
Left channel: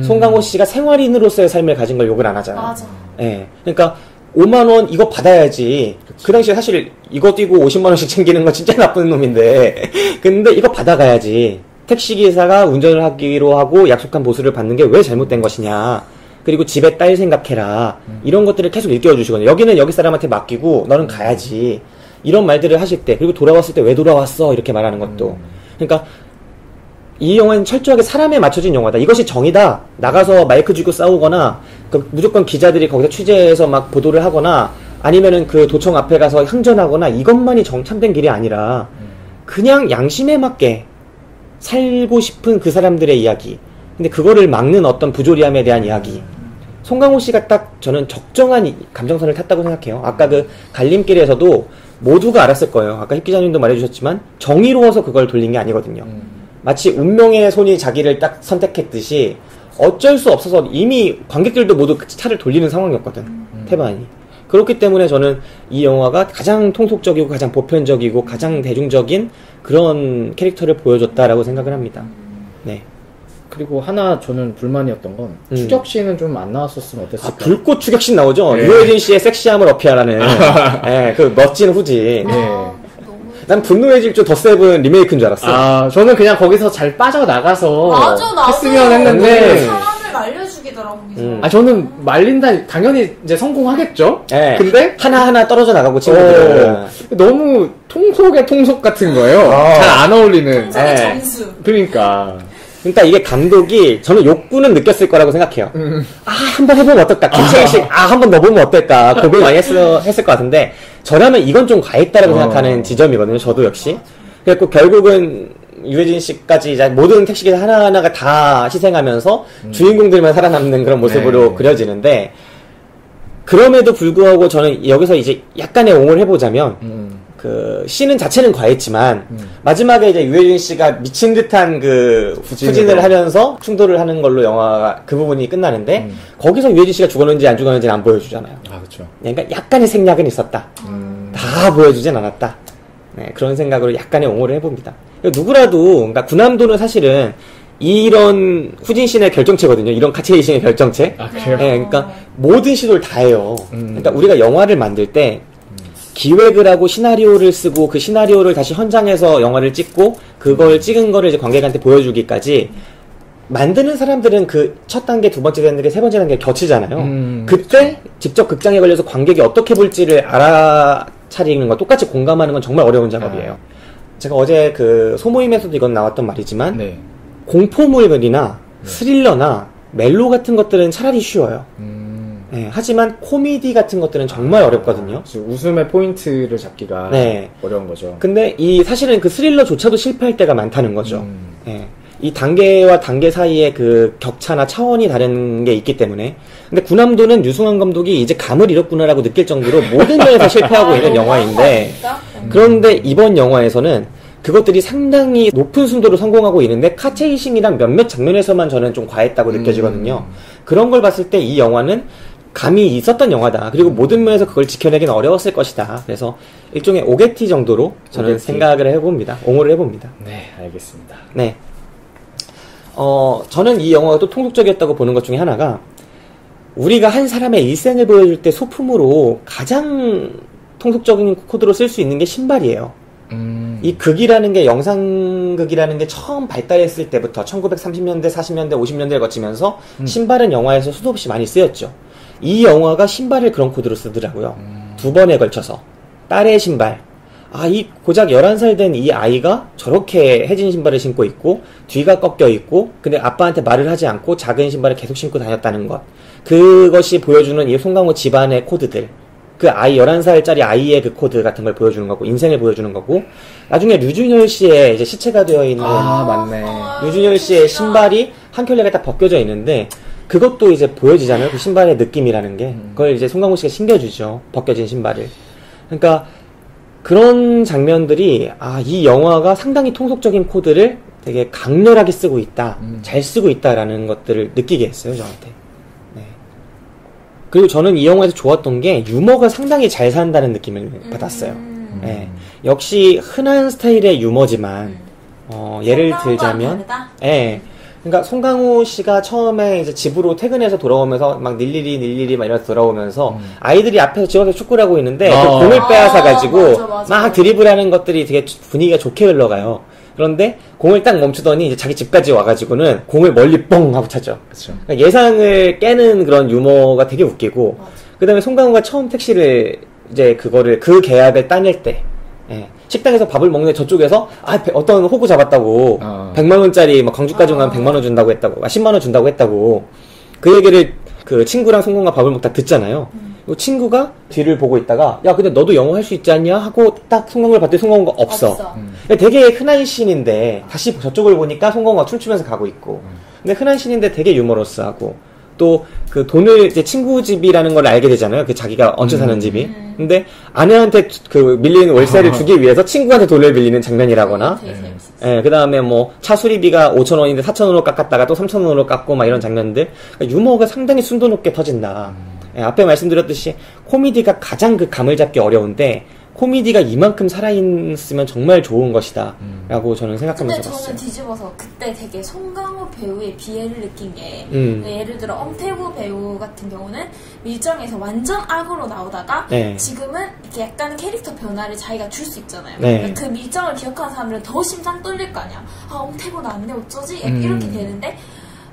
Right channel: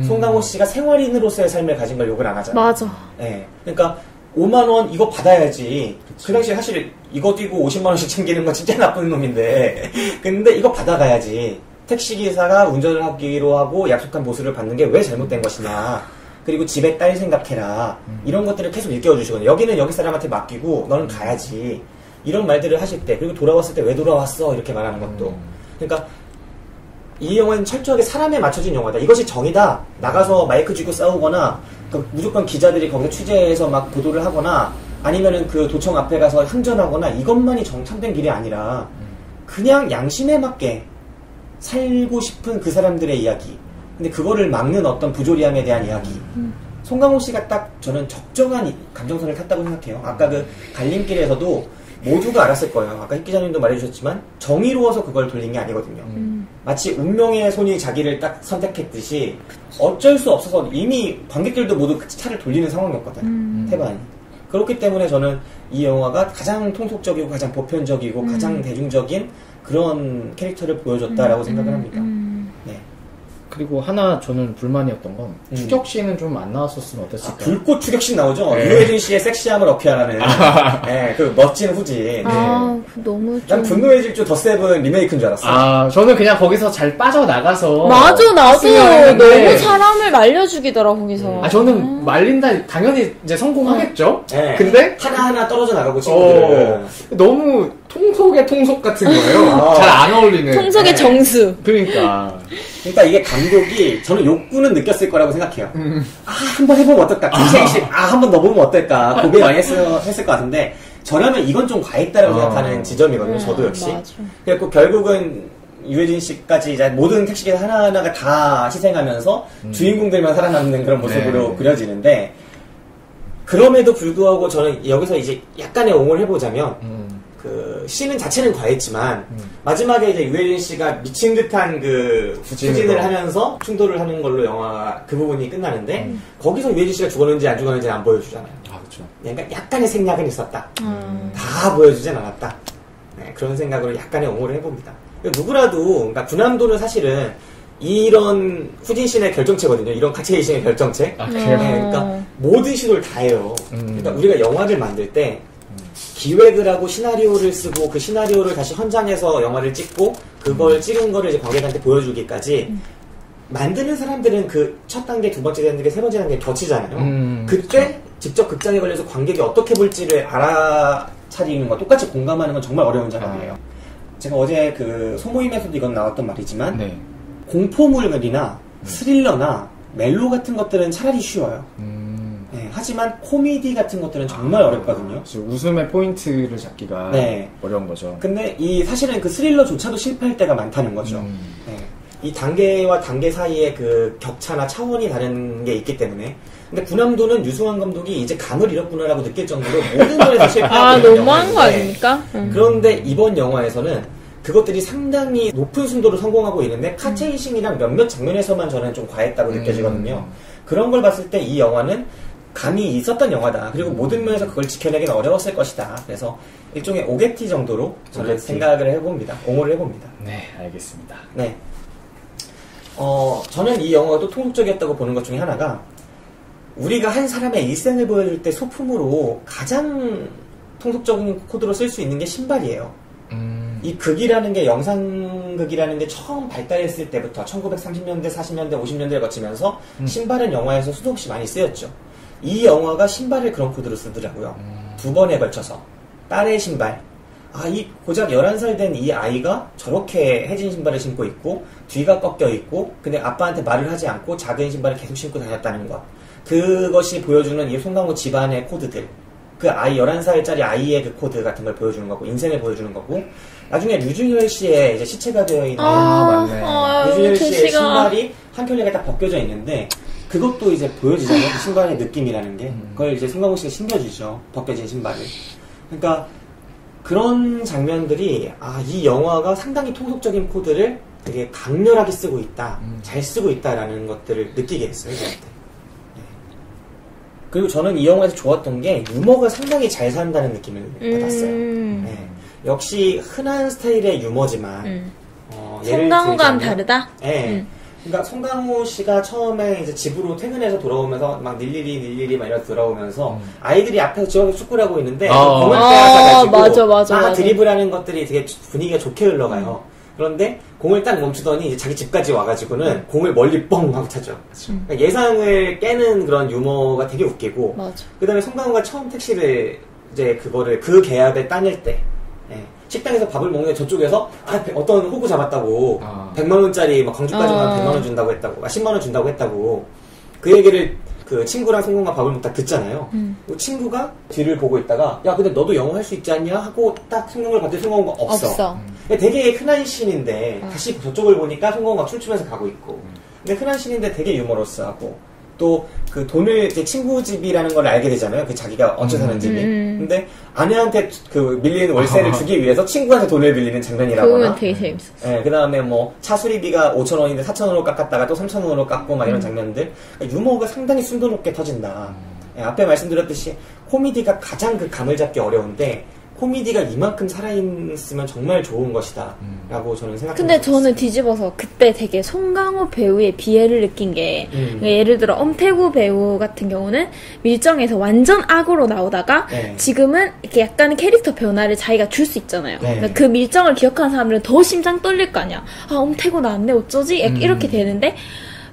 송강호 씨가 생활인으로서의 삶을 가진 걸 욕을 안 하잖아요. 맞아. 네, 그러니까 5만 원 이거 받아야지. 그치. 그 당시에 사실 이거 뛰고 50만 원씩 챙기는 건 진짜 나쁜 놈인데 근데 이거 받아가야지. 택시기사가 운전을 하기로 하고 약속한 보수를 받는 게 왜 잘못된 것이냐. 그리고 집에 딸 생각해라. 이런 것들을 계속 일깨워주시거든요. 여기는 여기 사람한테 맡기고 너는 가야지. 이런 말들을 하실 때 그리고 돌아왔을 때 왜 돌아왔어? 이렇게 말하는 것도. 그러니까 이 영화는 철저하게 사람에 맞춰진 영화다. 이것이 정의다. 나가서 마이크 쥐고 싸우거나 무조건 기자들이 거기서 취재해서 막 보도를 하거나 아니면은 그 도청 앞에 가서 항전하거나 이것만이 참된 길이 아니라 그냥 양심에 맞게 살고 싶은 그 사람들의 이야기. 근데 그거를 막는 어떤 부조리함에 대한 이야기. 송강호 씨가 딱 저는 적정한 감정선을 탔다고 생각해요. 아까 그 갈림길에서도 모두가 알았을 거예요. 아까 힙 기자님도 말해주셨지만 정의로워서 그걸 돌린 게 아니거든요. 마치 운명의 손이 자기를 딱 선택했듯이 어쩔 수 없어서 이미 관객들도 모두 차를 돌리는 상황이었거든. 태반이. 그렇기 때문에 저는 이 영화가 가장 통속적이고 가장 보편적이고 가장 대중적인 그런 캐릭터를 보여줬다라고 생각을 합니다. 네. 그리고 하나 저는 불만이었던 건 추격신은 좀 안 나왔었으면 어땠을까? 불꽃 추격신 나오죠. 유해진 씨의 섹시함을 어필하라는 네, 그 멋진 후지. 너무. 난 분노의 질주 더 세븐 리메이크인 줄 알았어. 저는 그냥 거기서 잘 빠져나가서 맞아, 나도 했는데 사람을 말려주기더라 거기서. 저는 말린다 당연히 이제 성공하겠죠. 네. 근데 하나하나 떨어져 나가고 친구들. 너무 통속의 통속 같은 거예요. 잘 안 어울리는. 통속의 정수. 그러니까 이게 감독이 저는 욕구는 느꼈을 거라고 생각해요. 한번 해보면 어떨까? 한번 넣어보면 어떨까? 고민 많이 했을 것 같은데 저라면 이건 좀 과했다라고 생각하는 지점이거든요. 저도 역시. 그래서 결국은 유해진 씨까지 모든 택시기사 하나하나가 다 희생하면서 주인공들만 살아남는 그런 모습으로 그려지는데 그럼에도 불구하고 저는 여기서 이제 약간의 옹호를 해보자면 그 씬은 자체는 과했지만 마지막에 이제 유해진 씨가 미친 듯한 그 후진을 하면서 충돌을 하는 걸로 영화가 그 부분이 끝나는데 거기서 유해진 씨가 죽었는지 안 죽었는지는 안 보여주잖아요. 그렇죠. 그러니까 약간의 생략은 있었다. 다 보여주진 않았다. 네, 그런 생각으로 약간의 옹호를 해봅니다. 누구라도 그러니까 군함도는 사실은 이런 후진 씨의 결정체거든요. 이런 카체이신의 결정체. 아, 그래요? 네, 그러니까 모든 시도를 다 해요. 그러니까 우리가 영화를 만들 때 기획을 하고 시나리오를 쓰고 그 시나리오를 다시 현장에서 영화를 찍고 그걸 찍은 거를 이제 관객한테 보여주기까지 만드는 사람들은 그 첫 단계, 두 번째 단계, 세 번째 단계 겹치잖아요. 그때 그쵸. 직접 극장에 걸려서 관객이 어떻게 볼지를 알아차리는 거, 똑같이 공감하는 건 정말 어려운 작업이에요. 제가 어제 그 소모임에서도 이건 나왔던 말이지만 네. 공포물이나 스릴러나 멜로 같은 것들은 차라리 쉬워요. 네, 하지만 코미디 같은 것들은 정말 어렵거든요. 웃음의 포인트를 잡기가 네. 어려운 거죠. 근데 사실은 그 스릴러조차도 실패할 때가 많다는 거죠. 네. 이 단계와 단계 사이에 그 격차나 차원이 다른 게 있기 때문에. 근데 군함도는 유승환 감독이 이제 감을 잃었구나라고 느낄 정도로 모든 면에서 실패하고 있는 영화인데, 그런데 이번 영화에서는 그것들이 상당히 높은 순도로 성공하고 있는데 카체이싱이란 몇몇 장면에서만 저는 좀 과했다고 느껴지거든요. 그런 걸 봤을 때 이 영화는 감이 있었던 영화다. 그리고 모든 면에서 그걸 지켜내기는 어려웠을 것이다. 그래서 일종의 오게티 정도로 저는 생각을 해봅니다. 옹호를 해봅니다. 네, 알겠습니다. 네. 저는 이 영화가 또 통속적이었다고 보는 것 중에 하나가 우리가 한 사람의 일생을 보여줄 때 소품으로 가장 통속적인 코드로 쓸 수 있는 게 신발이에요. 이 극이라는 게 영상극이라는 게 처음 발달했을 때부터 1930년대, 40년대, 50년대를 거치면서 신발은 영화에서 수도 없이 많이 쓰였죠. 이 영화가 신발을 그런 코드로 쓰더라고요. 두 번에 걸쳐서. 딸의 신발. 이 고작 11살 된 이 아이가 저렇게 해진 신발을 신고 있고 뒤가 꺾여 있고 근데 아빠한테 말을 하지 않고 작은 신발을 계속 신고 다녔다는 것. 그것이 보여주는 이 송강호 집안의 코드들. 그 아이 11살짜리 아이의 그 코드 같은 걸 보여주는 거고 인생을 보여주는 거고 나중에 류준열 씨의 이제 시체가 되어 있는 맞네. 류준열 씨의 신발이 한 켤레가 딱 벗겨져 있는데 그것도 이제 보여지잖아요. 그 신발의 느낌이라는 게 그걸 이제 송강호 씨가 신겨주죠. 벗겨진 신발을. 그러니까 그런 장면들이 이 영화가 상당히 통속적인 코드를 되게 강렬하게 쓰고 있다, 잘 쓰고 있다라는 것들을 느끼게 했어요 저한테. 네. 그리고 저는 이 영화에서 좋았던 게 유머가 상당히 잘 산다는 느낌을 받았어요. 네. 역시 흔한 스타일의 유머지만 예를 들자면 다르다. 네. 그러니까 송강호 씨가 처음에 이제 집으로 퇴근해서 돌아오면서 막 닐리리 막 이러면서 돌아오면서 아이들이 앞에서 집에서 축구를 하고 있는데 공을 빼앗아가지고 막 드리블하는 것들이 되게 분위기가 좋게 흘러가요. 그런데 공을 딱 멈추더니 이제 자기 집까지 와가지고는 공을 멀리 뻥 하고 차죠. 그러니까 예상을 깨는 그런 유머가 되게 웃기고 그 다음에 송강호가 처음 택시를 이제 그 계약을 따낼 때 식당에서 밥을 먹는데 저쪽에서 어떤 호구 잡았다고 100만원짜리 막 광주까지 가면 100만원 준다고 했다고 10만원 준다고 했다고 그 얘기를 그 친구랑 송강호가 밥을 먹다 듣잖아요. 친구가 뒤를 보고 있다가 야 근데 너도 영어 할 수 있지 않냐 하고 딱 송강호를 봤더니 송강호가 없어. 되게 흔한 씬인데 다시 저쪽을 보니까 송강호가 춤추면서 가고 있고 근데 흔한 씬인데 되게 유머러스하고 또 그 돈을 이제 친구 집이라는 걸 알게 되잖아요. 그 자기가 얹혀 사는 집이. 근데 아내한테 그 밀리는 월세를 주기 위해서 친구한테 돈을 빌리는 장면이라거나. 되게 재밌었어. 예, 그 다음에 뭐 차 수리비가 5,000원인데 4,000원으로 깎았다가 또 3,000원으로 깎고 막 이런 장면들. 그러니까 유머가 상당히 순도 높게 터진다. 예, 앞에 말씀드렸듯이 코미디가 가장 그 감을 잡기 어려운데 코미디가 이만큼 살아있으면 정말 좋은 것이다 라고 저는 생각합니다. 근데 저는 뒤집어서 그때 되게 송강호 배우의 비애를 느낀 게 예를 들어 엄태구 배우 같은 경우는 밀정에서 완전 악으로 나오다가 지금은 이렇게 약간의 캐릭터 변화를 자기가 줄 수 있잖아요. 그러니까 그 밀정을 기억하는 사람들은 더 심장 떨릴 거 아니야. 엄태구 나왔네 어쩌지? 이렇게 되는데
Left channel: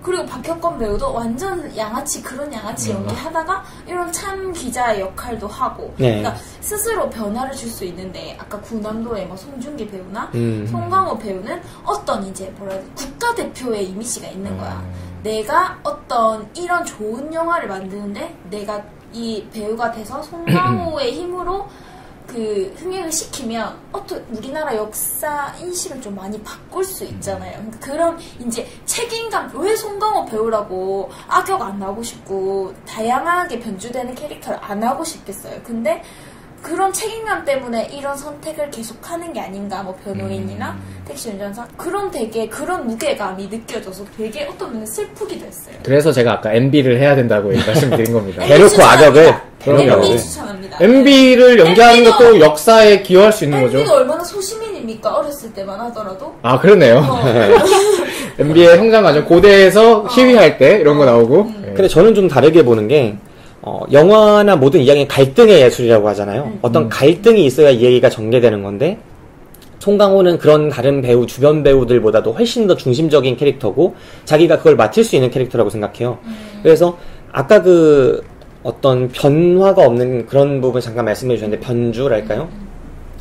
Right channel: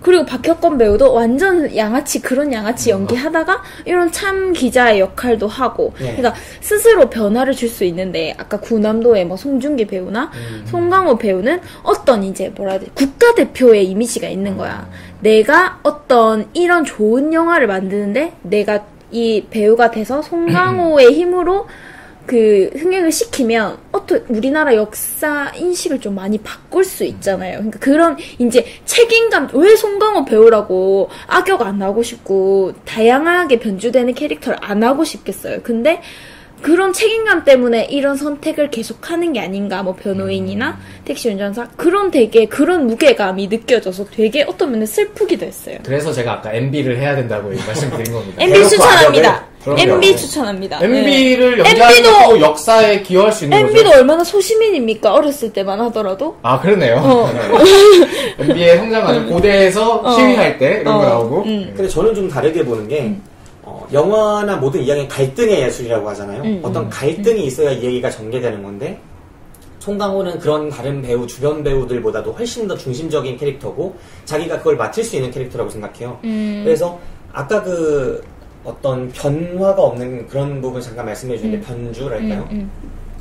그리고 박혁건 배우도 완전 양아치 그런 양아치 연기하다가 이런 참 기자의 역할도 하고 그러니까 스스로 변화를 줄 수 있는데 아까 구남도의 뭐 송중기 배우나 송강호 배우는 어떤 이제 뭐라 해야 되지 국가대표의 이미지가 있는 거야. 내가 어떤 이런 좋은 영화를 만드는데 내가 이 배우가 돼서 송강호의 힘으로 그 흥행을 시키면 우리나라 역사 인식을 좀 많이 바꿀 수 있잖아요. 그러니까 그런 이제 책임감 왜 송강호 배우라고 악역 안 하고 싶고 다양하게 변주되는 캐릭터를 안 하고 싶겠어요. 근데 그런 책임감 때문에 이런 선택을 계속하는 게 아닌가. 뭐 변호인이나 택시 운전사 그런 되게 그런 무게감이 느껴져서 되게 어떤 면에 슬프기도 했어요. 그래서 제가 아까 MB를 해야 된다고 말씀드린 겁니다. MB 추천합니다. MB 추천합니다. MB를 연기하는 것도 역사에 기여할 수 있는 거죠. MB도 얼마나 소시민입니까? 어렸을 때만 하더라도. 아 그러네요. MB의 성장 과정 고대에서 시위할 때 이런 거 나오고. 근데 저는 좀 다르게 보는 게 영화나 모든 이야기는 갈등의 예술이라고 하잖아요. 어떤 갈등이 있어야 이야기가 전개되는 건데 송강호는 그런 다른 배우, 주변 배우들보다도 훨씬 더 중심적인 캐릭터고 자기가 그걸 맡을 수 있는 캐릭터라고 생각해요. 그래서 아까 그 어떤 변화가 없는 그런 부분 잠깐 말씀해 주셨는데 변주랄까요?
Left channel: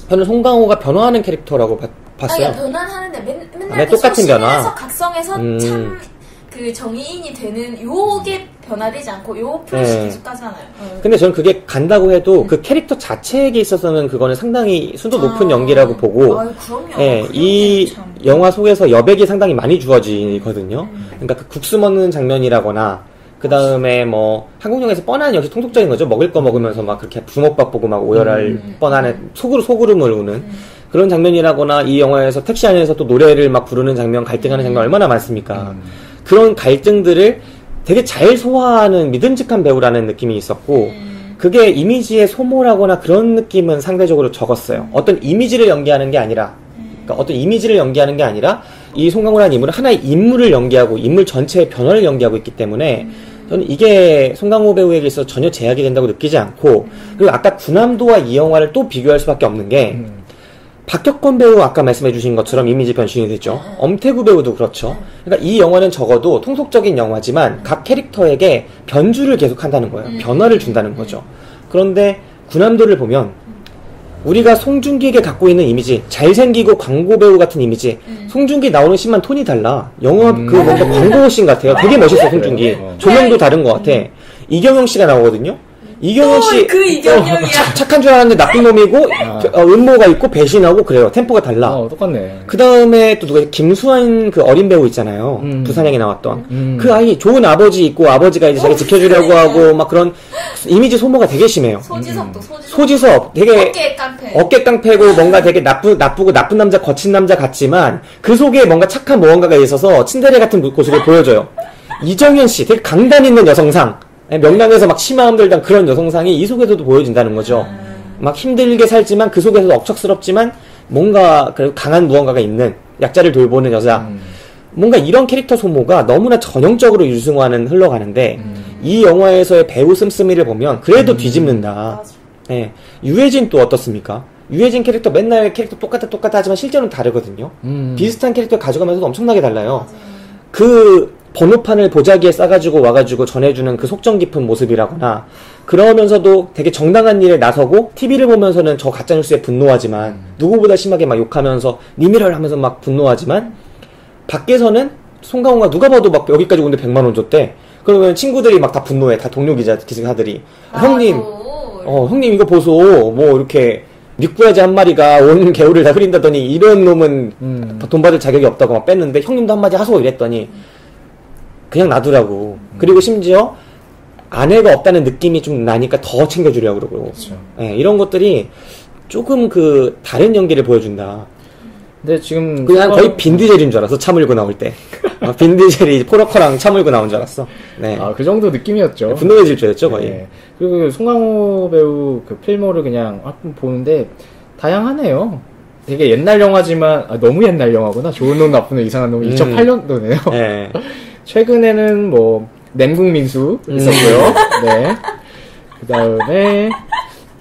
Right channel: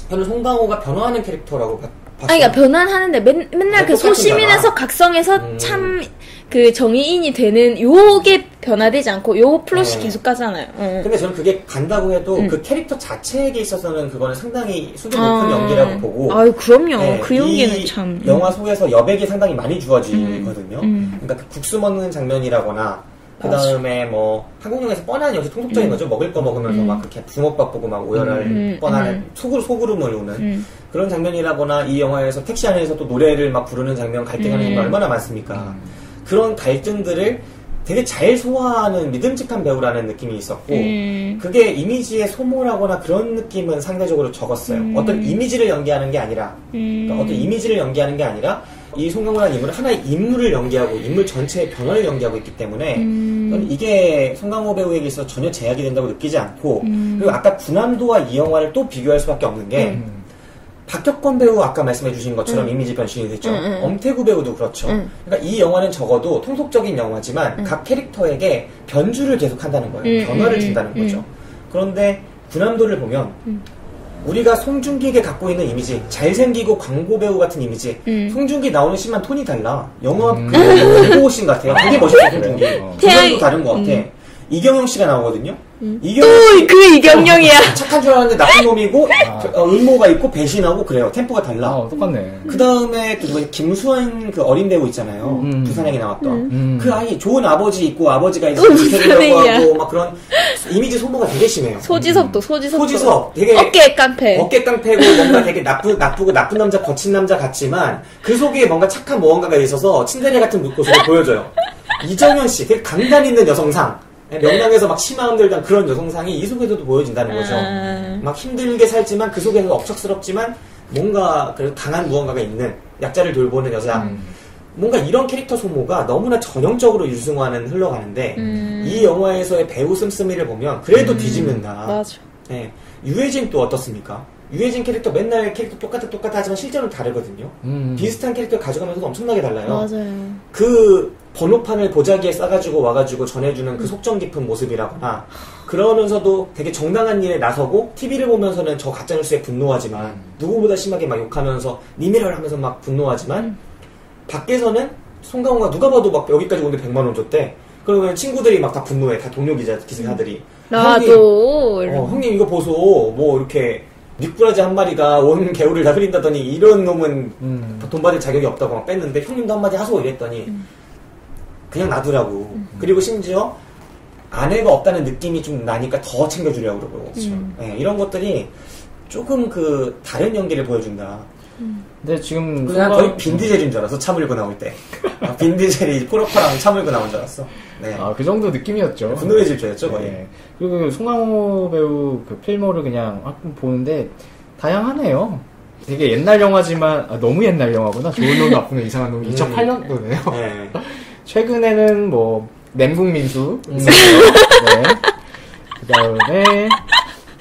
저는 송강호가 변화하는 캐릭터라고 봤어요. 그러니까 변화하는데 맨날 그 소시민에서 각성해서 참 그 정의인이 되는 요게 변화되지 않고 요 플롯이 계속 가잖아요. 근데 저는 그게 간다고 해도 그 캐릭터 자체에게 있어서는 그거는 상당히 수준 높은 연기라고 보고. 아유 그럼요. 그 연기는 참. 영화 속에서 여백이 상당히 많이 주어지거든요. 그러니까 그 국수 먹는 장면이라거나 그 다음에 뭐 한국영화에서 뻔한 역시 통속적인 거죠. 먹을 거 먹으면서 막 그렇게 붕어밥 보고 막 오열할 뻔한 소그름을 우는 그런 장면이라거나 이 영화에서 택시 안에서 또 노래를 막 부르는 장면, 갈등하는 장면 얼마나 많습니까? 그런 갈등들을 되게 잘 소화하는 믿음직한 배우라는 느낌이 있었고 그게 이미지의 소모라거나 그런 느낌은 상대적으로 적었어요. 어떤 이미지를 연기하는 게 아니라 그러니까 어떤 이미지를 연기하는 게 아니라 이 송강호라는 인물은 하나의 인물을 연기하고 인물 전체의 변화를 연기하고 있기 때문에 저는 이게 송강호 배우에게 있어서 전혀 제약이 된다고 느끼지 않고 그리고 아까 군함도와 이 영화를 또 비교할 수밖에 없는 게 박혁권 배우 아까 말씀해 주신 것처럼 이미지 변신이 됐죠. 엄태구 배우도 그렇죠. 그러니까 이 영화는 적어도 통속적인 영화지만 각 캐릭터에게 변주를 계속 한다는 거예요. 변화를 준다는 거죠. 그런데 군함도를 보면 우리가 송중기에게 갖고 있는 이미지, 잘생기고 광고 배우 같은 이미지, 송중기 나오는 씬만 톤이 달라. 영화 그 광고 씬 같아요. 되게 멋있어 송중기. 조명도 다른 것 같아. 이경영 씨가 나오거든요. 이경영 씨 그 이경영이야. 착한 줄 알았는데 나쁜 놈이고 음모가 있고 배신하고 그래요. 템포가 달라. 똑같네. 그 다음에 또 누가 김수환 그 어린 배우 있잖아요. 부산행에 나왔던 그 아이 좋은 아버지 있고 아버지가 이제 지켜주려고 하고 막 그런 이미지 소모가 되게 심해요. 소지섭 되게 어깨 깡패고 뭔가 되게 나쁘고 나쁜 남자 거친 남자 같지만 그 속에 뭔가 착한 무언가가 있어서 친데레 같은 모습을 보여줘요. 이정현 씨 되게 강단 있는 여성상. 명랑해서 막 치마 흔들던 그런 여성상이 이 속에서도 보여진다는 거죠. 막 힘들게 살지만 그 속에서도 억척스럽지만 뭔가 강한 무언가가 있는 약자를 돌보는 여자. 뭔가 이런 캐릭터 소모가 너무나 전형적으로 유승화는 흘러가는데 이 영화에서의 배우 씀씀이를 보면 그래도 뒤집는다. 맞아. 네. 유해진 또 어떻습니까? 유해진 캐릭터 맨날 캐릭터 똑같아 하지만 실제로는 다르거든요. 비슷한 캐릭터 가져가면서도 엄청나게 달라요. 맞아요. 그 번호판을 보자기에 싸가지고 와가지고 전해주는 그 속정 깊은 모습이라거나 그러면서도 되게 정당한 일에 나서고 TV를 보면서는 저 가짜뉴스에 분노하지만 누구보다 심하게 막 욕하면서 니미를 하면서 막 분노하지만 밖에서는 송강호가 누가 봐도 막 여기까지 오는데 100만 원 줬대. 그러면 친구들이 막 다 분노해. 다 동료 기자들이. 나도. 형님 이거 보소. 뭐 이렇게 육부야지 한 마리가 온 개울을 다 흐린다더니 이런 놈은 돈 받을 자격이 없다고 막 뺐는데 형님도 한마디 하소 이랬더니 그냥 놔두라고. 그리고 심지어 아내가 없다는 느낌이 좀 나니까 더 챙겨주려고 그러고. 그렇죠. 네, 이런 것들이 조금 그 다른 연기를 보여준다. 근데 지금 그냥 거의 빈디젤인 줄 알았어. 차 몰고 나올 때. 빈디젤이 포러커랑 차 몰고 나온 줄 알았어. 네. 그 정도 느낌이었죠. 분노해질 줄 알았죠, 거의. 네. 그리고 송강호 배우 그 필모를 그냥 보는데 다양하네요. 되게 옛날 영화지만 너무 옛날 영화구나. 좋은 놈, 나쁜 놈, 이상한 놈. 2008년도네요. 네. 최근에는 뭐 nem국민수 있었고요. 네. 그다음에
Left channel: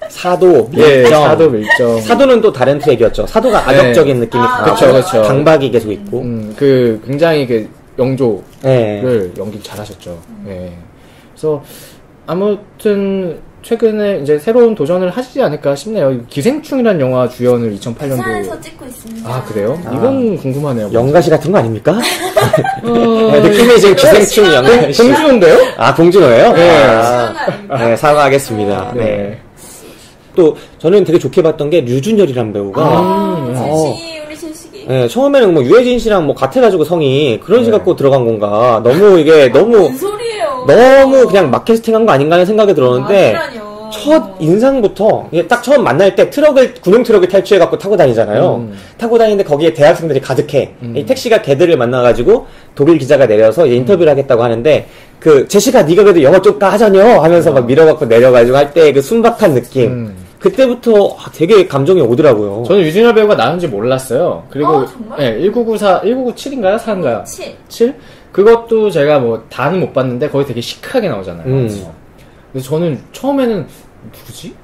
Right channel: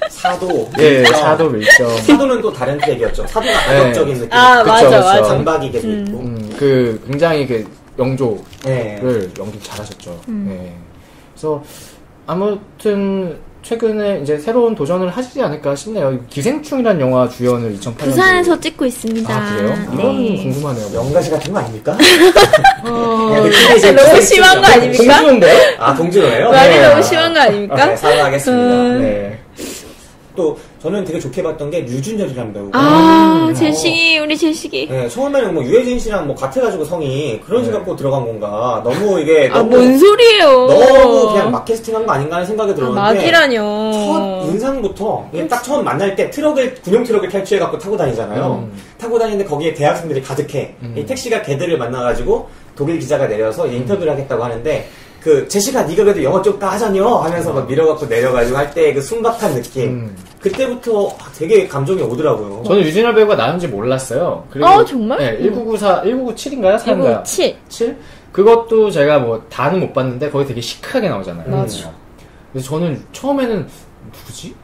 사도, 사도 밀정. 사도는 또 다른 트랙이었죠. 사도가 악역적인 느낌이 그쵸. 강박이 계속 있고. 그 굉장히 그 영조를 연기 잘하셨죠. 네. 그래서 아무튼 최근에 이제 새로운 도전을 하시지 않을까 싶네요. 기생충이라는 영화 주연을 2008년도에 부산에서 찍고 있습니다. 아 그래요? 이건 궁금하네요. 연가시 같은 거 아닙니까? 너무 심한 거 아닙니까? 공주인데요? 아 공주노예요? 네. 너무 심한 거 아닙니까? 네, 사과하겠습니다. 네. 또 저는 되게 좋게 봤던 게 류준열이라는 배우가 제식이 우리 제식이 처음에는 뭐 유해진 씨랑 뭐 같아가지고 성이 그런 식 갖고 들어간 건가 너무 이게 너무 뭔 소리예요? 너무 그냥 막 캐스팅한 거 아닌가 하는 생각이 들었는데 막이라뇨. 첫 인상부터 딱 처음 만날 때 구명 트럭을 탈취해갖고 타고 다니잖아요. 타고 다니는데 거기에 대학생들이 가득해. 이 택시가 걔들을 만나가지고 독일 기자가 내려서 인터뷰를 하겠다고 하는데 제시카 네가 그래도 영어 좀 하자녀 하면서 막 밀어갖고 내려가지고 할 때 그 순박한 느낌. 그때부터 되게 감정이 오더라고요. 저는 유진열 배우가 나온지 몰랐어요. 그리고 정말? 네, 1997인가요? 4인가요? 7. 그것도 제가 뭐 다는 못 봤는데 거기 되게 시크하게 나오잖아요. 그래서 저는 처음에는 누구지?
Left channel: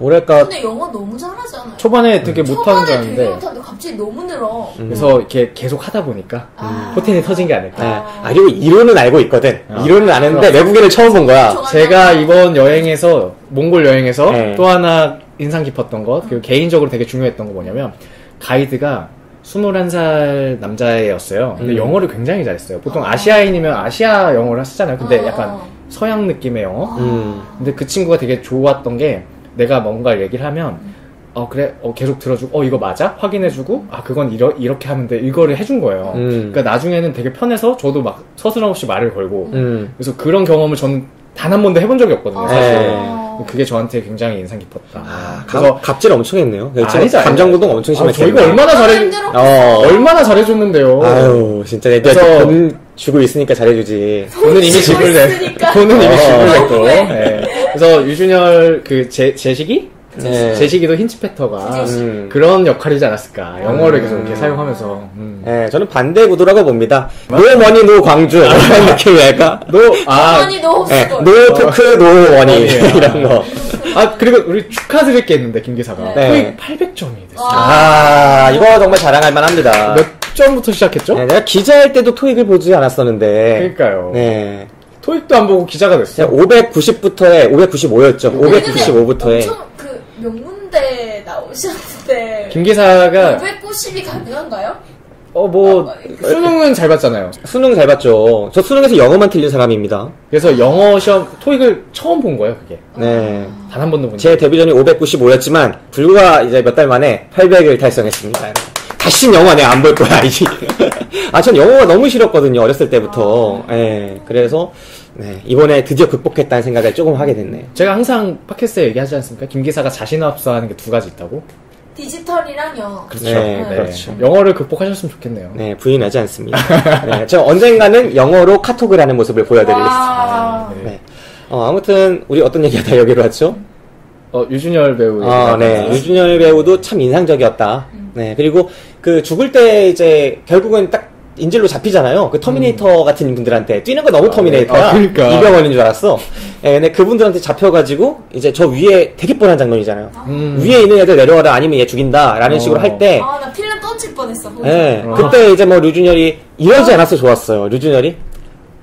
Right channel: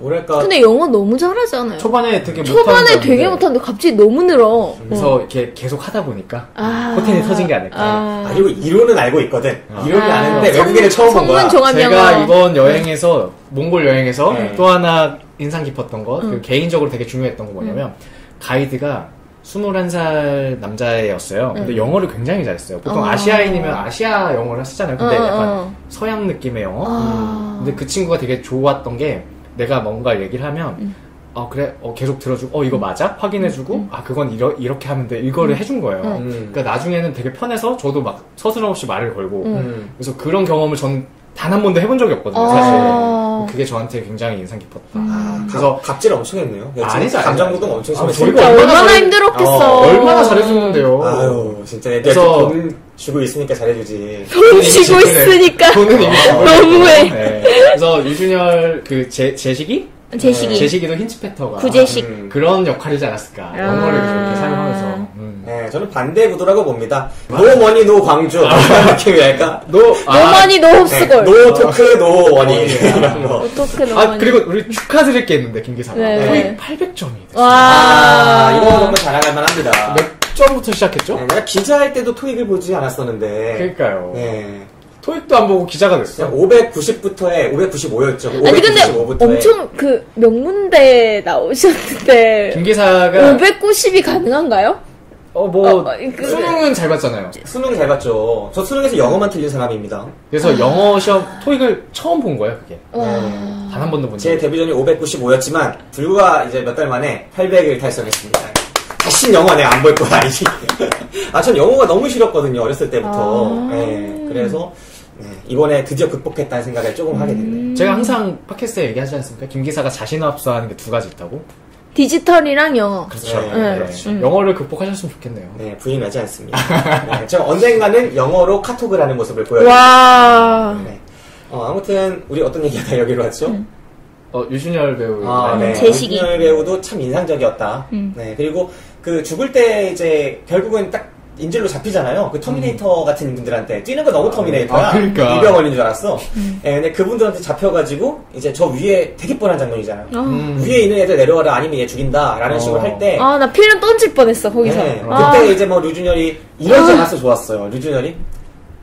뭐랄까. 근데 영어 너무 잘하잖아요. 초반에 되게 못하는 초반에 되게 못하는데 갑자기 너무 늘어. 그래서 이렇게 계속 하다 보니까 포텐이 터진 게 아닐까. 그리고 이론은 알고 있거든. 이론은 아는데 외국인을 처음 본 거야. 제가 이번 여행에서 몽골 여행에서 또 하나 인상 깊었던 것, 그리고 개인적으로 되게 중요했던 거 뭐냐면 가이드가 21살 남자애였어요. 근데 영어를 굉장히 잘했어요. 보통 아시아인이면 아시아 영어를 쓰잖아요. 근데 약간 서양 느낌의 영어? 근데 그 친구가 되게 좋았던 게 내가 뭔가 얘기를 하면 그래 계속 들어주고 이거 맞아? 확인해주고 그건 이렇게 하면 돼 이거를 해준 거예요. 그러니까 나중에는 되게 편해서 저도 막 서슴없이 말을 걸고 그래서 그런 경험을 저는 단 한 번도 해본 적이 없거든요 사실. 그게 저한테 굉장히 인상 깊었다. 그래서 갑질 엄청 했네요. 아니죠. 감정노동 엄청 심했어요. 저희가 얼마나 힘들었겠어. 얼마나 잘해줬는데요. 아유 진짜 그래서 돈 주고 있으니까 잘해주지. 돈은 이미 지불돼. 돈은 이미 지불됐고. 네. 그래서 유준열 제식이? 제식이도 힌치페터가 그런 역할이지 않았을까. 영어를 계속 이렇게 사용하면서. 네, 저는 반대 구도라고 봅니다. 노 머니 노 광주 이런 느낌이랄까. 노 머니 노 홉스골. 노 토크 노 머니 이런 거. 그리고 우리 축하드릴 게 있는데 김 기사가 토익 800점이 됐어요. 이거가 정말 자랑할 만합니다. 몇 점부터 시작했죠? 네, 내가 기자할 때도 토익을 보지 않았었는데. 그러니까요. 네. 토익도 안 보고 기자가 됐어. 590부터에 595였죠. 아니 근데 엄청 명문대 나오셨는데 김 기사가 590이 가능한가요? 수능은 잘 봤잖아요. 수능 잘 봤죠. 저 수능에서 영어만 틀린 사람입니다. 그래서 영어 시험 토익을 처음 본 거예요, 그게. 네. 단 한 번도 본 제 데뷔전이 595였지만 불과 이제 몇 달 만에 800을 달성했습니다. 다시는 영화 내가 안 볼 거야, 이제. 전 영어가 너무 싫었거든요, 어렸을 때부터. 네, 그래서 이번에 드디어 극복했다는 생각을 조금 하게 됐네요. 제가 항상 팟캐스트에 얘기하지 않습니까? 김 기사가 자신없어하는 게 두 가지 있다고. 디지털이랑 영어. 그렇죠. 그렇죠. 영어를 극복하셨으면 좋겠네요. 네, 부인하지 않습니다. 제가 언젠가는 영어로 카톡을 하는 모습을 보여드리겠습니다. 아무튼 우리 어떤 얘기하다 여기로 왔죠? 유준열 배우. 유준열 배우도 참 인상적이었다. 네, 그리고 죽을 때 이제 결국은 딱 인질로 잡히잖아요. 그 터미네이터 같은 분들한테 뛰는 거 너무 터미네이터야. 그러니까. 이병헌인 줄 알았어. 근데 그분들한테 잡혀가지고 이제 저 위에 되게 뻔한 장면이잖아요. 위에 있는 애들 내려와라 아니면 얘 죽인다라는 식으로 할 때. 나 필름 던질 뻔했어 거기서. 그때 이제 류준열이 이러지 않았어 좋았어요. 류준열이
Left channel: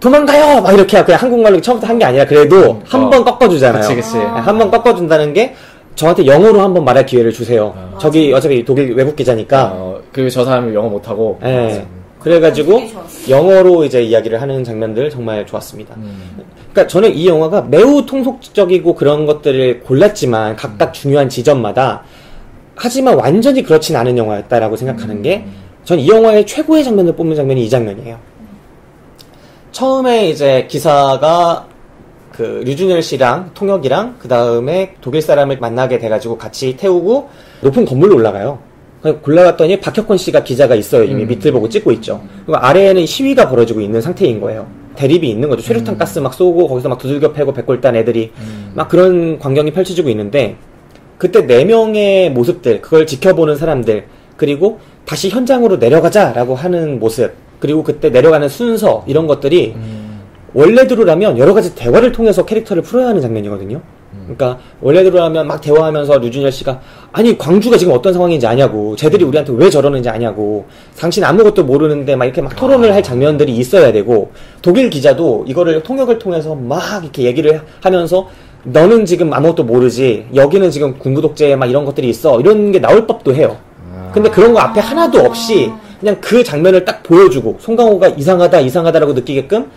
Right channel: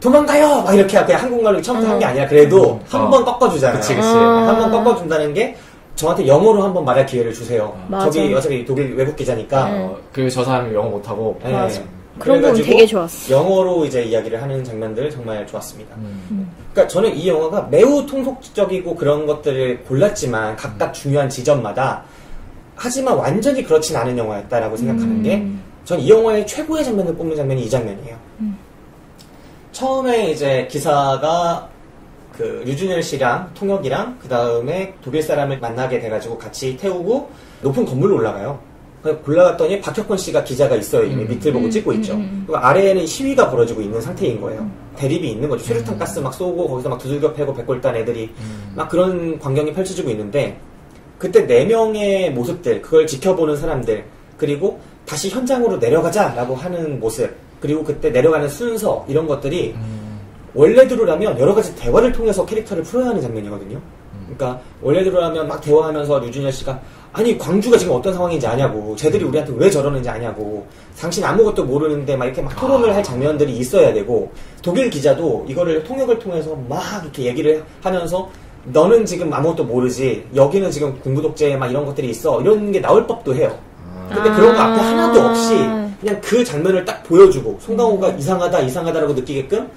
도망가요! 막 이렇게 그냥 한국말로 처음부터 한 게 아니라 그래도 한 번 꺾어주잖아요. 그치. 한 번 꺾어준다는 게 저한테 영어로 한번 말할 기회를 주세요. 저기 어차피 독일 외국 기자니까. 그리고 저 사람이 영어 못하고. 그래가지고 영어로 이제 이야기를 하는 장면들 정말 좋았습니다. 그러니까 저는 이 영화가 매우 통속적이고 그런 것들을 골랐지만 각각 중요한 지점마다 하지만 완전히 그렇진 않은 영화였다라고 생각하는 게 전 이 영화의 최고의 장면을 뽑는 장면이 이 장면이에요. 처음에 이제 기사가 류준열 씨랑 통역이랑 그 다음에 독일 사람을 만나게 돼가지고 같이 태우고 높은 건물로 올라가요. 골라갔더니 박혁권 씨가 기자가 있어요. 이미 밑을 보고 찍고 있죠. 그리고 아래에는 시위가 벌어지고 있는 상태인 거예요. 대립이 있는 거죠. 최루탄 가스 막 쏘고 거기서 막 두들겨 패고 백골단 애들이 막 그런 광경이 펼쳐지고 있는데 그때 4명의 모습들, 그걸 지켜보는 사람들, 그리고 다시 현장으로 내려가자라고 하는 모습, 그리고 그때 내려가는 순서 이런 것들이 원래대로라면 여러 가지 대화를 통해서 캐릭터를 풀어야 하는 장면이거든요. 그러니까 원래대로라면 막 대화하면서 류준열 씨가 아니 광주가 지금 어떤 상황인지 아냐고, 쟤들이 우리한테 왜 저러는지 아냐고, 당신 아무것도 모르는데 막 이렇게 막 토론을 할 장면들이 있어야 되고, 독일 기자도 이거를 통역을 통해서 막 이렇게 얘기를 하면서 너는 지금 아무것도 모르지, 여기는 지금 군부 독재 막 이런 것들이 있어, 이런 게 나올 법도 해요. 근데 그런 거 앞에 하나도 없이 그냥 그 장면을 딱 보여주고 송강호가 이상하다라고 느끼게끔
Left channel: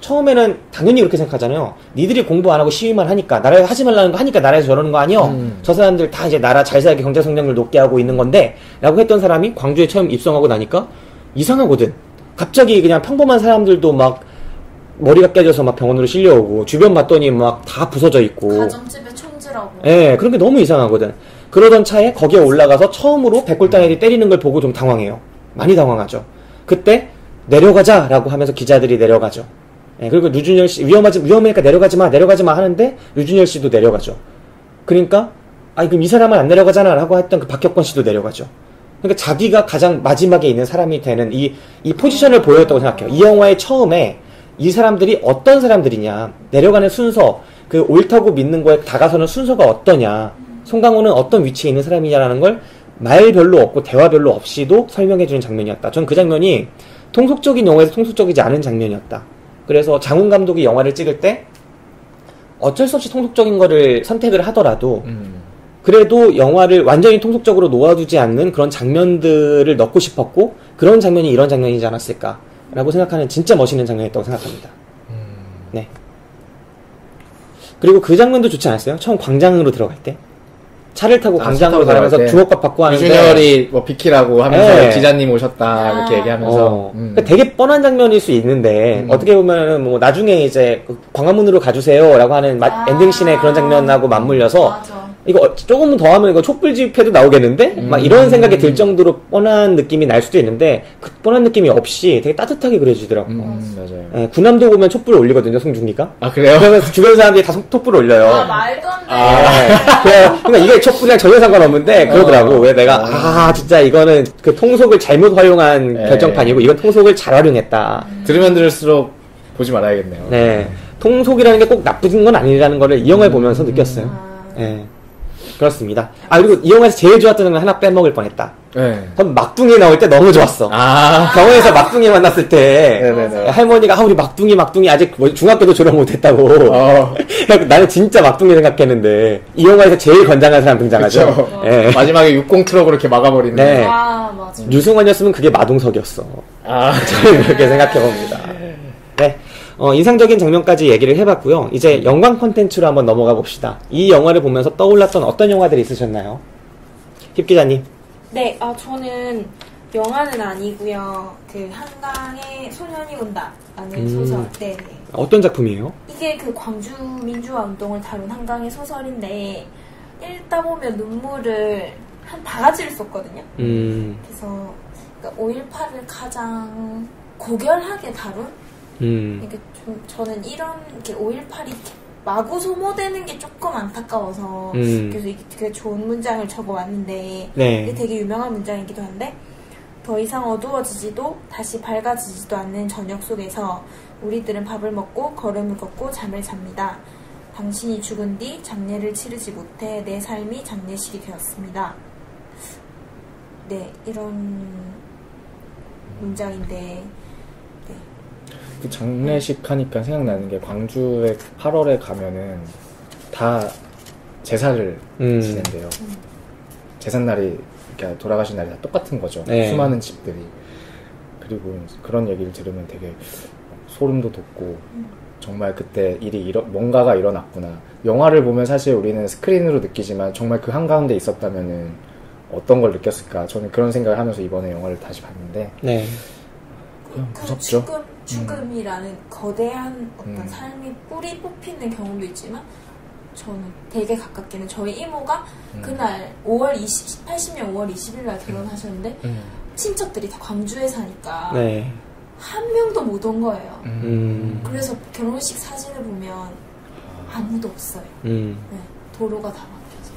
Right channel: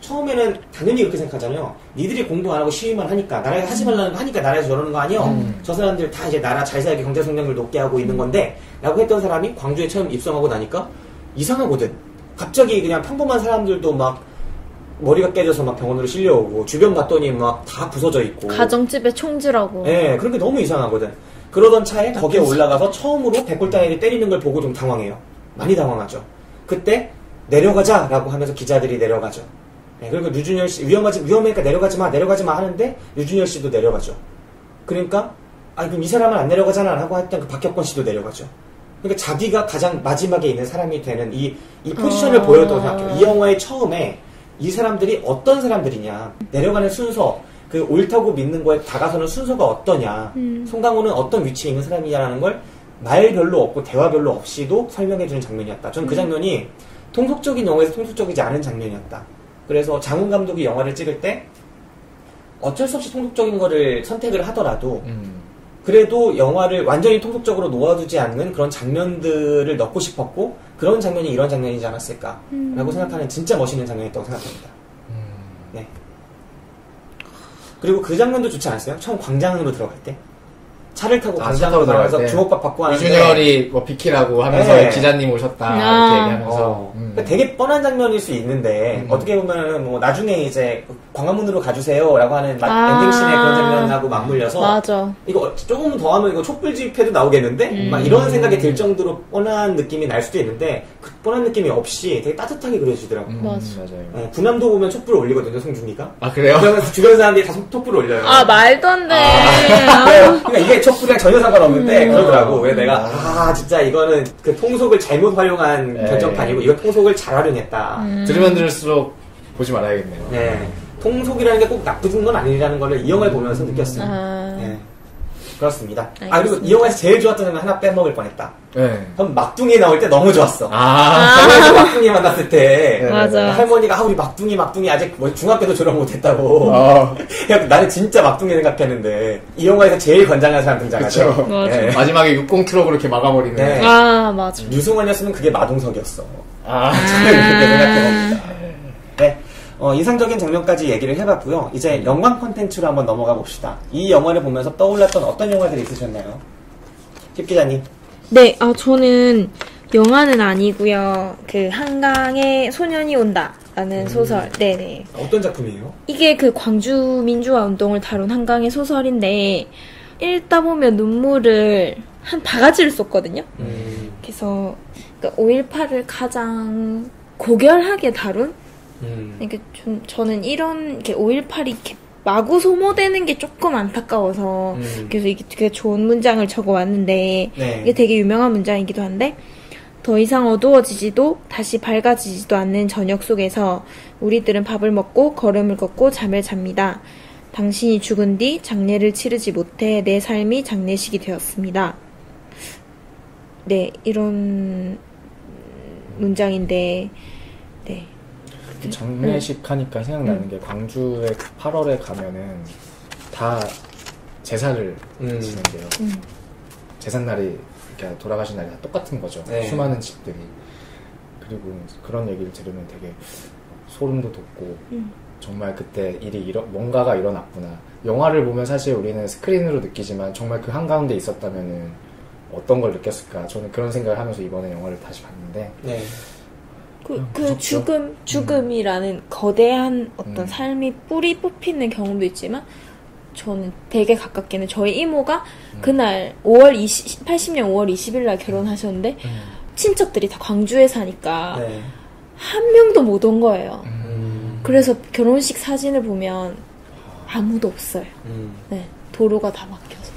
처음에는 당연히 그렇게 생각하잖아요. 니들이 공부 안 하고 시위만 하니까, 나라에 하지 말라는 거 하니까 나라에서 저러는 거 아니여? 저 사람들 다 이제 나라 잘 살게 경제 성장률 높게 하고 있는 건데 라고 했던 사람이 광주에 처음 입성하고 나니까 이상하거든. 갑자기 그냥 평범한 사람들도 막 머리가 깨져서 막 병원으로 실려오고 주변 봤더니 막 다 부서져 있고 가정집에 총질하고 네, 그런 게 너무 이상하거든. 그러던 차에 거기에 올라가서 처음으로 백골당이들이 때리는 걸 보고 좀 당황해요. 많이 당황하죠. 그때 내려가자라고 하면서 기자들이 내려가죠. 네, 그리고 류준열 씨 위험하니까 내려가지 마 하는데 류준열 씨도 내려가죠. 그러니까 그럼 이 사람은 안 내려가잖아라고 했던 그 박혁권 씨도 내려가죠. 그러니까 자기가 가장 마지막에 있는 사람이 되는 이 포지션을 보였다고 생각해요. 이 영화의 처음에 이 사람들이 어떤 사람들이냐, 내려가는 순서, 그 옳다고 믿는 거에 다가서는 순서가 어떠냐, 송강호는 어떤 위치에 있는 사람이냐라는 걸 말 별로 없고 대화 별로 없이도 설명해주는 장면이었다. 전 그 장면이 통속적인 영화에서 통속적이지 않은 장면이었다. 그래서 장훈 감독이 영화를 찍을 때 어쩔 수 없이 통속적인 거를 선택을 하더라도 그래도 영화를 완전히 통속적으로 놓아두지 않는 그런 장면들을 넣고 싶었고 그런 장면이 이런 장면이지 않았을까라고 생각하는 진짜 멋있는 장면이었다고 생각합니다. 네. 그리고 그 장면도 좋지 않았어요? 처음 광장으로 들어갈 때 차를 타고 광장으로 들어가서 주먹밥 받고 하는데 유준열이 뭐 비키라고 하면서 네. 기자님 오셨다 이렇게 얘기하면서 그러니까 되게 뻔한 장면일 수 있는데 어떻게 보면 뭐 나중에 이제 광화문으로 가주세요라고 하는 엔딩씬의 그런 장면하고 맞물려서 맞아. 이거 조금 더 하면 이거 촛불 집회도 나오겠는데 막 이런 생각이 들 정도로 뻔한 느낌이 날 수도 있는데 그 뻔한 느낌이 없이 되게 따뜻하게 그려지더라고요. 맞아요. 네, 군함도 보면 촛불 올리거든요, 송중기가. 아 그래요? 그러면 주변 사람들이 다 촛불 올려요. 말도 안 돼. 그러니까 이게 촛불이랑 전혀 상관없는데 그러더라고. 왜 내가 진짜 이거는 그 통속을 잘못 활용한 결정판이고 이건 통속을 잘 활용했다. 들으면 들을수록 보지 말아야겠네요. 네, 통속이라는 게 꼭 나쁜 건 아니라는 거를 이 영화를 보면서 느꼈어요. 네, 그렇습니다. 그리고 이 영화에서 제일 좋았던 건 하나 빼먹을 뻔했다. 네. 그럼 막둥이 나올 때 너무 좋았어. 병원에서 막둥이 만났을 때 할머니가 우리 막둥이 아직 뭐 중학교도 졸업 못했다고. 나는 진짜 막둥이 생각했는데 이 영화에서 제일 건장한 사람 등장하죠. 네. 마지막에 60 트럭으로 이렇게 막아버리는. 네. 맞아. 유승원이었으면 그게 마동석이었어. 저는 그렇게 생각해봅니다. 네. 인상적인 장면까지 얘기를 해봤고요. 이제 영광 콘텐츠로 한번 넘어가 봅시다. 이 영화를 보면서 떠올랐던 어떤 영화들이 있으셨나요? 힙 기자님. 네, 저는 영화는 아니고요. 그 한강에 소년이 온다라는 소설. 네네. 어떤 작품이에요? 이게 그 광주 민주화 운동을 다룬 한강의 소설인데 읽다 보면 눈물을 한 바가지를 쏟거든요. 그래서 그러니까 5.18을 가장 고결하게 다룬. 그러니까 좀 저는 이런 5.18이 이렇게 마구 소모되는 게 조금 안타까워서 그래서 이게 되게 좋은 문장을 적어왔는데 이게 되게 유명한 문장이기도 한데 더 이상 어두워지지도 다시 밝아지지도 않는 저녁 속에서 우리들은 밥을 먹고 걸음을 걷고 잠을 잡니다. 당신이 죽은 뒤 장례를 치르지 못해 내 삶이 장례식이 되었습니다. 네, 이런 문장인데 네. 그 장례식 하니까 생각나는 게 광주에 8월에 가면은 다 제사를 지낸대요. 제삿날이 그러니까 돌아가신 날이 다 똑같은 거죠. 수많은 집들이. 그리고 그런 얘기를 들으면 되게 소름도 돋고 정말 그때 뭔가가 일어났구나. 영화를 보면 사실 우리는 스크린으로 느끼지만 정말 그 한가운데 있었다면은 어떤 걸 느꼈을까. 저는 그런 생각을 하면서 이번에 영화를 다시 봤는데 그 죽음이라는 거대한 어떤 삶이 뿌리 뽑히는 경험도 있지만 저는 되게 가깝게는 저희 이모가 그날 80년 5월 20일 날 결혼하셨는데 친척들이 다 광주에 사니까 한 명도 못 온 거예요. 그래서 결혼식 사진을 보면 아무도 없어요. 네, 도로가 다 막혀서.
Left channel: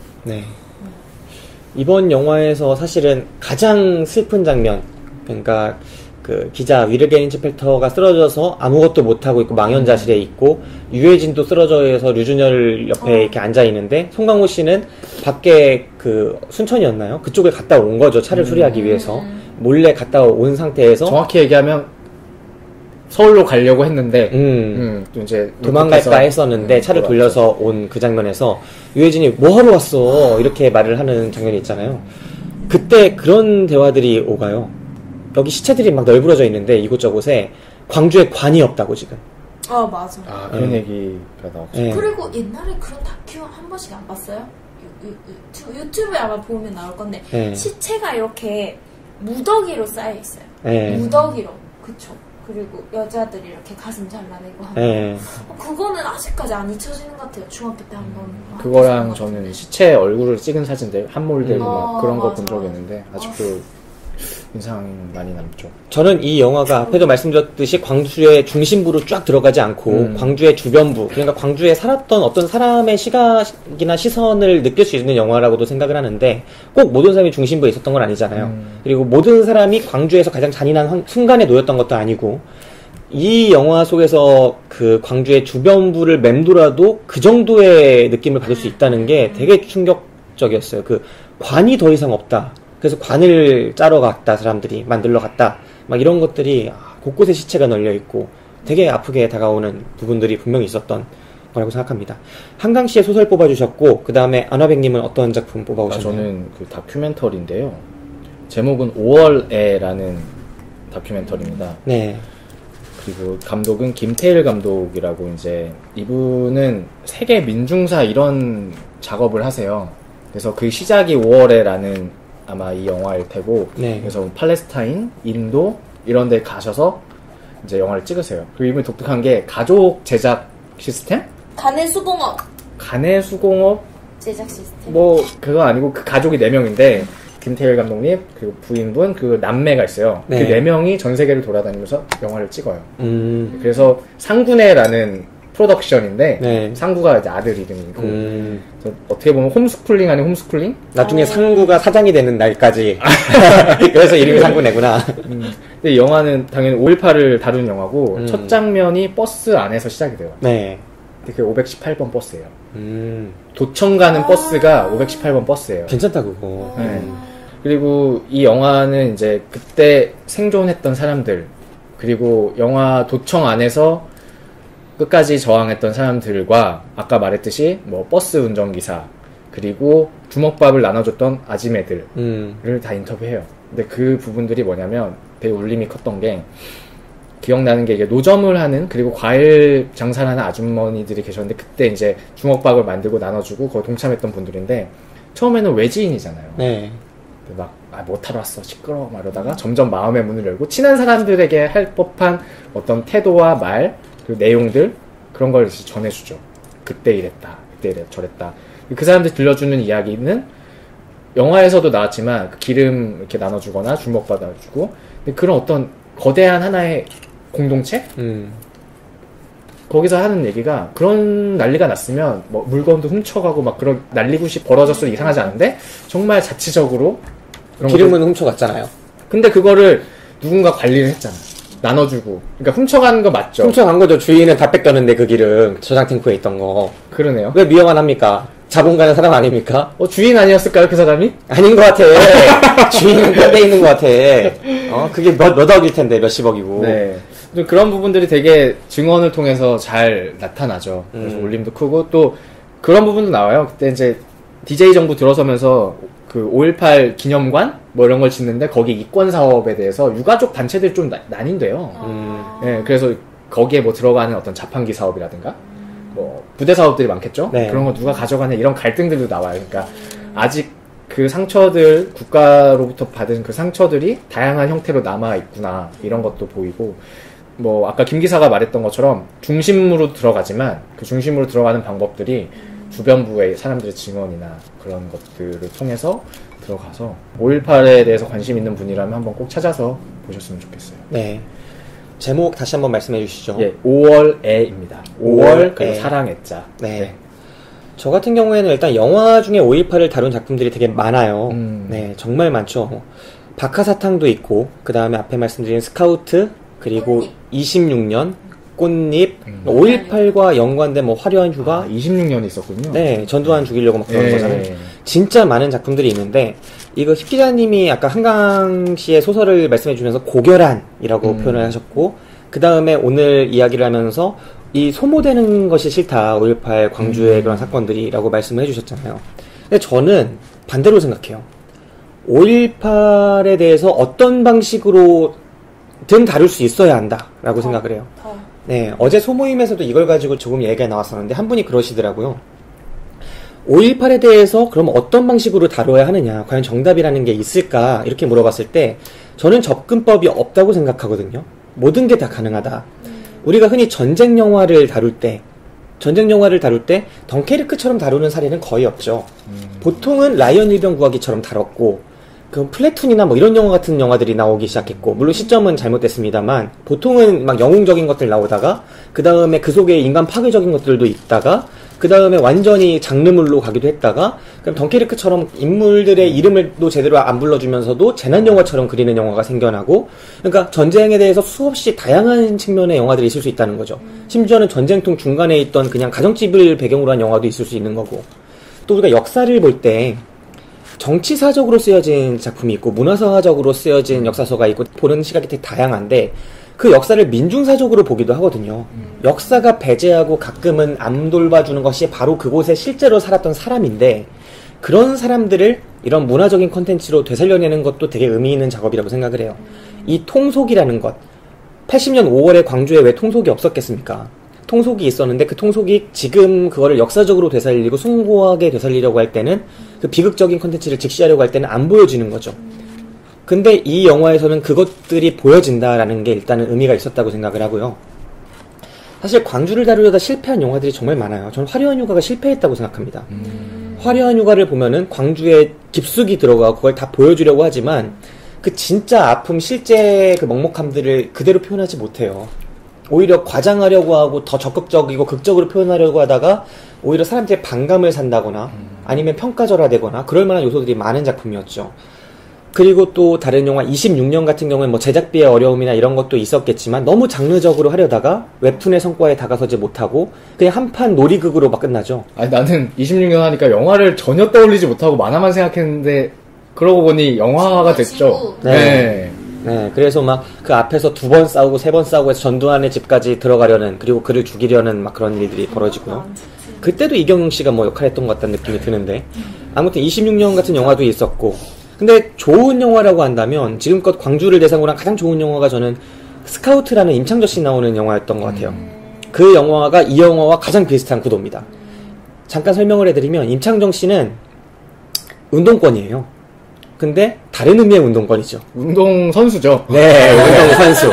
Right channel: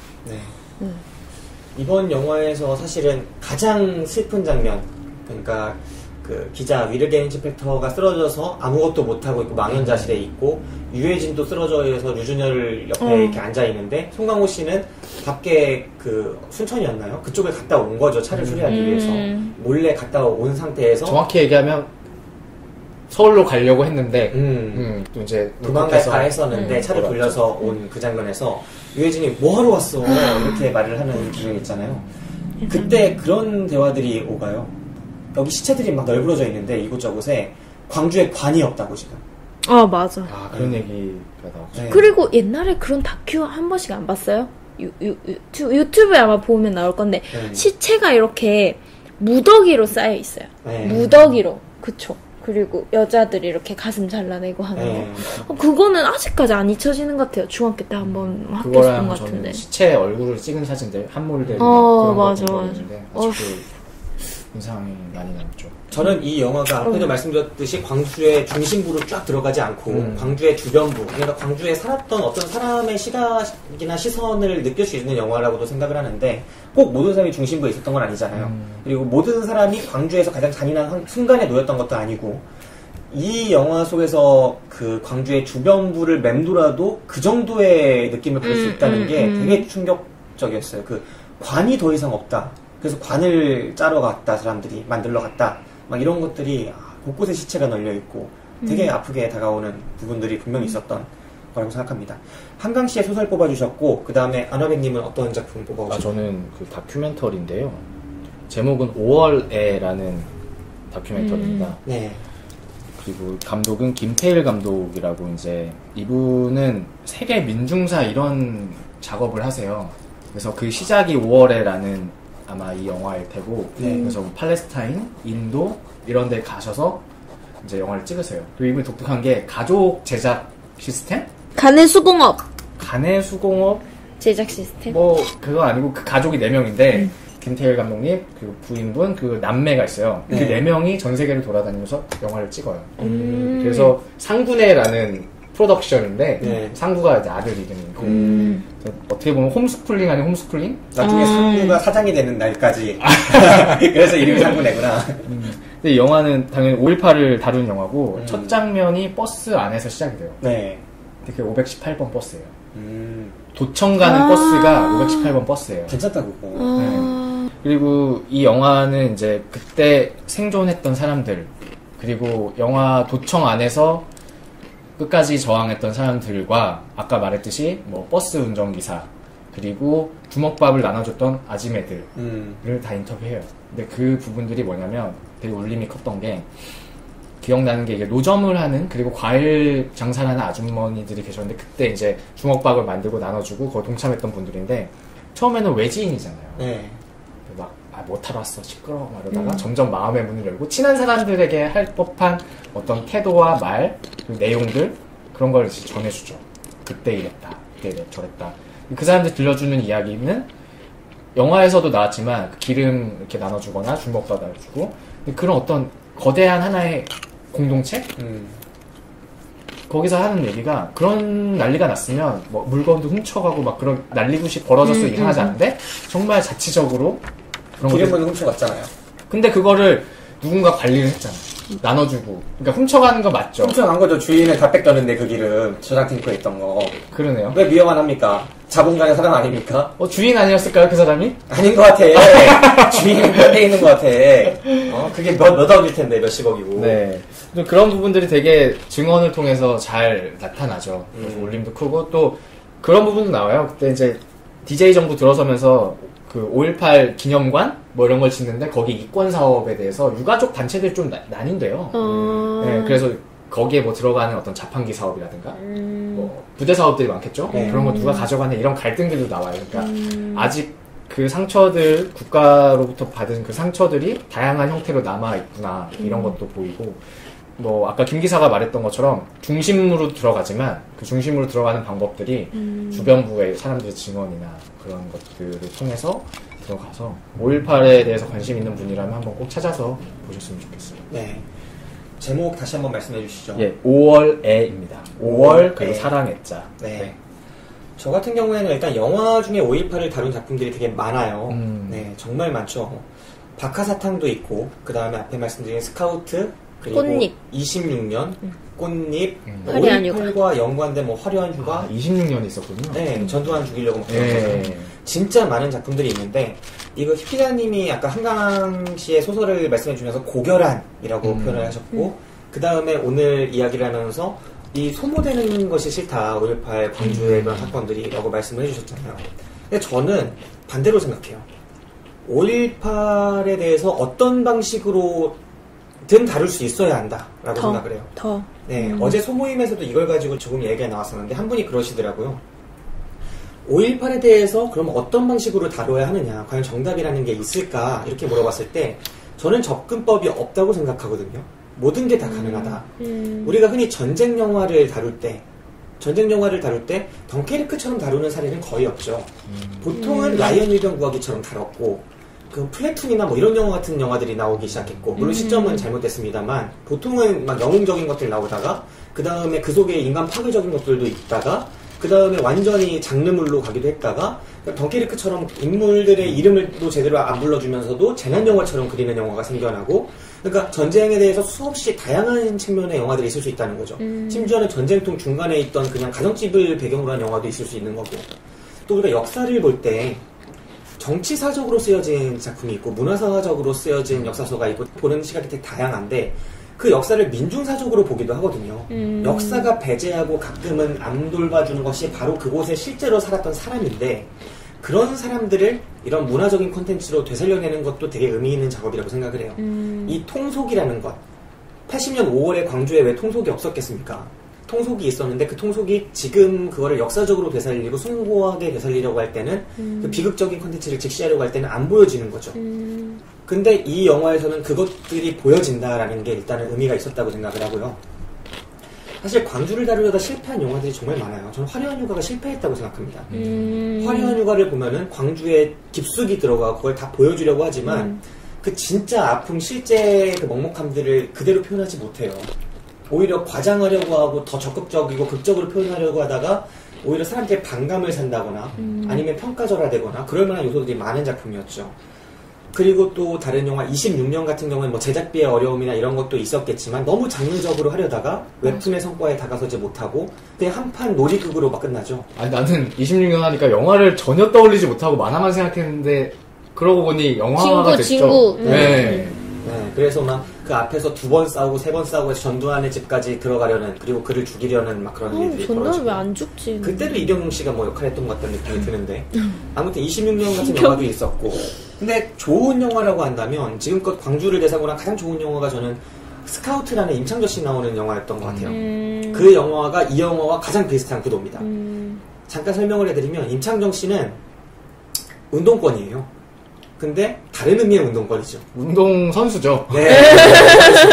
이번 영화에서 사실은 가장 슬픈 장면, 그러니까 그 기자 위르겐 인스펙터가 쓰러져서 아무것도 못하고 있고 망연자실에 있고 유해진도 쓰러져서 류준열 옆에 이렇게 앉아있는데 송강호 씨는 밖에 그 순천이었나요? 그쪽에 갔다 온 거죠. 차를 수리하기 위해서 몰래 갔다 온 상태에서 정확히 얘기하면 서울로 가려고 했는데 또 이제 도망갈까 했었는데 차를 돌려서 온 그 장면에서 유해진이 뭐하러 왔어? 이렇게 말을 하는 장면이 있잖아요. 그때 그런 대화들이 오가요. 여기 시체들이 막 널브러져 있는데 이곳저곳에 광주에 관이 없다고 지금. 맞아. 그런 얘기가 나왔죠. 그리고 옛날에 그런 다큐 한 번씩 안 봤어요? 유튜브에 아마 보면 나올 건데 시체가 이렇게 무더기로 쌓여 있어요. 무더기로. 그쵸. 그리고 여자들이 이렇게 가슴 잘라내고 하는 거. 그거는 아직까지 안 잊혀지는 것 같아요. 중학교 때 한번 그거랑 저는 시체 얼굴을 찍은 사진들 한몰들 그런 거 본 적이 있는데 아직도 인상이 많이 남죠. 저는 이 영화가 앞에도 말씀드렸듯이 광주의 중심부로 쫙 들어가지 않고 광주의 주변부, 그러니까 광주에 살았던 어떤 사람의 시각이나 시선을 느낄 수 있는 영화라고도 생각을 하는데 꼭 모든 사람이 중심부에 있었던 건 아니잖아요. 그리고 모든 사람이 광주에서 가장 잔인한 순간에 놓였던 것도 아니고 이 영화 속에서 그 광주의 주변부를 맴돌아도 그 정도의 느낌을 받을 수 있다는 게 되게 충격적이었어요. 그 관이 더 이상 없다. 그래서 관을 짜러 갔다, 사람들이 만들러 갔다, 막 이런 것들이 곳곳에 시체가 널려 있고 되게 아프게 다가오는 부분들이 분명히 있었던 거라고 생각합니다. 한강 씨의 소설 뽑아주셨고, 그 다음에 안화백님은 어떤 작품 뽑아오셨나요? 저는 그 다큐멘터리인데요. 제목은 5월에라는 다큐멘터리입니다. 네. 그리고 감독은 김태일 감독이라고 이제 이분은 세계 민중사 이런 작업을 하세요. 그래서 그 시작이 5월에라는 아마 이 영화일 테고, 그래서 팔레스타인, 인도 이런 데 가셔서 이제 영화를 찍으세요. 그리고 이분이 독특한 게 가족 제작 시스템? 간의 수공업 제작 시스템. 뭐 그거 아니고 그 가족이 4명인데 김태일 감독님 그리고 부인분 그 남매가 있어요. 그 4명이 전 세계를 돌아다니면서 영화를 찍어요. 그래서 상구네라는 프로덕션인데 상구가 이제 아들 이름이고 어떻게 보면 홈스쿨링 아닌 홈스쿨링? 나중에 상구가 사장이 되는 날까지 그래서 이름이 상구네구나. 근데 이 영화는 당연히 5.18을 다룬 영화고 첫 장면이 버스 안에서 시작이 돼요. 네. 근데 그게 518번 버스예요. 도청 가는 버스가 518번 버스예요. 괜찮다 그거. 네. 그리고 이 영화는 이제 그때 생존했던 사람들, 그리고 영화 도청 안에서 끝까지 저항했던 사람들과 아까 말했듯이 뭐 버스 운전기사, 그리고 주먹밥을 나눠줬던 아지매들을 다 인터뷰해요. 근데 그 부분들이 뭐냐면 되게 울림이 컸던 게, 기억나는 게 이게 노점을 하는, 그리고 과일 장사를 하는 아주머니들이 계셨는데 그때 이제 주먹밥을 만들고 나눠주고 거기 동참했던 분들인데 처음에는 외지인이잖아요. 네. 막 못하러 왔어 시끄러워 막 이러다가 점점 마음의 문을 열고 친한 사람들에게 할 법한 어떤 태도와 말, 그리고 내용들, 그런 걸 전해주죠. 그때 이랬다, 그때 저랬다. 그 사람들 들려주는 이야기는 영화에서도 나왔지만 그 기름 이렇게 나눠주거나 주먹 받아주고, 근데 그런 어떤 거대한 하나의 공동체? 거기서 하는 얘기가, 그런 난리가 났으면 뭐 물건도 훔쳐가고 막 그런 난리굿이 벌어졌어도 이상하지 않은데 정말 자치적으로 그런 기름은 훔쳐갔잖아요. 근데 그거를 누군가 관리를 했잖아. 나눠주고. 그러니까 훔쳐가는 거 맞죠? 훔쳐간 거죠. 주인은 다 뺏겼는데 그 기름 저장 탱크에 있던 거. 그러네요. 왜 미워만 합니까? 자본가는 사람 아닙니까? 주인 아니었을까요, 그 사람이? 아닌 것 같아. 주인은 딴데 있는 것 같아. 그게 몇 억일 텐데, 몇십억이고. 네. 그런 부분들이 되게 증언을 통해서 잘 나타나죠. 그래서 울림도 크고, 또 그런 부분도 나와요. 그때 이제 DJ 정부 들어서면서 그 5.18 기념관? 뭐 이런 걸 짓는데 거기 이권 사업에 대해서 유가족 단체들이 좀 난인돼요. 네, 그래서 거기에 뭐 들어가는 어떤 자판기 사업이라든가, 뭐 부대 사업들이 많겠죠. 네. 그런 거 누가 가져가냐 이런 갈등들도 나와요. 그러니까 아직 그 상처들, 국가로부터 받은 그 상처들이 다양한 형태로 남아 있구나, 이런 것도 보이고, 뭐 아까 김 기사가 말했던 것처럼 중심으로 들어가지만 그 중심으로 들어가는 방법들이 주변부의 사람들의 증언이나 그런 것들을 통해서 들어가서 5.18에 대해서 관심 있는 분이라면 한번 꼭 찾아서 보셨으면 좋겠어요. 네. 제목 다시 한번 말씀해 주시죠. 예, 5월애입니다. 5월 그리고 사랑의 자. 네. 네. 저 같은 경우에는 일단 영화 중에 5.18을 다룬 작품들이 되게 많아요. 네, 정말 많죠. 박하사탕도 있고, 그 다음에 앞에 말씀드린 스카우트, 그리고 꽃잎. 26년, 꽃잎, 5.18과 연관된 뭐 화려한 휴가. 26년이 있었군요. 네, 전두환 죽이려고 막 그런 거잖아요. 진짜 많은 작품들이 있는데, 이거 힙 기자님이 아까 한강 씨의 소설을 말씀해 주면서 고결한이라고 표현을 하셨고, 그 다음에 오늘 이야기를 하면서 이 소모되는 것이 싫다, 5.18 광주의 그런 사건들이라고 말씀을 해주셨잖아요. 근데 저는 반대로 생각해요. 5.18에 대해서 어떤 방식으로든 다룰 수 있어야 한다라고 생각을 해요. 네, 어제 소모임에서도 이걸 가지고 조금 얘기가 나왔었는데 한 분이 그러시더라고요. 5.18에 대해서 그럼 어떤 방식으로 다뤄야 하느냐, 과연 정답이라는 게 있을까, 이렇게 물어봤을 때 저는 접근법이 없다고 생각하거든요. 모든 게 다 가능하다. 우리가 흔히 전쟁 영화를 다룰 때 덩케르크처럼 다루는 사례는 거의 없죠. 보통은 라이언 일병 구하기처럼 다뤘고, 그 플래툰이나 뭐 이런 영화 같은 영화들이 나오기 시작했고, 물론 시점은 잘못됐습니다만, 보통은 막 영웅적인 것들 나오다가, 그 다음에 그 속에 인간 파괴적인 것들도 있다가, 그 다음에 완전히 장르물로 가기도 했다가, 그럼 덩케르크처럼 인물들의 이름을도 제대로 안 불러주면서도 재난영화처럼 그리는 영화가 생겨나고, 그러니까 전쟁에 대해서 수없이 다양한 측면의 영화들이 있을 수 있다는 거죠. 심지어는 전쟁통 중간에 있던 그냥 가정집을 배경으로 한 영화도 있을 수 있는 거고, 또 우리가 역사를 볼 때 정치사적으로 쓰여진 작품이 있고 문화사적으로 쓰여진 역사서가 있고 보는 시각이 되게 다양한데, 그 역사를 민중사적으로 보기도 하거든요. 역사가 배제하고 가끔은 안 돌봐주는 것이 바로 그곳에 실제로 살았던 사람인데, 그런 사람들을 이런 문화적인 콘텐츠로 되살려내는 것도 되게 의미 있는 작업이라고 생각을 해요. 이 통속이라는 것, 80년 5월에 광주에 왜 통속이 없었겠습니까? 통속이 있었는데 그 통속이 지금 그거를 역사적으로 되살리고 숭고하게 되살리려고 할 때는 그 비극적인 콘텐츠를 직시하려고 할 때는 안 보여지는 거죠. 근데 이 영화에서는 그것들이 보여진다라는 게 일단은 의미가 있었다고 생각을 하고요. 사실 광주를 다루려다 실패한 영화들이 정말 많아요. 저는 화려한 휴가가 실패했다고 생각합니다. 화려한 휴가를 보면은 광주에 깊숙이 들어가고 그걸 다 보여주려고 하지만 그 진짜 아픔, 실제 그 먹먹함들을 그대로 표현하지 못해요. 오히려 과장하려고 하고 더 적극적이고 극적으로 표현하려고 하다가 오히려 사람들의 반감을 산다거나 아니면 평가절하되거나 그럴 만한 요소들이 많은 작품이었죠. 그리고 또 다른 영화 26년 같은 경우는 뭐 제작비의 어려움이나 이런 것도 있었겠지만 너무 장르적으로 하려다가 웹툰의 성과에 다가서지 못하고 그냥 한판 놀이극으로 막 끝나죠. 아니 나는 26년 하니까 영화를 전혀 떠올리지 못하고 만화만 생각했는데 그러고 보니 영화가 됐죠. 네. 네, 그래서 막 그 앞에서 2번 싸우고 3번 싸우고 해서 전두환의 집까지 들어가려는, 그리고 그를 죽이려는 막 그런 일들이 벌어지고. 왜 안 죽지? 그때도 이경영 씨가 뭐 역할했던 것 같다는 느낌이 드는데. 아무튼 26년 같은 영화도 있었고. 근데 좋은 영화라고 한다면 지금껏 광주를 대상으로 한 가장 좋은 영화가 저는 스카우트라는 임창정 씨 나오는 영화였던 것 같아요. 그 영화가 이 영화와 가장 비슷한 구도입니다. 잠깐 설명을 해드리면 임창정 씨는 운동권이에요. 근데 다른 의미의 운동권이죠. 운동선수죠. 네, 운동선수.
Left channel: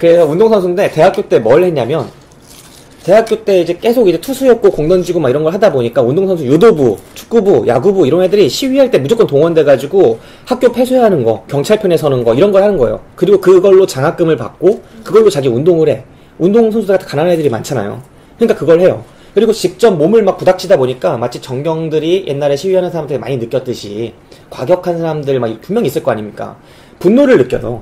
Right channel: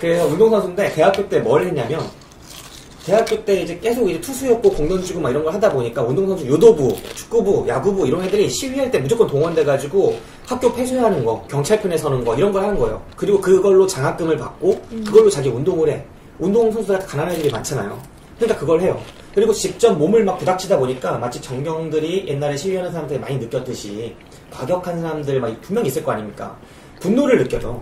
그래서 운동선수인데 대학교 때 뭘 했냐면, 대학교 때 이제 계속 이제 투수였고 공 던지고 막 이런 걸 하다 보니까 운동선수 유도부, 축구부, 야구부 이런 애들이 시위할 때 무조건 동원돼가지고 학교 폐쇄하는 거, 경찰편에 서는 거 이런 걸 하는 거예요. 그리고 그걸로 장학금을 받고 그걸로 자기 운동을 해. 운동선수가 가난한 애들이 많잖아요. 그러니까 그걸 해요. 그리고 직접 몸을 막 부닥치다 보니까 마치 정경들이 옛날에 시위하는 사람들이 많이 느꼈듯이 과격한 사람들 막 분명히 있을 거 아닙니까? 분노를 느껴요.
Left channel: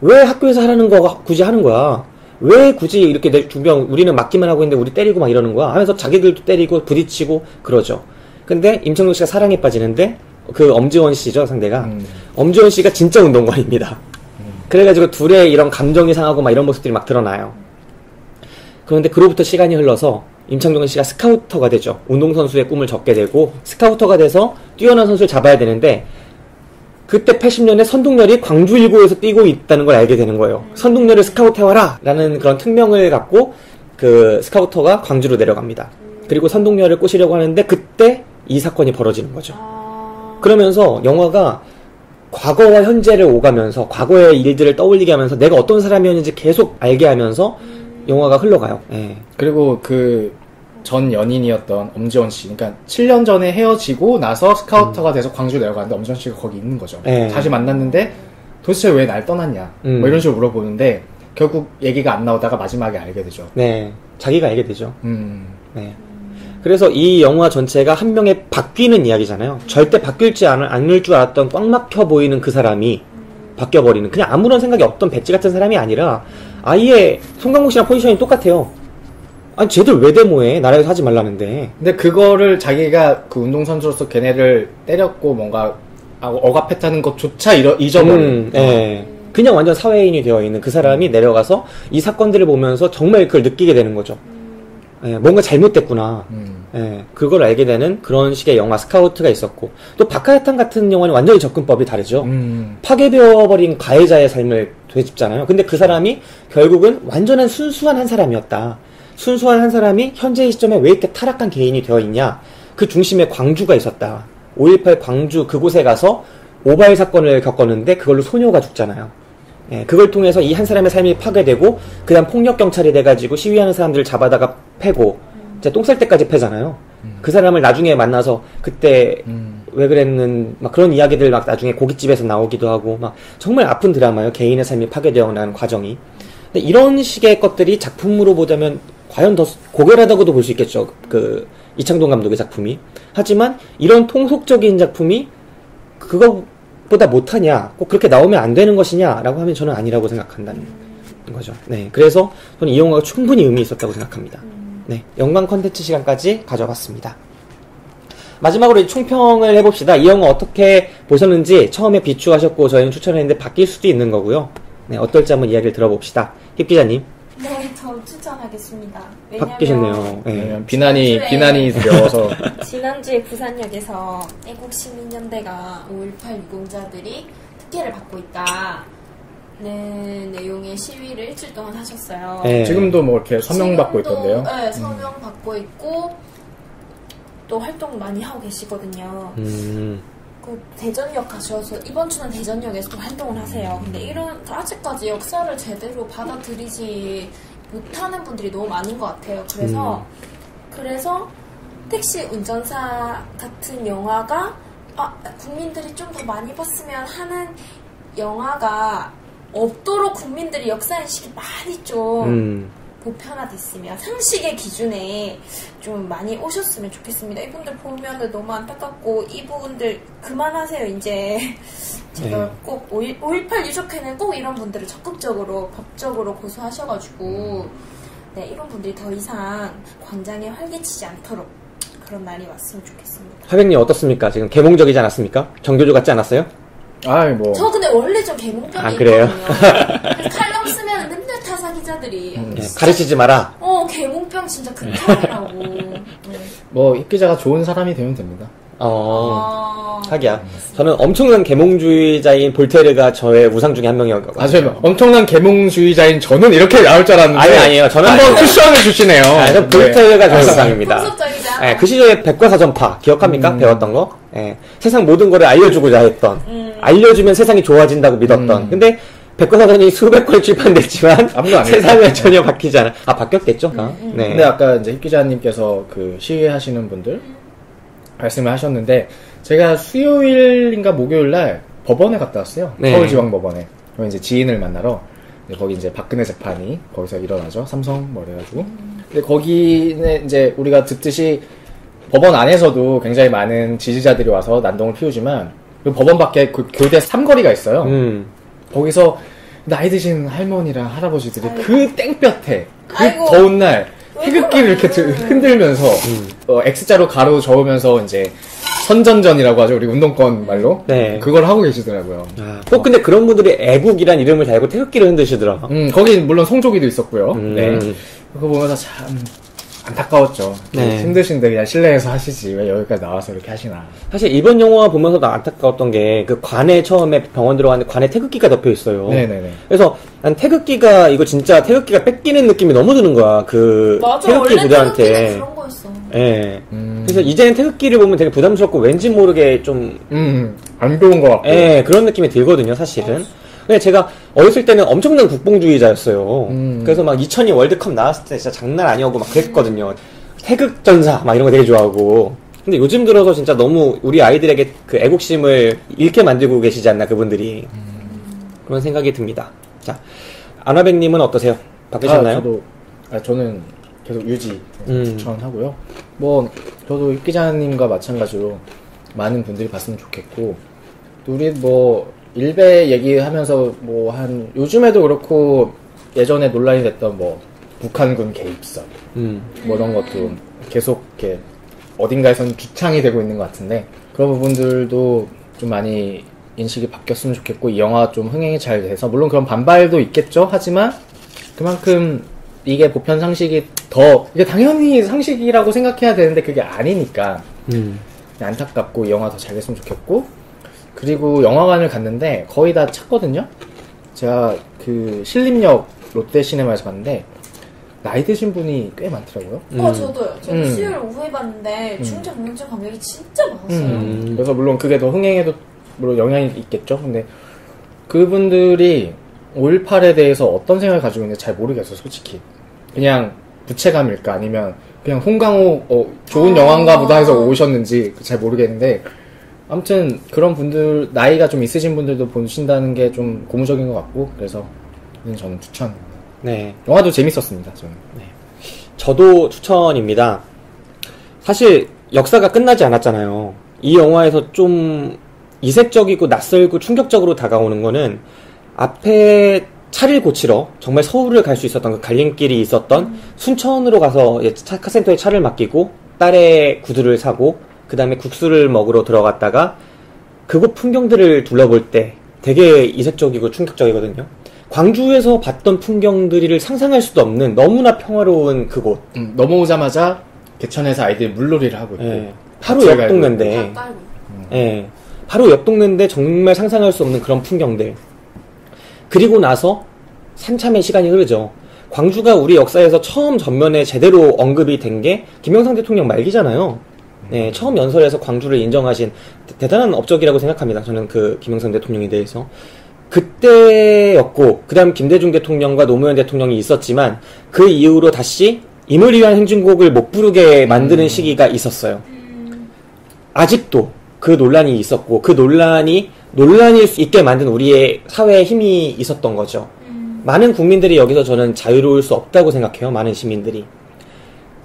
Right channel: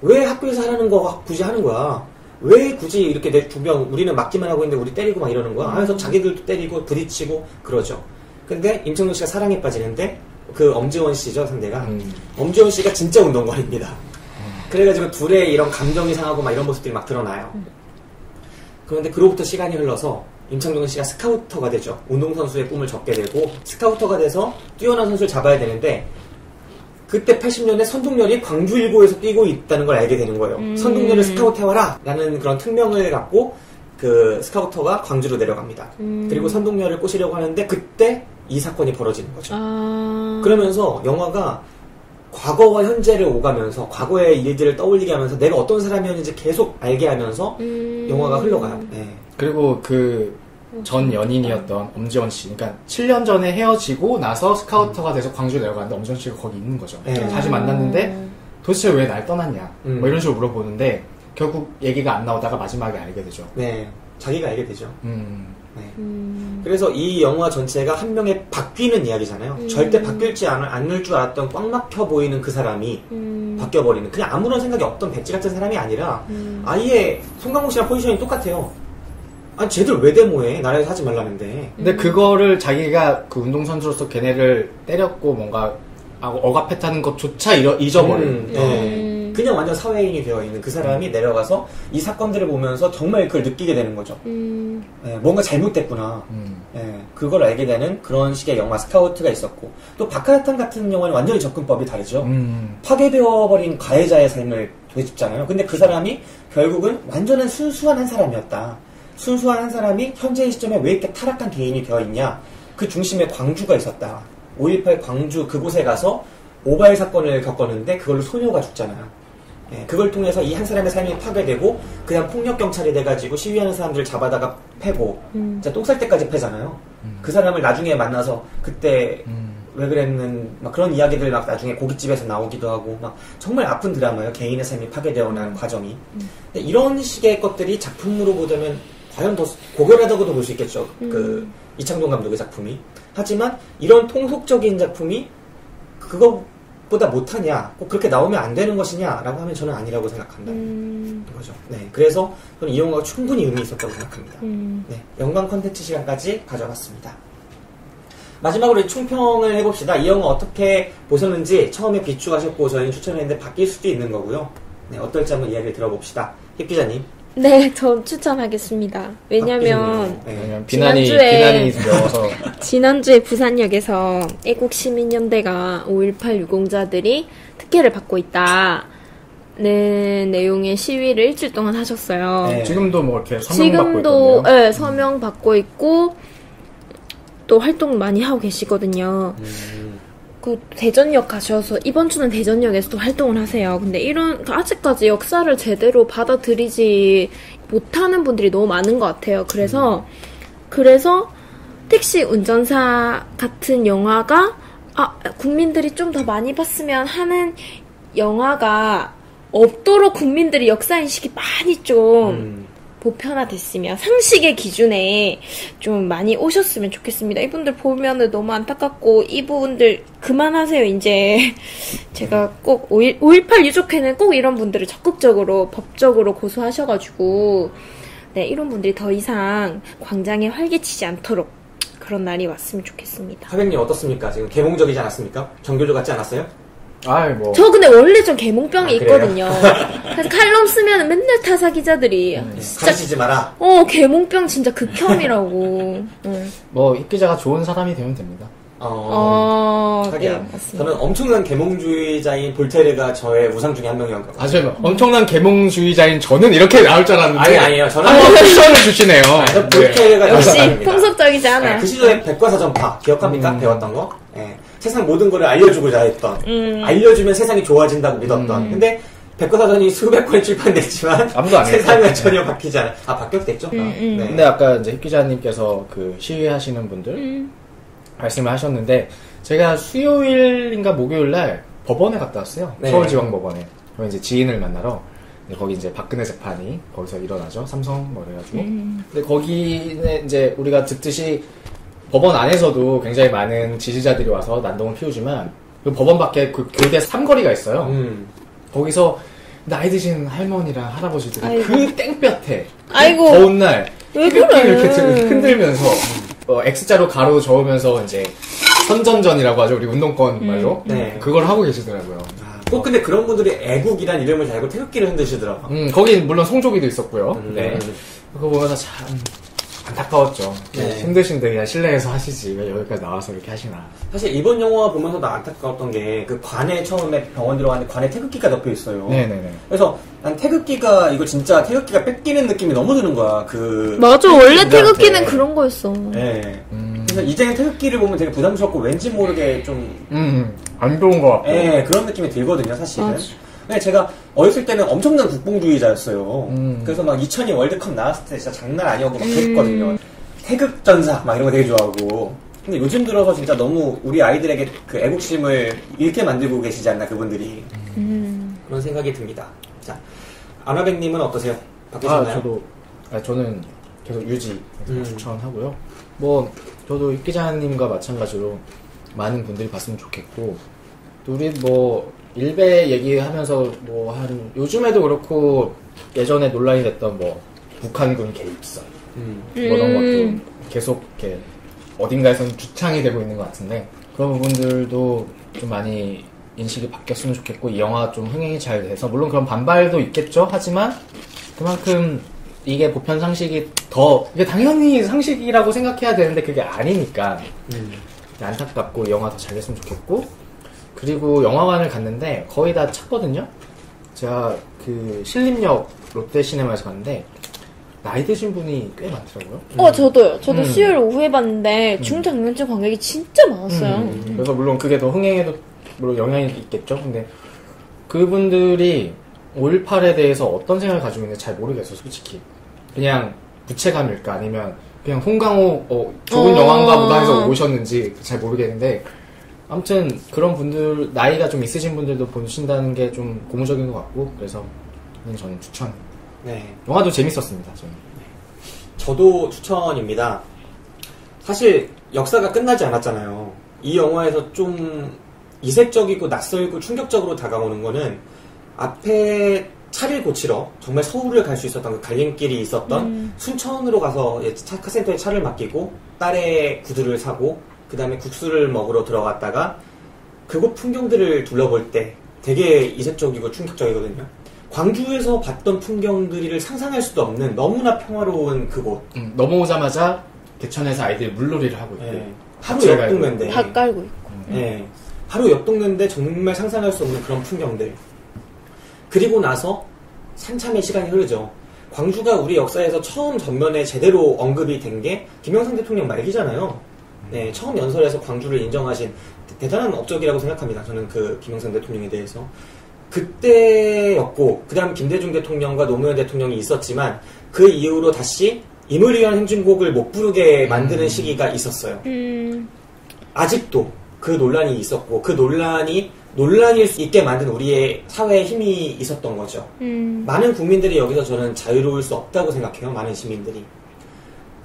왜 학교에서 하라는 거 굳이 하는 거야? 왜 굳이 이렇게 내 주변 우리는 맞기만 하고 있는데 우리 때리고 막 이러는 거야? 하면서 자기들도 때리고 부딪히고 그러죠. 근데 임창정 씨가 사랑에 빠지는데 그 엄지원 씨죠, 상대가. 엄지원 씨가 진짜 운동권입니다. 그래가지고 둘의 이런 감정이 상하고 막 이런 모습들이 막 드러나요. 그런데 그로부터 시간이 흘러서 임창정 씨가 스카우터가 되죠. 운동선수의 꿈을 접게 되고 스카우터가 돼서 뛰어난 선수를 잡아야 되는데, 그때 80년에 선동열이 광주 1구에서 뛰고 있다는 걸 알게 되는 거예요. 선동열을 스카우트해와라! 라는 그런 특명을 갖고 그 스카우터가 광주로 내려갑니다. 그리고 선동열을 꼬시려고 하는데 그때 이 사건이 벌어지는 거죠. 그러면서 영화가 과거와 현재를 오가면서 과거의 일들을 떠올리게 하면서 내가 어떤 사람이었는지 계속 알게 하면서 영화가 흘러가요. 네. 그리고 그 전 연인이었던 엄지원 씨, 그러니까 7년 전에 헤어지고 나서 스카우터가 돼서 광주 내려가는데 엄지원 씨가 거기 있는 거죠. 네. 다시 만났는데 도대체 왜 날 떠났냐, 뭐 이런 식으로 물어보는데 결국 얘기가 안 나오다가 마지막에 알게 되죠. 네, 자기가 알게 되죠. 네. 그래서 이 영화 전체가 한 명의 바뀌는 이야기잖아요. 절대 바뀔지 않을 줄 알았던 꽉 막혀 보이는 그 사람이 바뀌어버리는, 그냥 아무런 생각이 없던 백지 같은 사람이 아니라 아예 송강호 씨랑 포지션이 똑같아요. 아니 쟤들 왜 데모해? 나라에서 하지 말라는데. 근데 그거를 자기가 그 운동선수로서 걔네를 때렸고 뭔가 억압했다는 것조차 잊어버린. 그냥 완전 사회인이 되어있는 그 사람이 내려가서 이 사건들을 보면서 정말 그걸 느끼게 되는 거죠. 뭔가 잘못됐구나. 그걸 알게 되는 그런 식의 영화 스카우트가 있었고, 또 박하야탄 같은 영화는 완전히 접근법이 다르죠. 파괴되어버린 가해자의 삶을 되짚잖아요. 근데 그 사람이 결국은 완전한 순수한 한 사람이었다. 순수한 한 사람이 현재의 시점에 왜 이렇게 타락한 개인이 되어있냐. 그 중심에 광주가 있었다. 5.18 광주 그곳에 가서 오바이 사건을 겪었는데 그걸로 소녀가 죽잖아요. 예, 그걸 통해서 이 한 사람의 삶이 파괴되고 그다음 폭력 경찰이 돼가지고 시위하는 사람들을 잡아다가 패고 이제 똥 쌀 때까지 패잖아요. 그 사람을 나중에 만나서 그때 왜 그랬는 막 그런 이야기들 막 나중에 고깃집에서 나오기도 하고 막 정말 아픈 드라마예요. 개인의 삶이 파괴되어가는 과정이. 근데 이런 식의 것들이 작품으로 보자면 과연 더 고결하다고도 볼 수 있겠죠. 그 이창동 감독의 작품이. 하지만 이런 통속적인 작품이 그거보다 못하냐, 꼭 그렇게 나오면 안 되는 것이냐라고 하면 저는 아니라고 생각한다는 거죠. 네, 그래서 저는 이 영화가 충분히 의미 있었다고 생각합니다. 네, 영광 컨텐츠 시간까지 가져봤습니다. 마지막으로 총평을 해봅시다. 이 영화 어떻게 보셨는지 처음에 비추하셨고 저희는 추천했는데 바뀔 수도 있는 거고요. 네, 어떨지 한번 이야기를 들어봅시다. 힙 기자님. 네, 전 추천하겠습니다. 왜냐면 비난이 두려워서 지난주에 부산역에서 애국 시민연대가 5.18 유공자들이 특혜를 받고 있다. 네, 내용의 시위를 일주일 동안 하셨어요. 네. 지금도 뭐 이렇게 서명 받고 있던데요? 네, 서명 받고 있고 또 활동 많이 하고 계시거든요. 그 대전역 가셔서 이번 주는 대전역에서도 활동을 하세요. 근데 이런 아직까지 역사를 제대로 받아들이지 못하는 분들이 너무 많은 것 같아요. 그래서 택시 운전사 같은 영화가 국민들이 좀 더 많이 봤으면 하는 영화가 없도록 국민들이 역사인식이 많이 좀 보편화됐으면 상식의 기준에 좀 많이 오셨으면 좋겠습니다. 이분들 보면은 너무 안타깝고 이분들 그만하세요. 이제 제가 꼭 5.18 유족회는 꼭 이런 분들을 적극적으로 법적으로 고소하셔가지고 네, 이런 분들이 더 이상 광장에 활개치지 않도록 그런 날이 왔으면 좋겠습니다. 하백님 어떻습니까? 지금 계몽적이지 않았습니까? 정교조 같지 않았어요? 저 근데 원래 좀 계몽병이 있거든요. 그래서 칼럼 쓰면 맨날 타사 기자들이 가르치지 마라. 계몽병 진짜 극혐이라고. 뭐 이 기자가 좋은 사람이 되면 됩니다. 하기야. 저는 엄청난 계몽주의자인 볼테르가 저의 우상 중에 한 명이었거든요. 뭐 엄청난 계몽주의자인 저는 이렇게 나올 줄 알았는데 아니에요. 저는 한번 쿠션을 주시네요. 볼테르가 역시 통속적이지 않아. 네, 그 시절에 백과사전파 기억합니까? 배웠던 거. 네, 세상 모든 거를 알려주고자 했던, 알려주면 세상이 좋아진다고 믿었던. 근데 백과사전이 수백 권 출판됐지만 세상은 전혀 바뀌지 않아. 바뀌었겠죠? 네. 근데 아까 이제 힙 기자님께서 그 시위하시는 분들 말씀을 하셨는데 제가 수요일인가 목요일날 법원에 갔다 왔어요. 네. 서울지방법원에. 거기 이제 지인을 만나러. 거기 이제 박근혜 재판이 거기서 일어나죠. 삼성 뭐 이래가지고. 근데 거기는 이제 우리가 듣듯이 법원 안에서도 굉장히 많은 지지자들이 와서 난동을 피우지만 그 법원 밖에 그 교대 삼거리가 있어요. 거기서 나이 드신 할머니랑 할아버지들이 그 땡볕에 그 더운 날 태극기를 이렇게 흔들면서 X자로 가로 저으면서 이제 선전전이라고 하죠. 우리 운동권 말로. 네. 그걸 하고 계시더라고요. 근데 그런 분들이 애국이란 이름을 달고 태극기를 흔드시더라. 거기 물론 송조기도 있었고요. 네. 그거 보면서 참 안타까웠죠. 네. 힘드신데 그냥 실내에서 하시지 왜 여기까지 나와서 이렇게 하시나. 사실 이번 영화 보면서도 안타까웠던 게 그 관에 처음에 병원 들어가는데 관에 태극기가 덮여 있어요. 네네네. 그래서 난 태극기가 이거 진짜 태극기가 뺏기는 느낌이 너무 드는 거야. 맞아. 원래 태극기는 그런 거였어. 네. 그래서 이제는 태극기를 보면 되게 부담스럽고 왠지 모르게 좀 안 좋은 것 같고. 네, 그런 느낌이 들거든요, 사실은. 근데 제가 어렸을 때는 엄청난 국뽕주의자였어요. 그래서 막 2002 월드컵 나왔을 때 진짜 장난 아니었고 막 그랬거든요. 태극전사 막 이런 거 되게 좋아하고. 근데 요즘 들어서 진짜 너무 우리 아이들에게 그 애국심을 잃게 만들고 계시지 않나 그분들이. 그런 생각이 듭니다. 자, 아나백님은 어떠세요? 바꾸셨나요? 저는 계속 유지 추천하고요. 뭐 저도 이 기자님과 마찬가지로 많은 분들이 봤으면 좋겠고 또 우리 뭐 일베 얘기하면서 뭐 한 요즘에도 그렇고 예전에 논란이 됐던 뭐 북한군 개입설 뭐 이런 것도 계속 이렇게 어딘가에서는 주창이 되고 있는 것 같은데 그런 부분들도 좀 많이 인식이 바뀌었으면 좋겠고 이 영화 좀 흥행이 잘 돼서 물론 그런 반발도 있겠죠. 하지만 그만큼 이게 보편 상식이 이게 당연히 상식이라고 생각해야 되는데 그게 아니니까 안타깝고 이 영화 더 잘 됐으면 좋겠고 그리고 영화관을 갔는데 거의 다 찼거든요. 제가 그 신림역 롯데시네마에서 갔는데 나이 드신 분이 꽤 많더라고요. 저도요. 저도 수요일 오후에 봤는데 중장년층 관객이 진짜 많았어요. 그래서 물론 그게 더 흥행에도 물론 영향이 있겠죠. 근데 그분들이 5.18에 대해서 어떤 생각을 가지고 있는지 잘 모르겠어, 솔직히. 그냥 부채감일까? 아니면 그냥 홍강호, 좋은 영화인가 보다 해서 오셨는지 잘 모르겠는데, 아무튼 그런 분들, 나이가 좀 있으신 분들도 보신다는 게 좀 고무적인 것 같고, 그래서 저는 추천. 네. 영화도 재밌었습니다, 저는. 네. 저도 추천입니다. 사실 역사가 끝나지 않았잖아요. 이 영화에서 좀 이색적이고 낯설고 충격적으로 다가오는 거는 앞에 차를 고치러 정말 서울을 갈 수 있었던 그 갈림길이 있었던 순천으로 가서 카센터에 차를 맡기고 딸의 구두를 사고 그 다음에 국수를 먹으러 들어갔다가 그곳 풍경들을 둘러볼 때 되게 이색적이고 충격적이거든요. 광주에서 봤던 풍경들을 상상할 수도 없는 너무나 평화로운 그곳. 넘어오자마자 개천에서 아이들이 물놀이를 하고 있고 네. 바로 옆 동네인데 밥 깔고 있고 네. 바로 옆 동네인데 정말 상상할 수 없는 그런 풍경들. 그리고 나서 한참의 시간이 흐르죠. 광주가 우리 역사에서 처음 전면에 제대로 언급이 된 게 김영삼 대통령 말기잖아요. 네, 처음 연설에서 광주를 인정하신 대단한 업적이라고 생각합니다. 저는 그 김영삼 대통령에 대해서. 그때였고 그 다음 김대중 대통령과 노무현 대통령이 있었지만 그 이후로 다시 임을 위한 행진곡을 못 부르게 만드는 시기가 있었어요. 아직도 그 논란이 있었고 그 논란일 수 있게 만든 우리의 사회에 힘이 있었던 거죠. 많은 국민들이 여기서 저는 자유로울 수 없다고 생각해요. 많은 시민들이.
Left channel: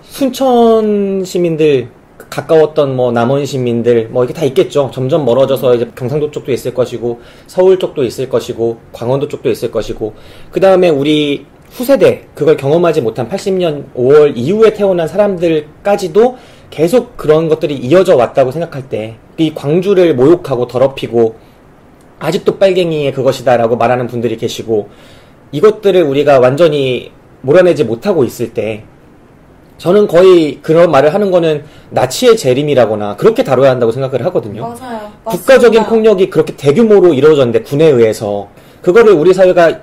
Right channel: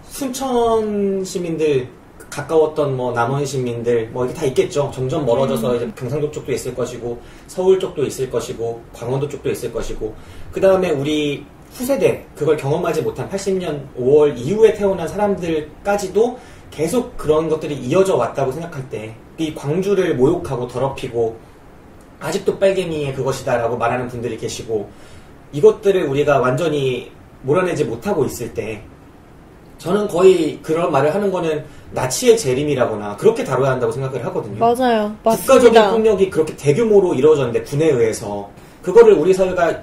순천 시민들 가까웠던 뭐 남원 시민들 뭐 이게 다 있겠죠. 점점 멀어져서 이제 경상도 쪽도 있을 것이고 서울 쪽도 있을 것이고 광원도 쪽도 있을 것이고 그 다음에 우리 후세대 그걸 경험하지 못한 80년 5월 이후에 태어난 사람들까지도 계속 그런 것들이 이어져 왔다고 생각할 때 이 광주를 모욕하고 더럽히고 아직도 빨갱이의 그것이다 라고 말하는 분들이 계시고 이것들을 우리가 완전히 몰아내지 못하고 있을 때 저는 거의 그런 말을 하는 거는 나치의 재림이라거나 그렇게 다뤄야 한다고 생각을 하거든요. 맞아요. 맞습니다. 국가적인 폭력이 그렇게 대규모로 이루어졌는데 군에 의해서 그거를 우리 사회가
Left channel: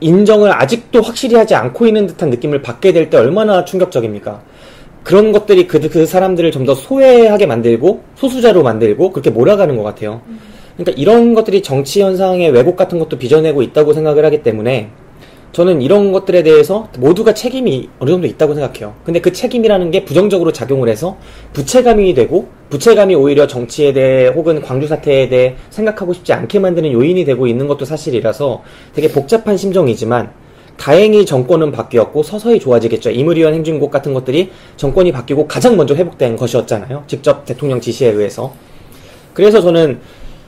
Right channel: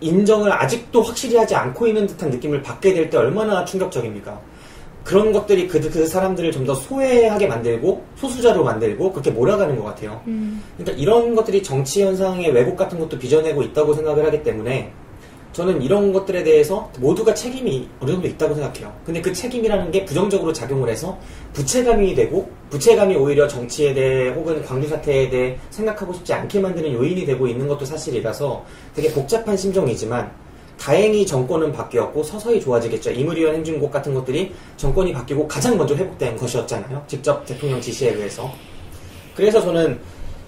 인정을 아직도 확실히 하지 않고 있는 듯한 느낌을 받게 될 때 얼마나 충격적입니까? 그런 것들이 그 사람들을 좀 더 소외하게 만들고 소수자로 만들고 그렇게 몰아가는 것 같아요. 그러니까 이런 것들이 정치 현상의 왜곡 같은 것도 빚어내고 있다고 생각을 하기 때문에 저는 이런 것들에 대해서 모두가 책임이 어느 정도 있다고 생각해요. 근데 그 책임이라는 게 부정적으로 작용을 해서 부채감이 되고 부채감이 오히려 정치에 대해 혹은 광주 사태에 대해 생각하고 싶지 않게 만드는 요인이 되고 있는 것도 사실이라서 되게 복잡한 심정이지만 다행히 정권은 바뀌었고 서서히 좋아지겠죠. 임을 위한 행진곡 같은 것들이 정권이 바뀌고 가장 먼저 회복된 것이었잖아요. 직접 대통령 지시에 의해서. 그래서 저는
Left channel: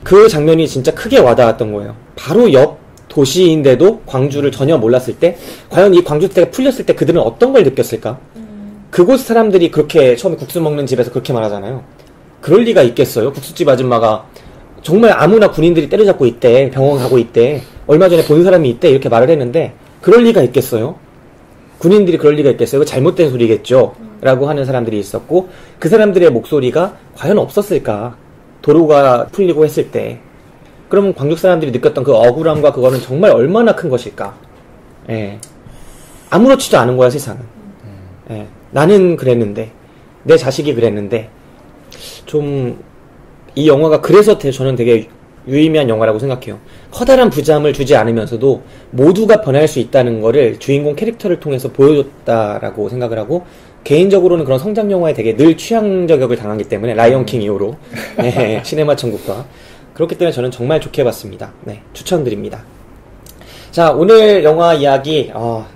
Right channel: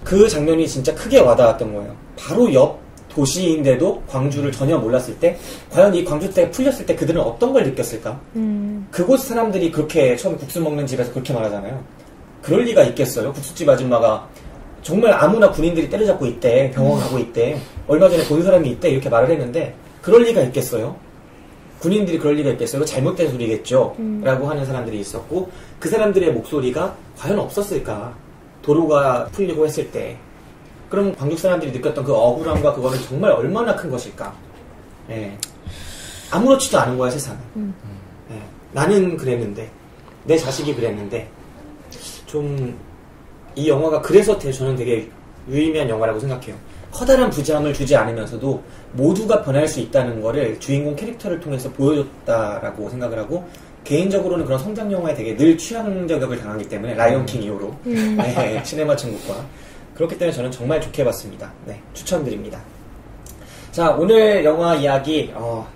그 장면이 진짜 크게 와닿았던 거예요. 바로 옆 도시인데도 광주를 전혀 몰랐을 때 과연 이 광주 사태가 풀렸을 때 그들은 어떤 걸 느꼈을까? 그곳 사람들이 그렇게 처음에 국수 먹는 집에서 그렇게 말하잖아요. 그럴 리가 있겠어요? 국수집 아줌마가 정말 아무나 군인들이 때려잡고 있대. 병원 가고 있대. 얼마 전에 본 사람이 있대. 이렇게 말을 했는데 그럴 리가 있겠어요? 군인들이 그럴 리가 있겠어요? 잘못된 소리겠죠? 라고 하는 사람들이 있었고 그 사람들의 목소리가 과연 없었을까? 도로가 풀리고 했을 때 그럼 광주 사람들이 느꼈던 그 억울함과 그거는 정말 얼마나 큰 것일까? 예. 아무렇지도 않은 거야 세상은. 예. 나는 그랬는데 내 자식이 그랬는데 좀 이 영화가 그래서 저는 되게 유의미한 영화라고 생각해요. 커다란 부담을 주지 않으면서도 모두가 변할 수 있다는 거를 주인공 캐릭터를 통해서 보여줬다라고 생각을 하고 개인적으로는 그런 성장 영화에 되게 늘 취향 저격을 당하기 때문에 라이언킹 이후로 네, 시네마 천국과 그렇기 때문에 저는 정말 좋게 봤습니다. 네, 추천드립니다. 자, 오늘 영화 이야기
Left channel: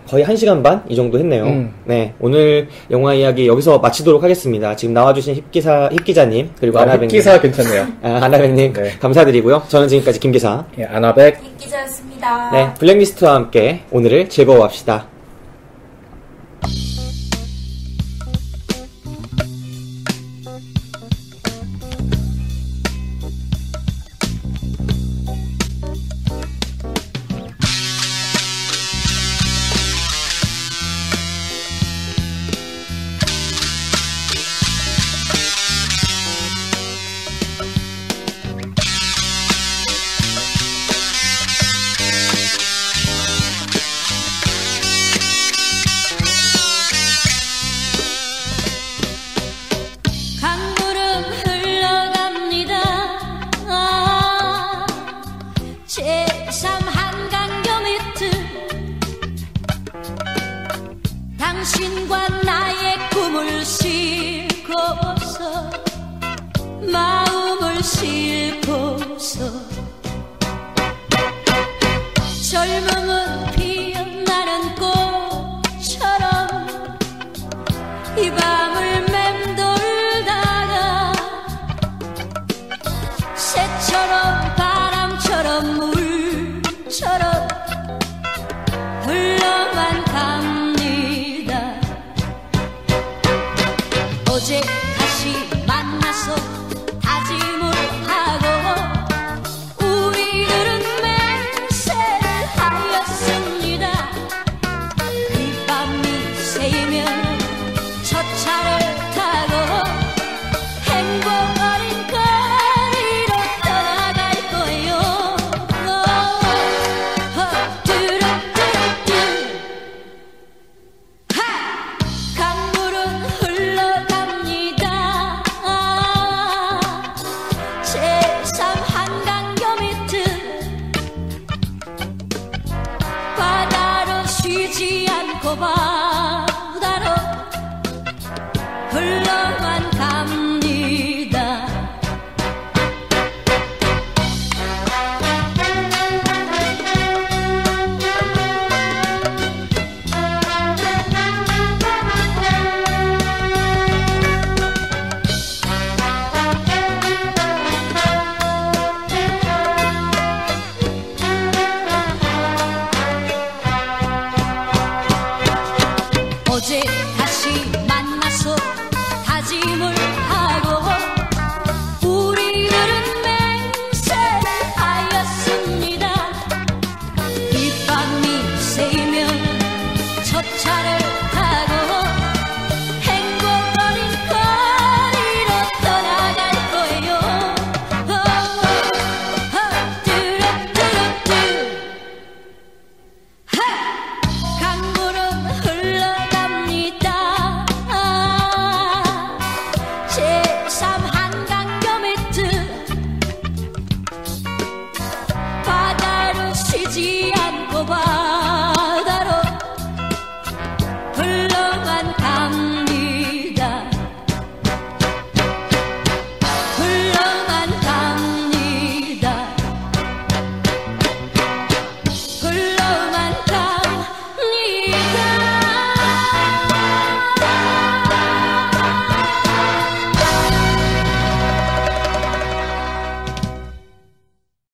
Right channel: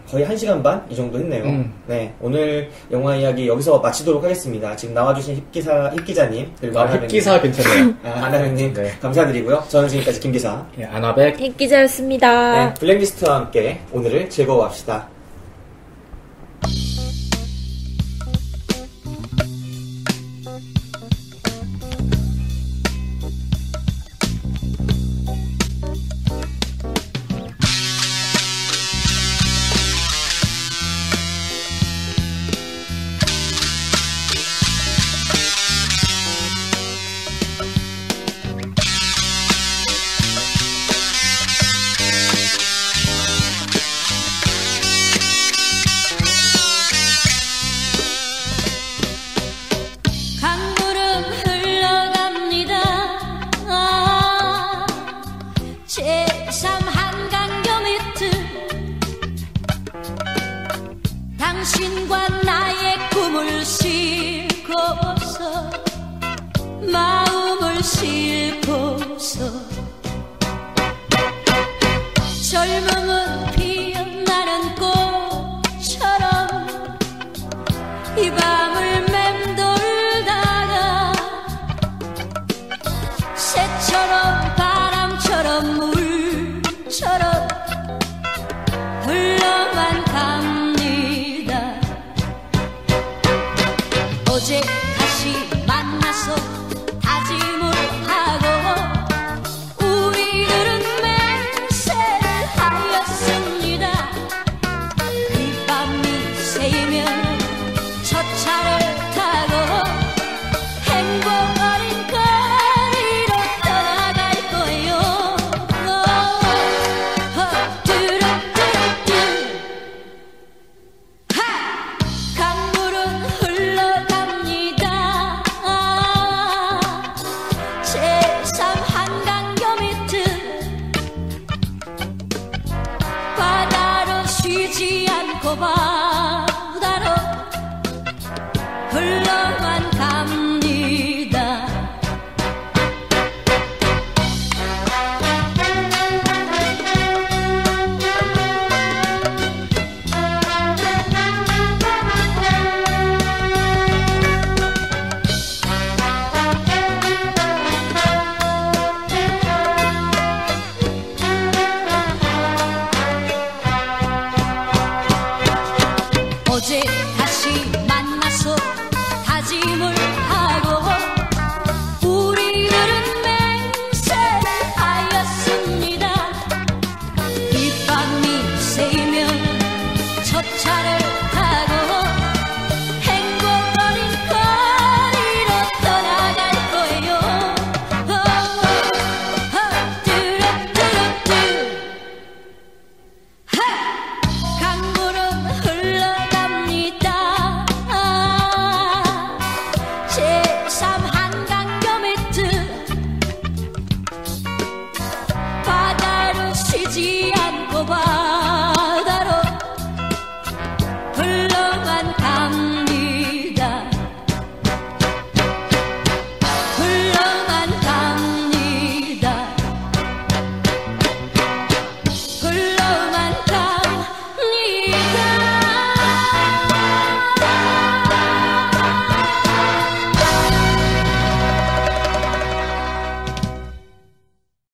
거의 1시간 반 이 정도 했네요. 네, 오늘 영화 이야기 여기서 마치도록 하겠습니다. 지금 나와주신 힙기자님 그리고 아나백님. 힙기사 괜찮네요. 아나백님 네. 감사드리고요. 저는 지금까지 김기사 예, 아나백 힙기자였습니다. 네, 블랙리스트와 함께 오늘을 즐거워합시다. 당신과 나의 꿈을 싣고서 마음을 싣고서 젊음은 피어나는 꽃처럼 이 밤을 맴돌다가 새처럼 바람처럼 물처럼 흘러만 갑니다. 어제 다시 만나서 다짐을 하고 우리들은 맹세를 하였습니다. 이 밤이 새이면 첫 차를 타고 행복 어린 거리로 떠나갈 거예요. 뚜루뚜루뚜 강물은 흘러갑니다. 제3 한강교 밑은 바다로 쉬지 않고 바다로 흘러만 갑니다. 어제 다시